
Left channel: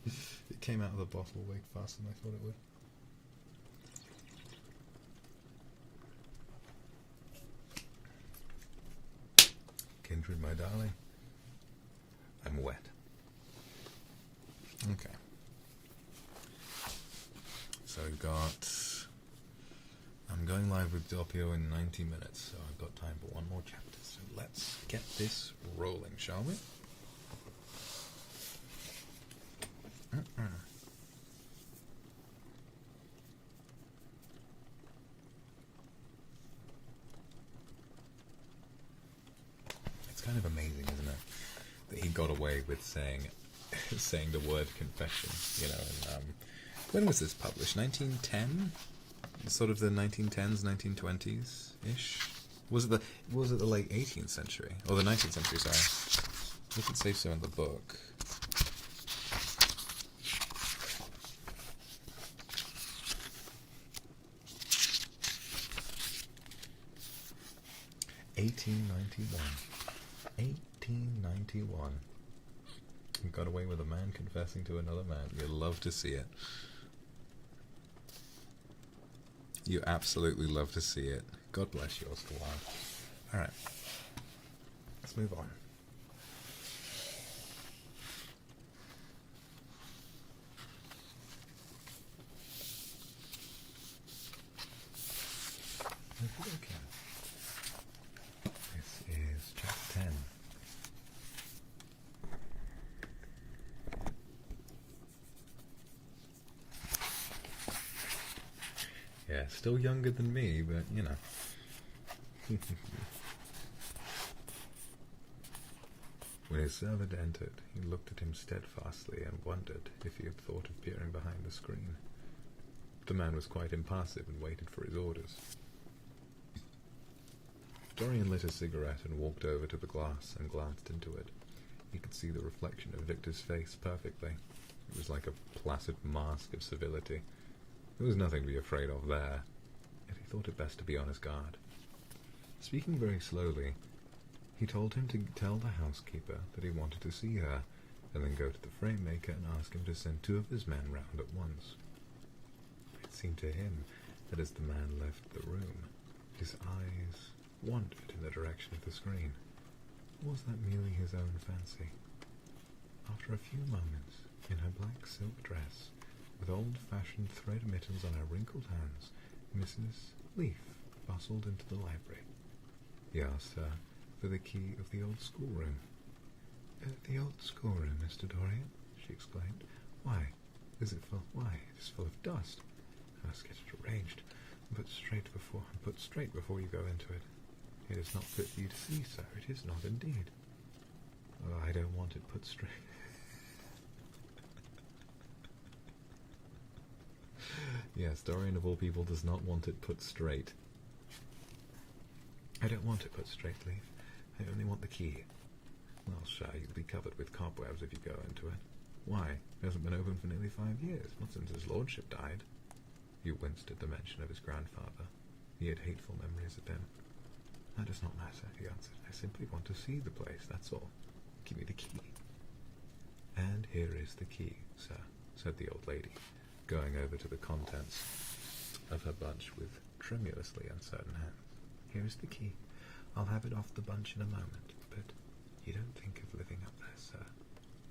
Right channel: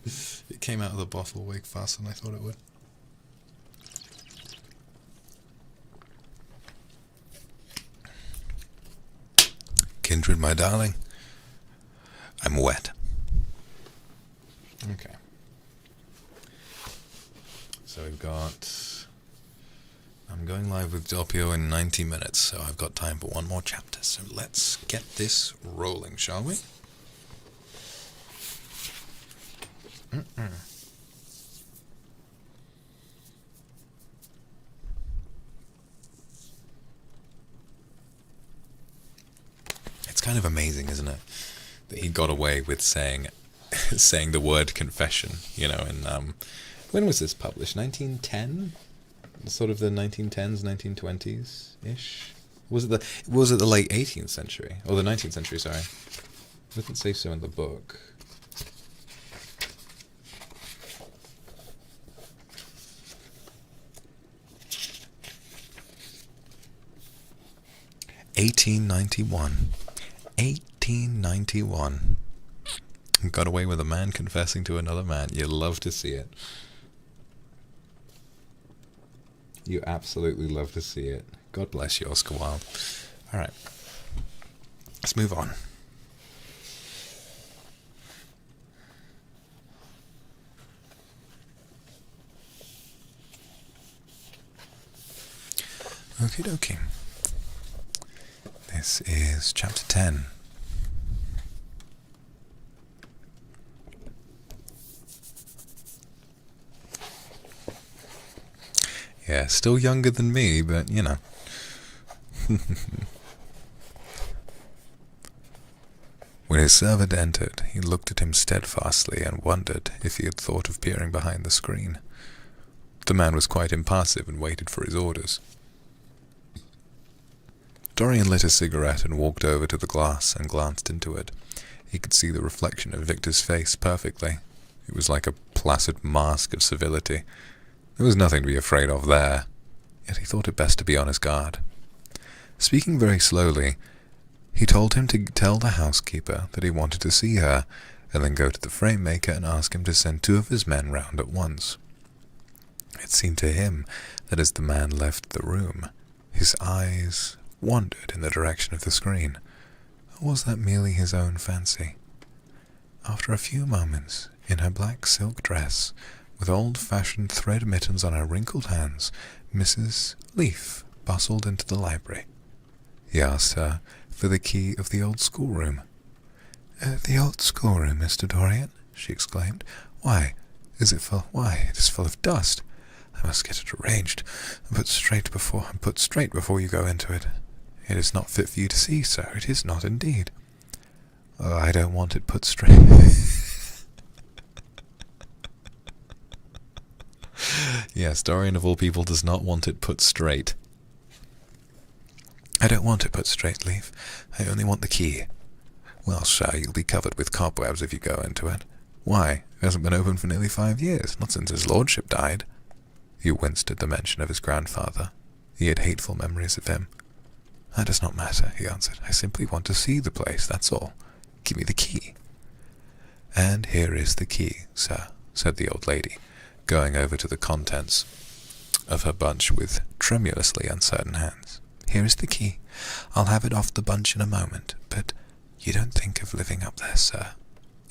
It came out of the bottle way faster than I thought it would. Kindred, my darling. I'm wet. Okay. So we've got... I'm going live with Doppio in 90 minutes, so I've got time for one more chapter. So let's get this rolling, shall we? It's kind of amazing, isn't it, that he got away with saying the word confession, and when was this published? 1910? Sort of the 1910s, 1920s-ish? Was it the late 18th century? Or the 19th century, sorry. It doesn't say so in the book. $1891. Got away with a man confessing to another man. You love to see it. You absolutely love to see it. God bless you, Oscar Wilde. Alright. Let's move on. Okie dokie. This is chapter 10. Yeah, still younger than me, but When his servant entered, he looked at him steadfastly and wondered if he had thought of peering behind the screen. The man was quite impassive and waited for his orders. Dorian lit a cigarette and walked over to the glass and glanced into it. He could see the reflection of Victor's face perfectly. It was like a placid mask of civility. There was nothing to be afraid of there, yet he thought it best to be on his guard. Speaking very slowly, he told him to tell the housekeeper that he wanted to see her, and then go to the frame maker and ask him to send 2 of his men round at once. It seemed to him that as the man left the room, his eyes wandered in the direction of the screen. Or was that merely his own fancy? After a few moments, in her black silk dress, with old-fashioned thread mittens on her wrinkled hands, Mrs. Leaf bustled into the library. He asked her for the key of the old schoolroom. The old schoolroom, Mr. Dorian? She exclaimed. Why? It is full of dust. I must get it arranged and put straight before you go into it. It is not fit for you to see, sir. It is not indeed. Oh, I don't want it put straight. Yes, Dorian of all people does not want it put straight. I don't want it put straight, Leaf. I only want the key. Well, sir, you'll be covered with cobwebs if you go into it. Why? It hasn't been open for nearly 5 years, not since his lordship died. He winced at the mention of his grandfather. He had hateful memories of him. That does not matter, he answered. I simply want to see the place, that's all. Give me the key. And here is the key, sir, said the old lady, going over to the contents of her bunch with tremulously uncertain hands. "Here is the key. I'll have it off the bunch in a moment, but you don't think of living up there, sir?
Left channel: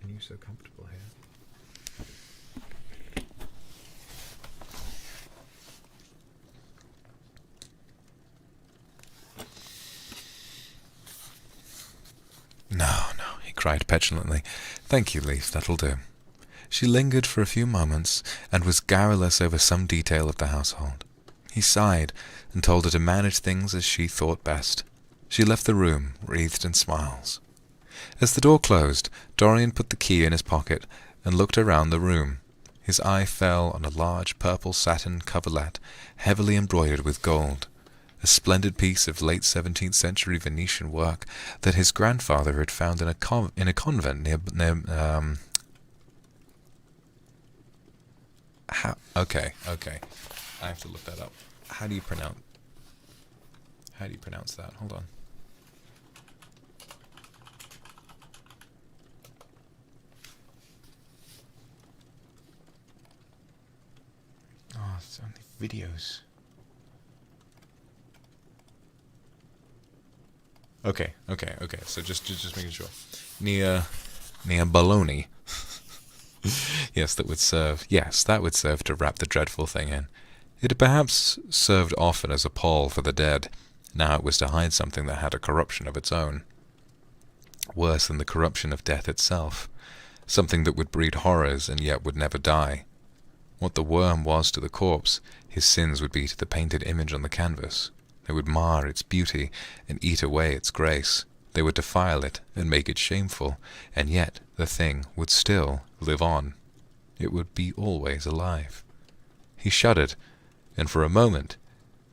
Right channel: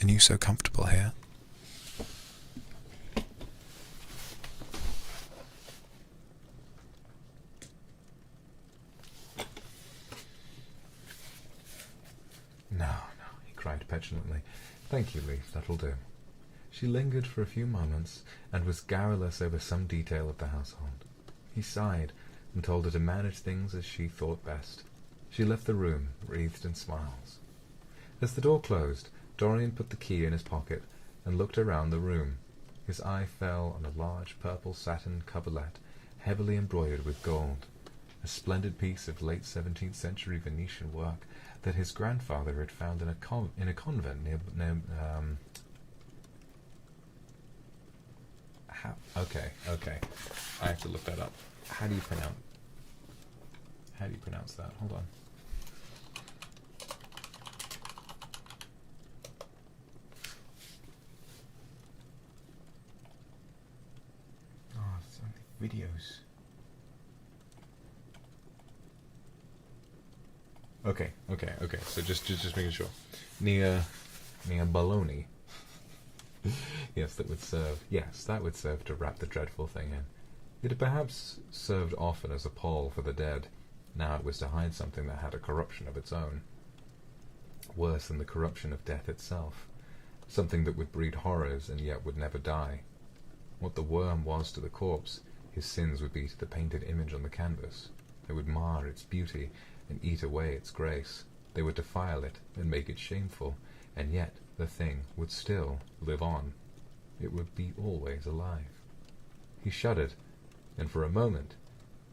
And you so comfortable here?" "No, no," he cried petulantly. "Thank you, Leaf, that'll do." She lingered for a few moments, and was garrulous over some detail of the household. He sighed, and told her to manage things as she thought best. She left the room, wreathed in smiles. As the door closed, Dorian put the key in his pocket, and looked around the room. His eye fell on a large purple satin coverlet, heavily embroidered with gold, a splendid piece of late 17th century Venetian work that his grandfather had found in a convent near okay, I have to look that up. How do you pronounce that? Hold on. Oh, it's only videos. Okay. So just making sure. Near Bologna. Yes, that would serve to wrap the dreadful thing in. It had perhaps served often as a pall for the dead. Now it was to hide something that had a corruption of its own. Worse than the corruption of death itself. Something that would breed horrors and yet would never die. What the worm was to the corpse, his sins would be to the painted image on the canvas. They would mar its beauty and eat away its grace. They would defile it and make it shameful, and yet the thing would still live on. It would be always alive. He shuddered, and for a moment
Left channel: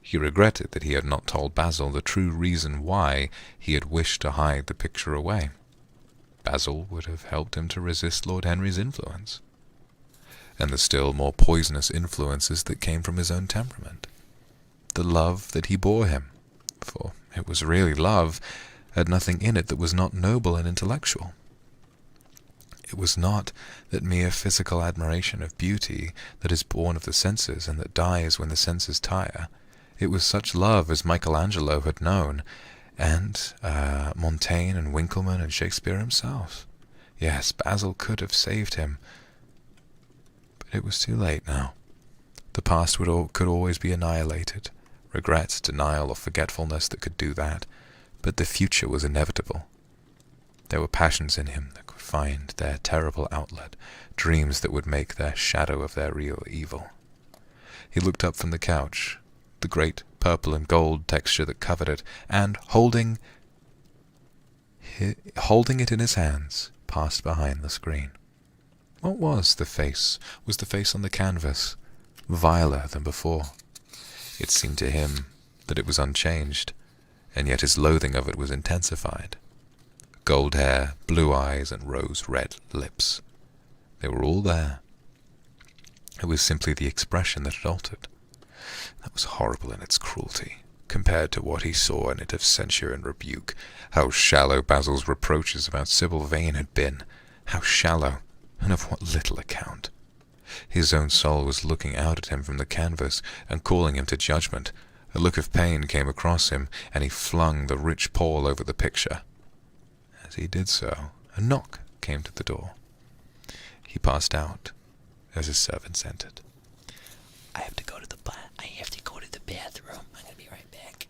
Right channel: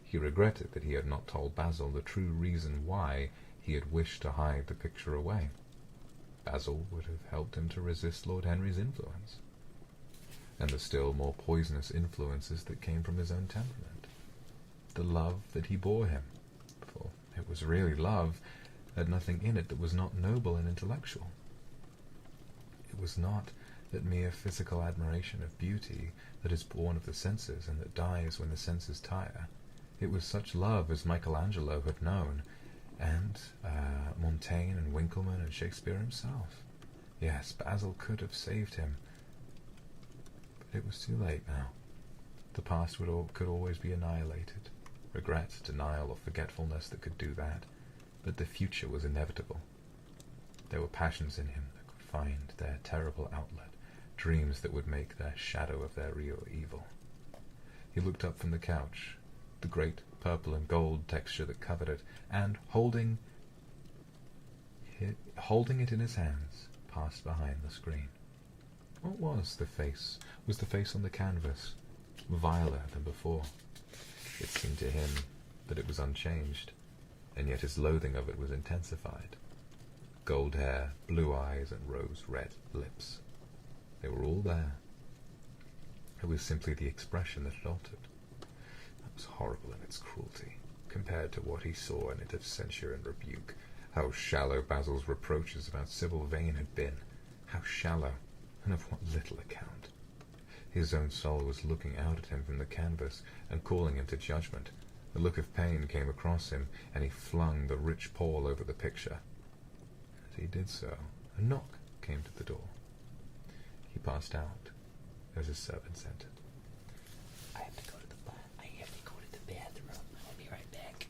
he regretted that he had not told Basil the true reason why he had wished to hide the picture away. Basil would have helped him to resist Lord Henry's influence, and the still more poisonous influences that came from his own temperament. The love that he bore him, for it was really love, had nothing in it that was not noble and intellectual. It was not that mere physical admiration of beauty that is born of the senses and that dies when the senses tire. It was such love as Michelangelo had known, and Montaigne and Winckelmann and Shakespeare himself. Yes, Basil could have saved him, but it was too late now. The past could always be annihilated. Regret, denial, or forgetfulness that could do that, but the future was inevitable. There were passions in him that could find their terrible outlet, dreams that would make their shadow of their real evil. He looked up from the couch, the great purple and gold texture that covered it, and, holding it in his hands, passed behind the screen. What was the face? Was the face on the canvas viler than before? It seemed to him that it was unchanged, and yet his loathing of it was intensified. Gold hair, blue eyes, and rose-red lips. They were all there. It was simply the expression that had altered. That was horrible in its cruelty, compared to what he saw in it of censure and rebuke. How shallow Basil's reproaches about Sybil Vane had been. How shallow, and of what little account. His own soul was looking out at him from the canvas and calling him to judgment. A look of pain came across him, and he flung the rich pall over the picture. As he did so, a knock came to the door. He passed out as his servants entered. I have to go to the bathroom. I'm gonna be right back.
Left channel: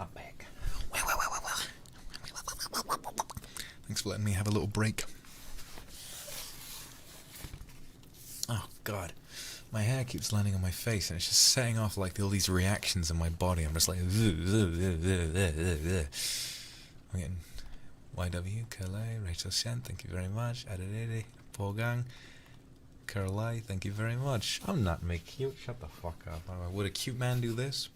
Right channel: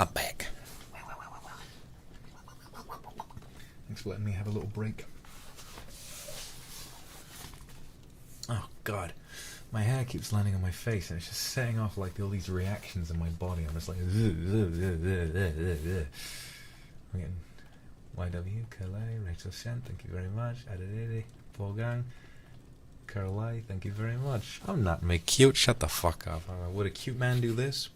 I'm back. Thanks for letting me have a little break. Oh, God. My hair keeps landing on my face, and it's just setting off like all these reactions in my body. I'm just like... I'm getting YW, Calais, Rachel Shen, thank you very much. Adedede, Paul Caroline, thank you very much. I'm not make cute, shut the fuck up. Would a cute man do this?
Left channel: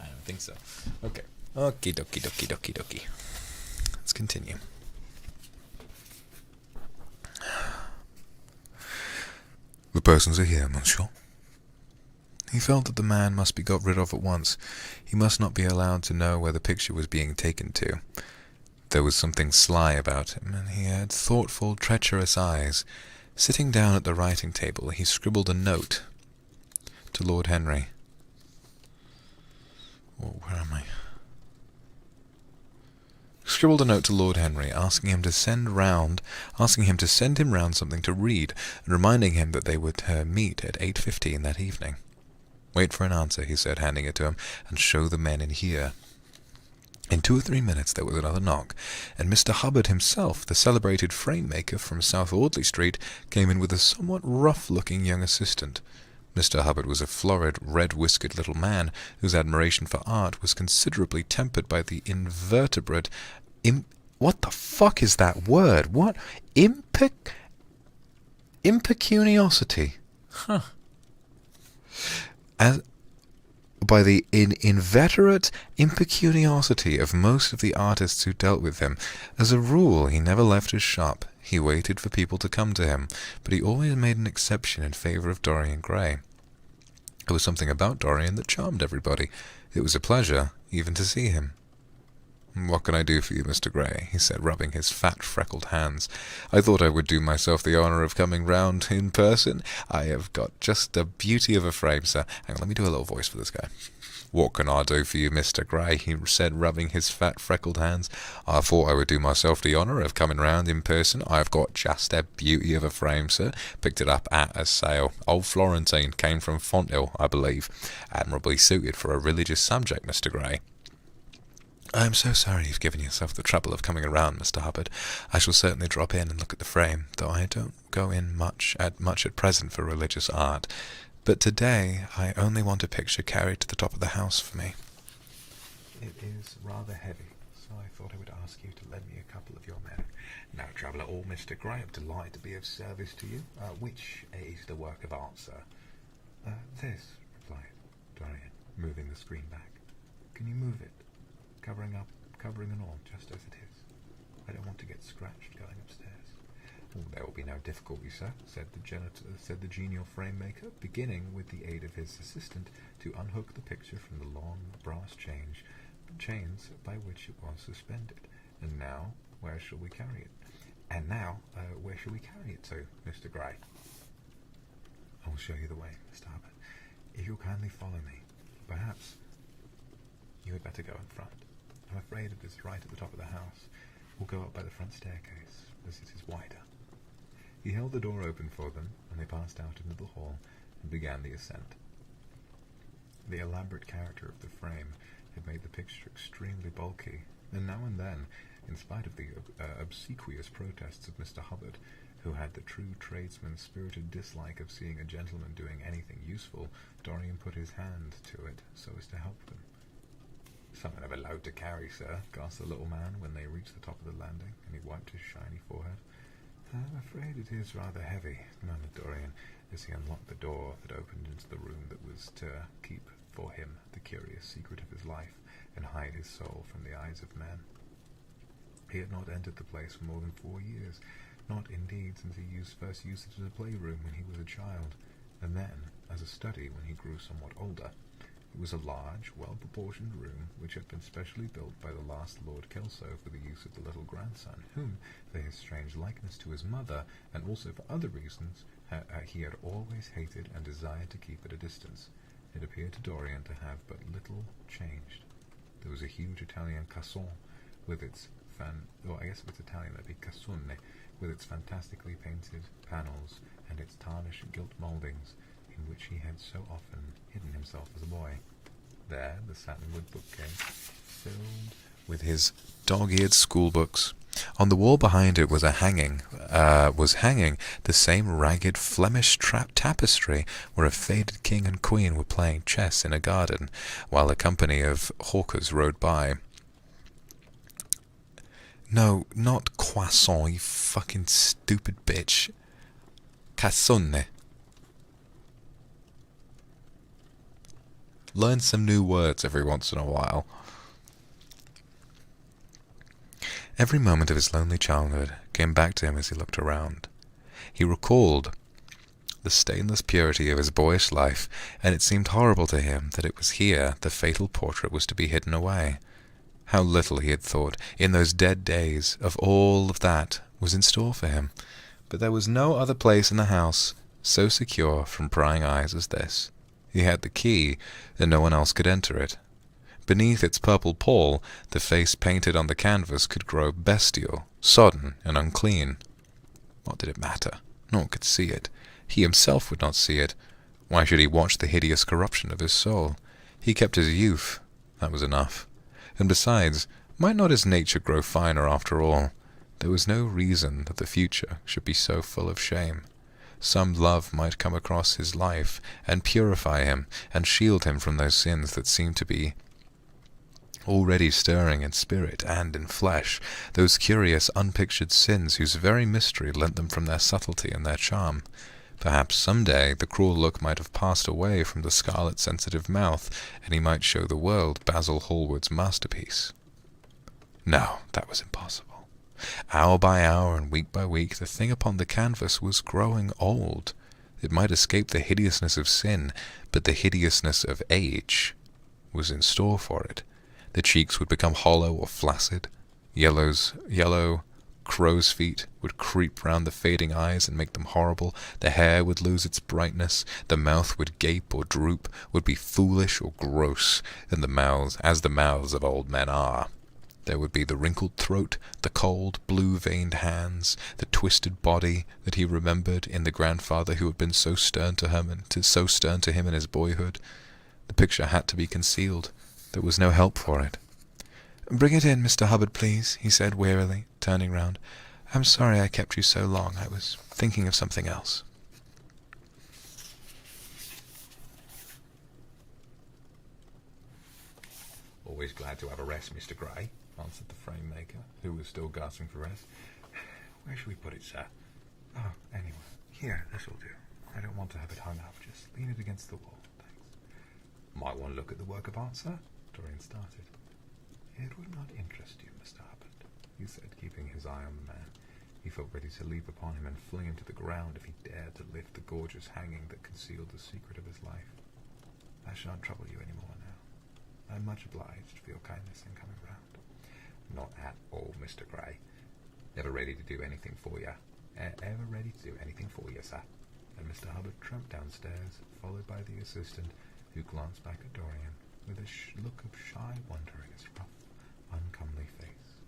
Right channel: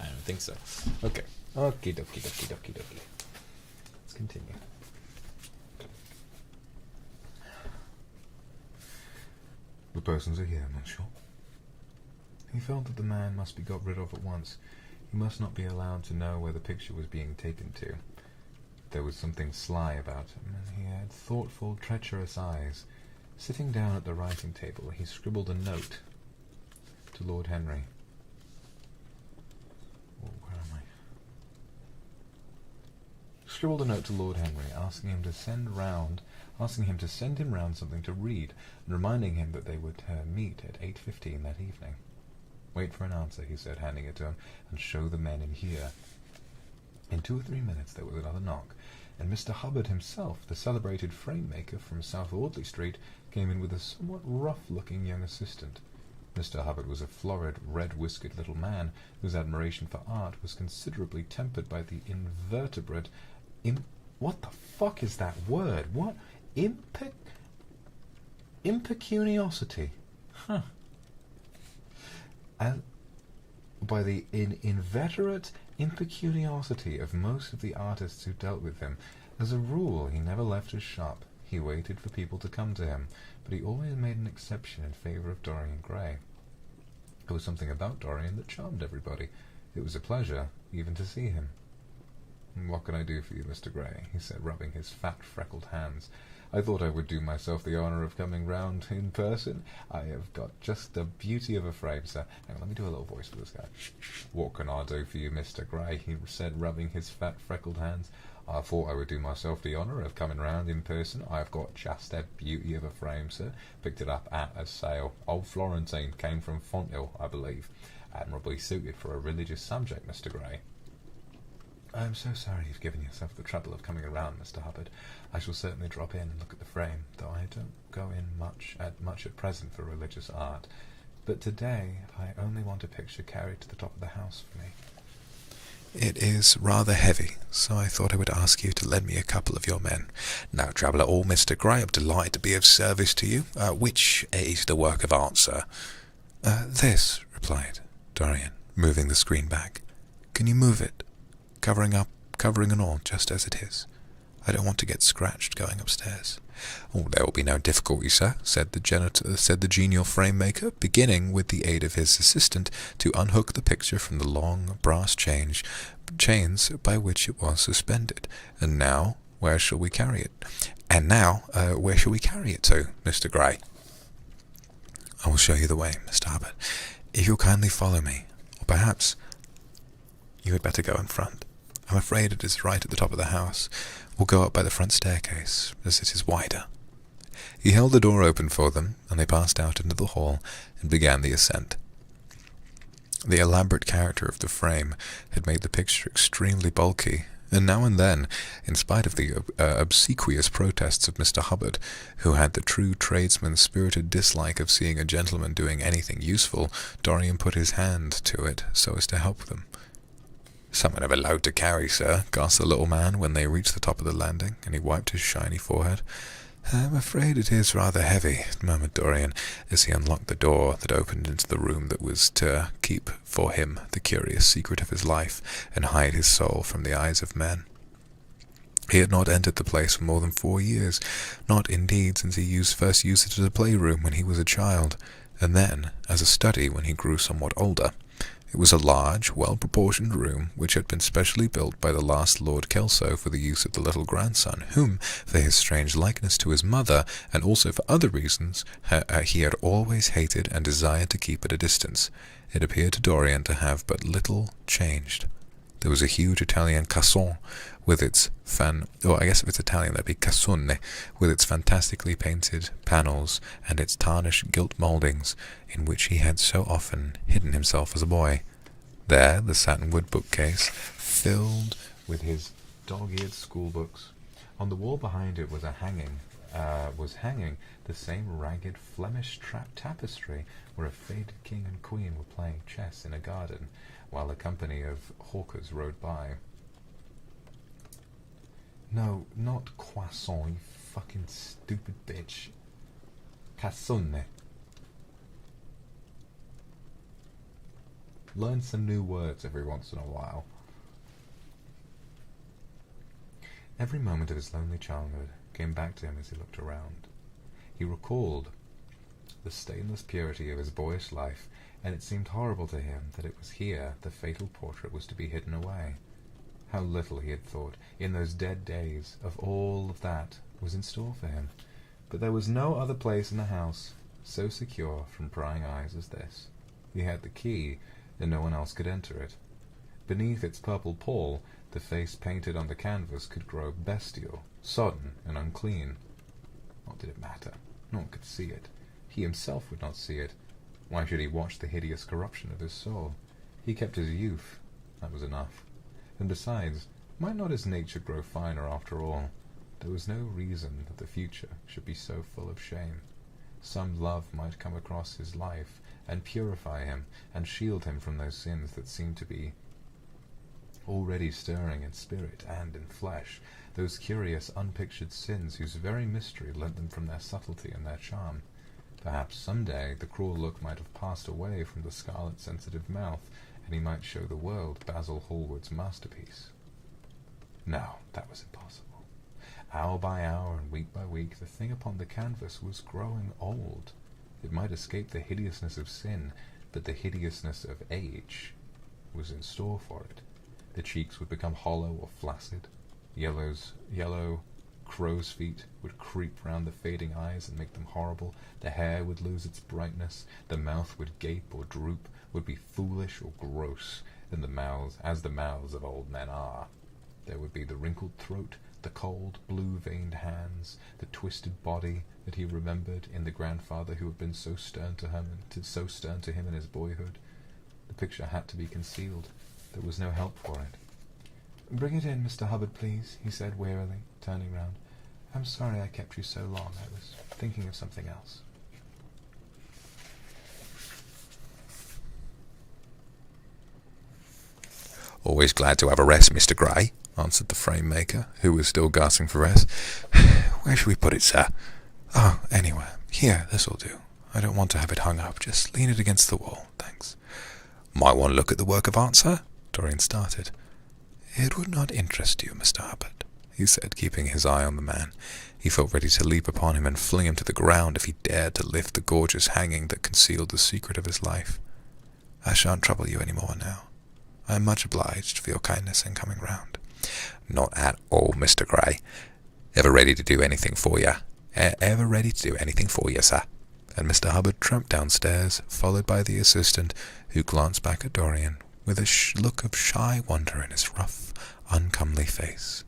I don't think so. Okay. Okie dokie dokie dokie dokie. Let's continue. The persons are here, monsieur. He felt that the man must be got rid of at once. He must not be allowed to know where the picture was being taken to. There was something sly about him, and he had thoughtful, treacherous eyes. Sitting down at the writing table, he scribbled a note to Lord Henry. Oh, where am I? Scribbled a note to Lord Henry, asking him to send him round something to read, and reminding him that they would meet at 8:15 that evening. Wait for an answer, he said, handing it to him, and show the men in here. In 2 or 3 minutes there was another knock, and Mr. Hubbard himself, the celebrated frame-maker from South Audley Street, came in with a somewhat rough-looking young assistant. Mr. Hubbard was a florid, red-whiskered little man, whose admiration for art was considerably tempered by the invertebrate... what the fuck is that word? What? Impecuniosity. Huh. By the inveterate impecuniosity of most of the artists who dealt with him. As a rule, he never left his shop. He waited for people to come to him, but he always made an exception in favor of Dorian Gray. There was something about Dorian that charmed everybody. It was a pleasure, even to see him. "What can I do for you, Mr. Gray?" he said, rubbing his fat, freckled hands. "I thought I would do myself the honour of coming round in person. I have got just a beauty of a frame, sir." Hang on, let me do a little voice for this guy. "What can I do for you, Mr. Gray?" he said, rubbing his fat, freckled hands. "I thought I would do myself the honour of coming round in person. I've got just a beauty of a frame, sir. Picked it up at a sale. Old Florentine, came from Fonthill, I believe. Admirably suited for a religious subject, Mr. Gray." "I am so sorry you've given yourself the trouble of coming around, Mr. Hubbard. I shall certainly drop in and look at the frame, though I don't go in much at present for religious art. But today I only want a picture carried to the top of the house for me. It is rather heavy, so I thought I would ask you to lend me a couple of your men." "No trouble at all, Mr. Gray. I'm delighted to be of service to you. Which is the work of art, sir?" This," replied Dorian, moving the screen back. "Can you move it? Covering and all, just as it is. I don't want to get scratched going upstairs." "Oh, there will be no difficulty, sir," said the genial frame-maker, beginning, with the aid of his assistant, to unhook the picture from the long brass chains by which it was suspended. "And now, where shall we carry it?" Where shall we carry it to, Mr. Gray?" "I will show you the way, Mr. Hubbard. If you'll kindly follow me, or perhaps you had better go in front. I'm afraid it is right at the top of the house. We'll go up by the front staircase, as it is wider." He held the door open for them, and they passed out into the hall and began the ascent. The elaborate character of the frame had made the picture extremely bulky, and now and then, in spite of the obsequious protests of Mr. Hubbard, who had the true tradesman's spirited dislike of seeing a gentleman doing anything useful, Dorian put his hand to it so as to help them. "Something of a load to carry, sir," gasped the little man when they reached the top of the landing, and he wiped his shiny forehead. "I'm afraid it is rather heavy," murmured Dorian, as he unlocked the door that opened into the room that was to keep for him the curious secret of his life, and hide his soul from the eyes of men. He had not entered the place for more than 4 years, not indeed since he first used it as a playroom when he was a child, and then as a study when he grew somewhat older. It was a large, well-proportioned room, which had been specially built by the last Lord Kelso for the use of the little grandson, whom, for his strange likeness to his mother, and also for other reasons, he had always hated and desired to keep at a distance. It appeared to Dorian to have but little changed. There was a huge Italian caisson, with its I guess if it's Italian that'd be cassone, with its fantastically painted panels and its tarnished gilt mouldings in which he had so often hidden himself as a boy. There, the satinwood bookcase, filled with his dog-eared schoolbooks. On the wall behind it was hanging the same ragged Flemish tapestry where a faded king and queen were playing chess in a garden, while a company of hawkers rode by. No, not croissant, you fucking stupid bitch. Cassone. Learn some new words every once in a while. Every moment of his lonely childhood came back to him as he looked around. He recalled the stainless purity of his boyish life, and it seemed horrible to him that it was here the fatal portrait was to be hidden away. How little he had thought, in those dead days, of all of that was in store for him. But there was no other place in the house so secure from prying eyes as this. He had the key, and no one else could enter it. Beneath its purple pall, the face painted on the canvas could grow bestial, sodden, and unclean. What did it matter? No one could see it. He himself would not see it. Why should he watch the hideous corruption of his soul? He kept his youth. That was enough. And besides, might not his nature grow finer after all? There was no reason that the future should be so full of shame. Some love might come across his life and purify him and shield him from those sins that seemed to be already stirring in spirit and in flesh, those curious unpictured sins whose very mystery lent them from their subtlety and their charm. Perhaps some day the cruel look might have passed away from the scarlet sensitive mouth, and he might show the world Basil Hallward's masterpiece. No, that was impossible. Hour by hour and week by week the thing upon the canvas was growing old. It might escape the hideousness of sin, but the hideousness of age was in store for it. The cheeks would become hollow or flaccid. Yellow crow's feet would creep round the fading eyes and make them horrible. The hair would lose its brightness. The mouth would gape or droop, would be foolish or gross, and as the mouths of old men are. There would be the wrinkled throat, the cold, blue-veined hands, the twisted body that he remembered in the grandfather who had been so stern to him in his boyhood. The picture had to be concealed. There was no help for it. "Bring it in, Mr. Hubbard, please," he said wearily, turning round. "I'm sorry I kept you so long. I was thinking of something else." "Always glad to have a rest, Mr. Gray," answered the frame-maker, who was still gasping for rest. "Where should we put it, sir?" "Oh, anywhere. Here, this'll do. I don't want to have it hung up. Just lean it against the wall, thanks." "Might want to look at the work of art, sir?" Dorian started. "It would not interest you, Mr. Hubbard," he said, keeping his eye on the man. He felt ready to leap upon him and fling him to the ground if he dared to lift the gorgeous hanging that concealed the secret of his life. "I shan't trouble you any more now. I am much obliged for your kindness in coming round." "Not at all, Mr. Gray. Ever ready to do anything for you? Ever ready to do anything for you, sir?" And Mr. Hubbard tramped downstairs, followed by the assistant, who glanced back at Dorian with a look of shy wonder in his rough, uncomely face.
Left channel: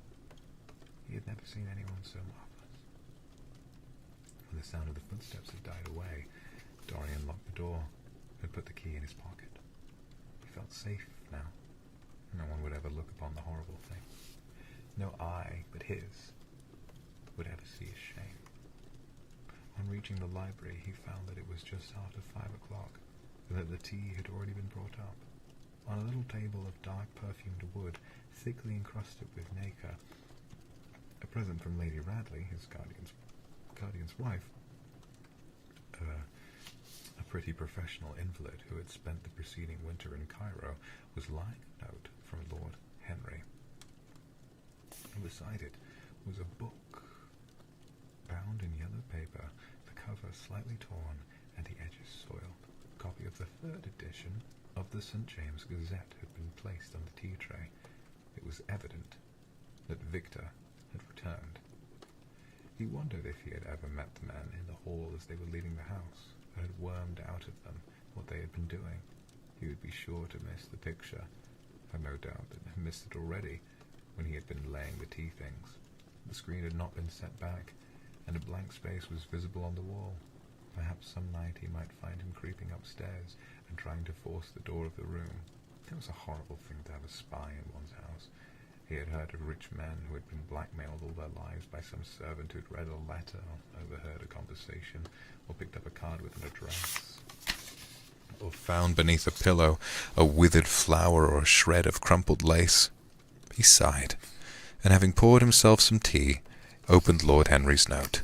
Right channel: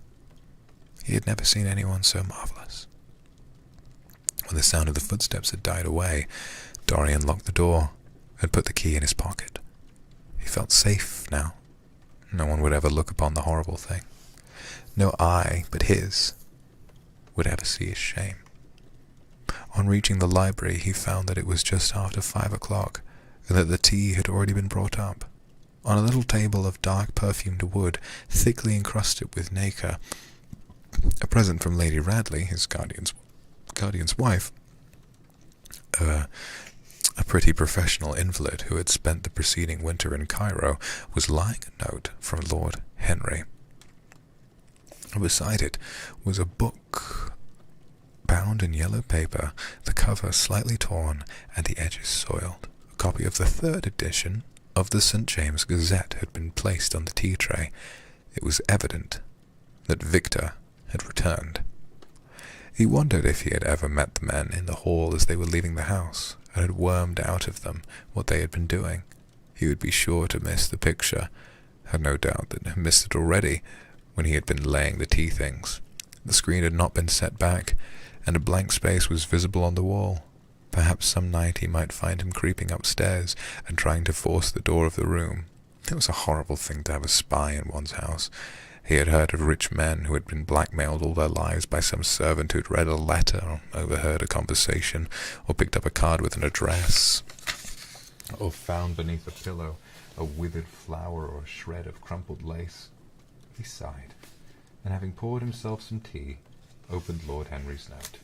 He had never seen anyone so marvelous. When the sound of the footsteps had died away, Dorian locked the door and put the key in his pocket. He felt safe now. No one would ever look upon the horrible thing. No eye but his would ever see his shame. On reaching the library, he found that it was just after 5 o'clock, and that the tea had already been brought up. On a little table of dark perfumed wood, thickly encrusted with nacre, a present from Lady Radley, his guardian's wife, a pretty professional invalid who had spent the preceding winter in Cairo, was lying a note from Lord Henry. Beside it was a book bound in yellow paper, the cover slightly torn and the edges soiled. A copy of the 3rd edition of the St. James Gazette had been placed on the tea tray. It was evident that Victor had returned. He wondered if he had ever met the men in the hall as they were leaving the house, and had wormed out of them what they had been doing. He would be sure to miss the picture, had no doubt that he missed it already, when he had been laying the tea things. The screen had not been set back, and a blank space was visible on the wall. Perhaps some night he might find him creeping upstairs and trying to force the door of the room. It was a horrible thing to have a spy in one's house. He had heard of rich men who had been blackmailed all their lives by some servant who'd read a letter, or overheard a conversation, or picked up a card with an address, or found beneath a pillow a withered flower or a shred of crumpled lace. He sighed, and having poured himself some tea, opened Lord Henry's note.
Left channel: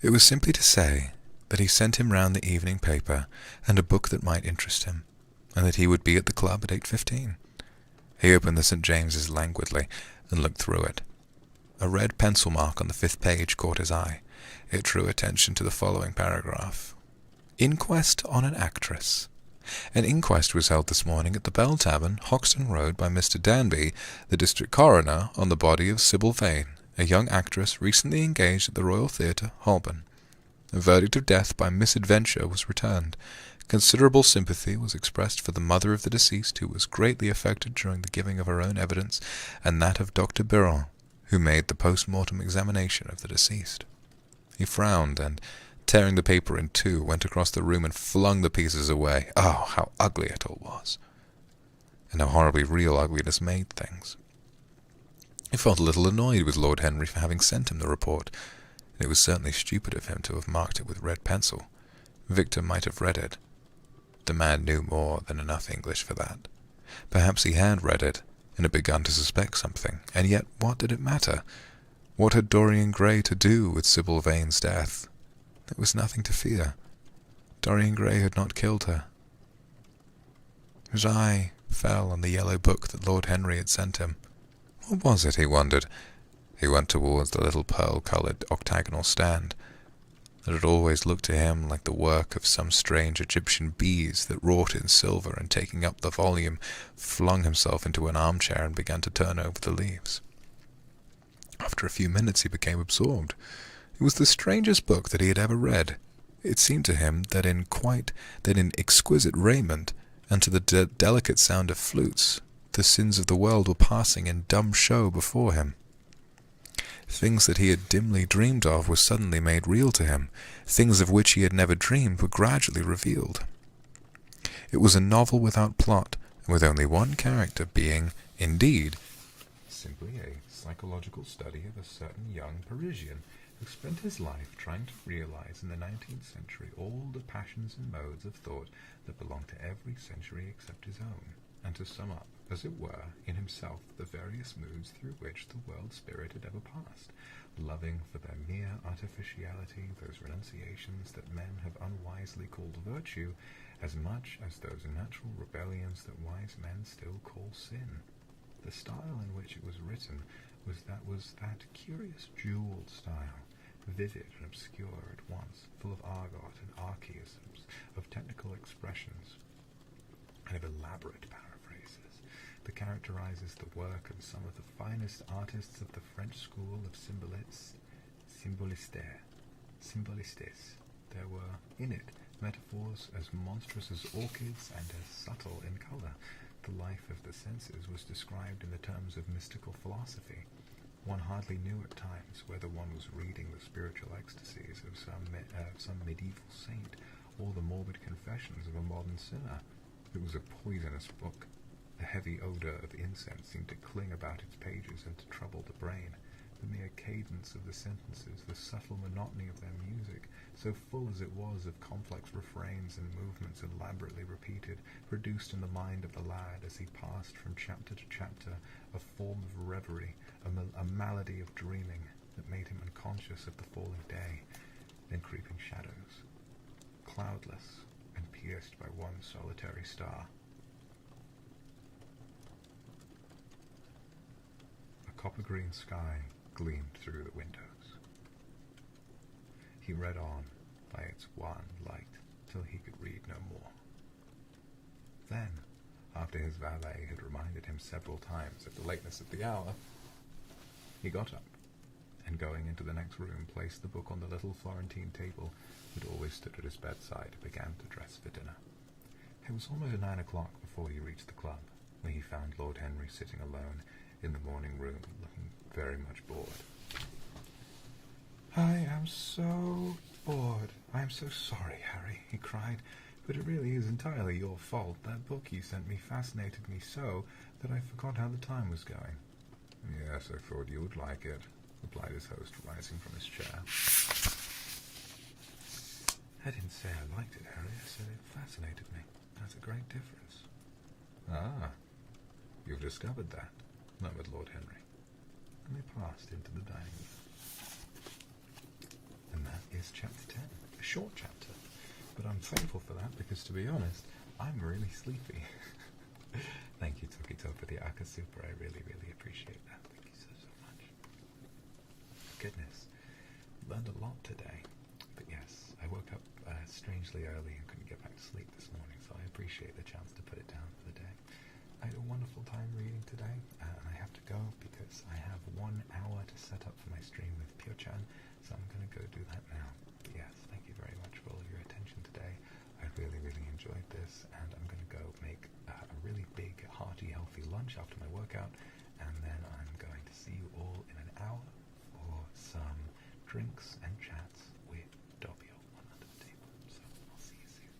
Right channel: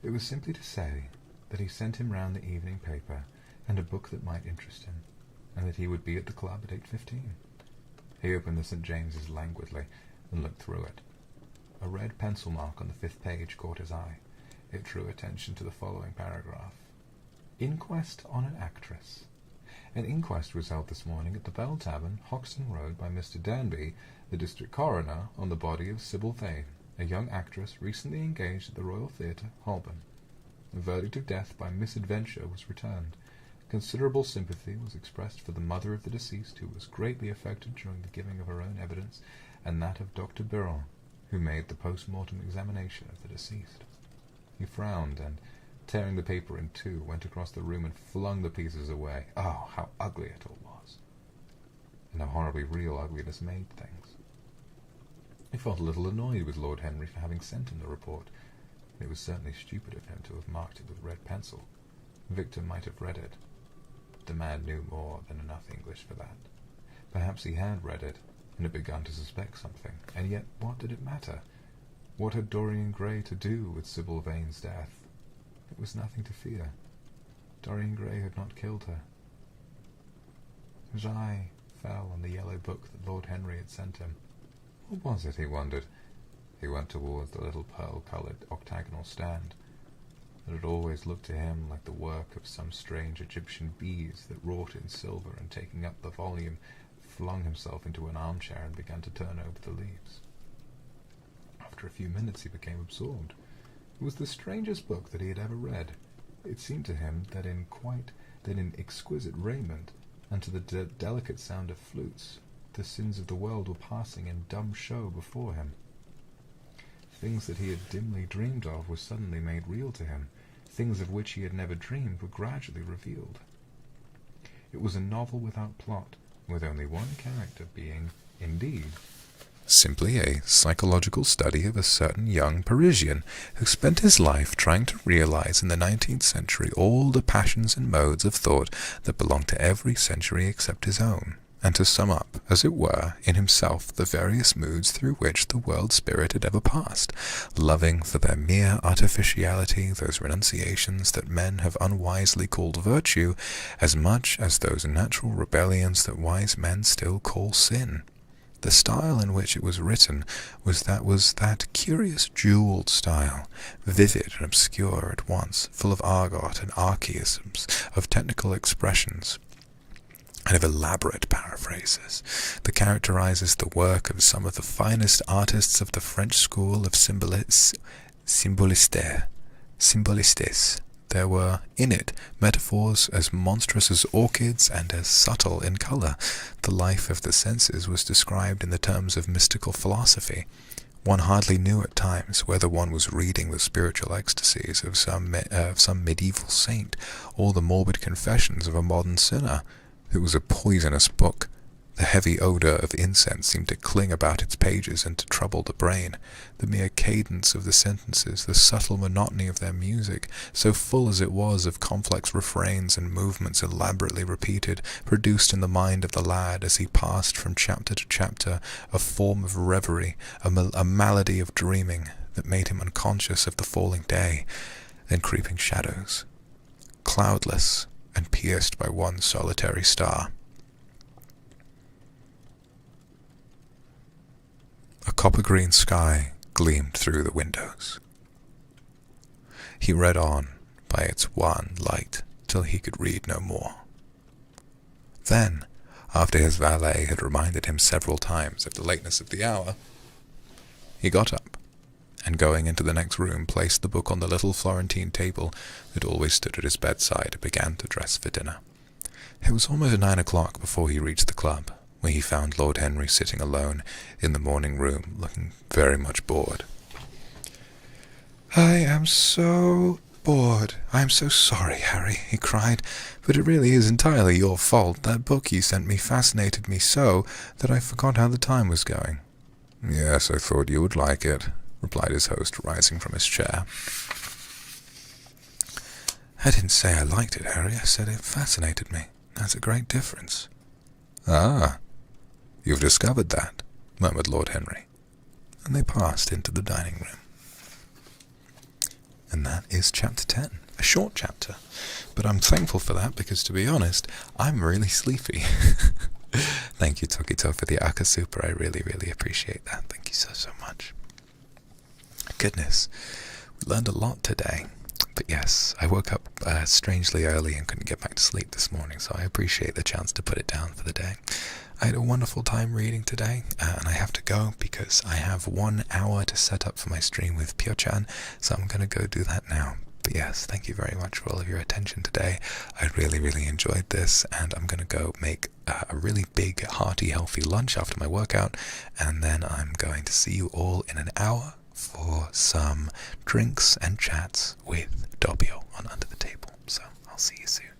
It was simply to say that he sent him round the evening paper and a book that might interest him, and that he would be at the club at 8:15. He opened the St. James's languidly and looked through it. A red pencil mark on the 5th page caught his eye. It drew attention to the following paragraph. Inquest on an actress. An inquest was held this morning at the Bell Tavern, Hoxton Road, by Mr. Danby, the district coroner, on the body of Sybil Vane, a young actress recently engaged at the Royal Theatre, Holborn. A verdict of death by misadventure was returned. Considerable sympathy was expressed for the mother of the deceased, who was greatly affected during the giving of her own evidence, and that of Dr. Biron, who made the post-mortem examination of the deceased. He frowned, and, tearing the paper in two, went across the room and flung the pieces away. Oh, how ugly it all was, and how horribly real ugliness made things. He felt a little annoyed with Lord Henry for having sent him the report. It was certainly stupid of him to have marked it with red pencil. Victor might have read it. The man knew more than enough English for that. Perhaps he had read it, and had begun to suspect something, and yet what did it matter? What had Dorian Gray to do with Sybil Vane's death? There was nothing to fear. Dorian Gray had not killed her. His eye fell on the yellow book that Lord Henry had sent him. What was it, he wondered? He went towards the little pearl-coloured octagonal stand that had always looked to him like the work of some strange Egyptian bees that wrought in silver, and taking up the volume, flung himself into an armchair and began to turn over the leaves. After a few minutes he became absorbed. It was the strangest book that he had ever read. It seemed to him that in exquisite raiment, and to the delicate sound of flutes, the sins of the world were passing in dumb show before him. Things that he had dimly dreamed of were suddenly made real to him. Things of which he had never dreamed were gradually revealed. It was a novel without plot, and with only one character, being, indeed, simply a psychological study of a certain young Parisian who spent his life trying to realize in the 19th century all the passions and modes of thought that belonged to every century except his own, and to sum up, as it were, in himself the various moods through which the world spirit had ever passed, loving for their mere artificiality those renunciations that men have unwisely called virtue, as much as those natural rebellions that wise men still call sin. The style in which it was written was that curious jewelled style, vivid and obscure at once, full of argot and archaisms, of technical expressions, and of elaborate paraphrases, that characterizes the work of some of the finest artists of the French school of symbolistes. There were in it metaphors as monstrous as orchids and as subtle in colour. The life of the senses was described in the terms of mystical philosophy. One hardly knew at times whether one was reading the spiritual ecstasies of some medieval saint, or the morbid confessions of a modern sinner. It was a poisonous book. The heavy odour of incense seemed to cling about its pages and to trouble the brain. The mere cadence of the sentences, the subtle monotony of their music, so full as it was of complex refrains and movements elaborately repeated, produced in the mind of the lad, as he passed from chapter to chapter, a form of reverie, a malady of dreaming that made him unconscious of the falling day, then creeping shadows, cloudless and pierced by one solitary star. A copper-green sky gleamed through the windows. He read on by its one light till he could read no more. Then, after his valet had reminded him several times of the lateness of the hour, he got up and going into the next room, placed the book on the little Florentine table that always stood at his bedside and began to dress for dinner. It was almost 9 o'clock before he reached the club, where he found Lord Henry sitting alone in the morning room, looking very much bored. "I am so bored. I am so sorry, Harry," he cried, "but it really is entirely your fault. That book you sent me fascinated me so that I forgot how the time was going." "Yes, I thought you would like it," replied his host, rising from his chair. "I didn't say I liked it, Harry. I said it fascinated me. That's a great difference." "Ah, you've discovered that," murmured Lord Henry, and they passed into the dining room. And that is chapter 10, a short chapter, but I'm thankful for that because, to be honest, I'm really sleepy. Thank you, Tokito, for the Aka Super. I really, really appreciate that. Thank you so, so much. Goodness, we learned a lot today. But yes, I woke up strangely early and couldn't get back to sleep this morning, so I appreciate the chance to put it down for the day. I had a wonderful time reading today, and I have to go because I have 1 hour to set up for my stream with Pyo-chan, so I'm going to go do that now. But yes, thank you very much for all of your attention today. I really, really enjoyed this, and I'm going to go make a really big, hearty, healthy lunch after my workout, and then I'm going to see you all in an hour for some drinks and chats with Doppio on Under the Table. So I'll see you soon.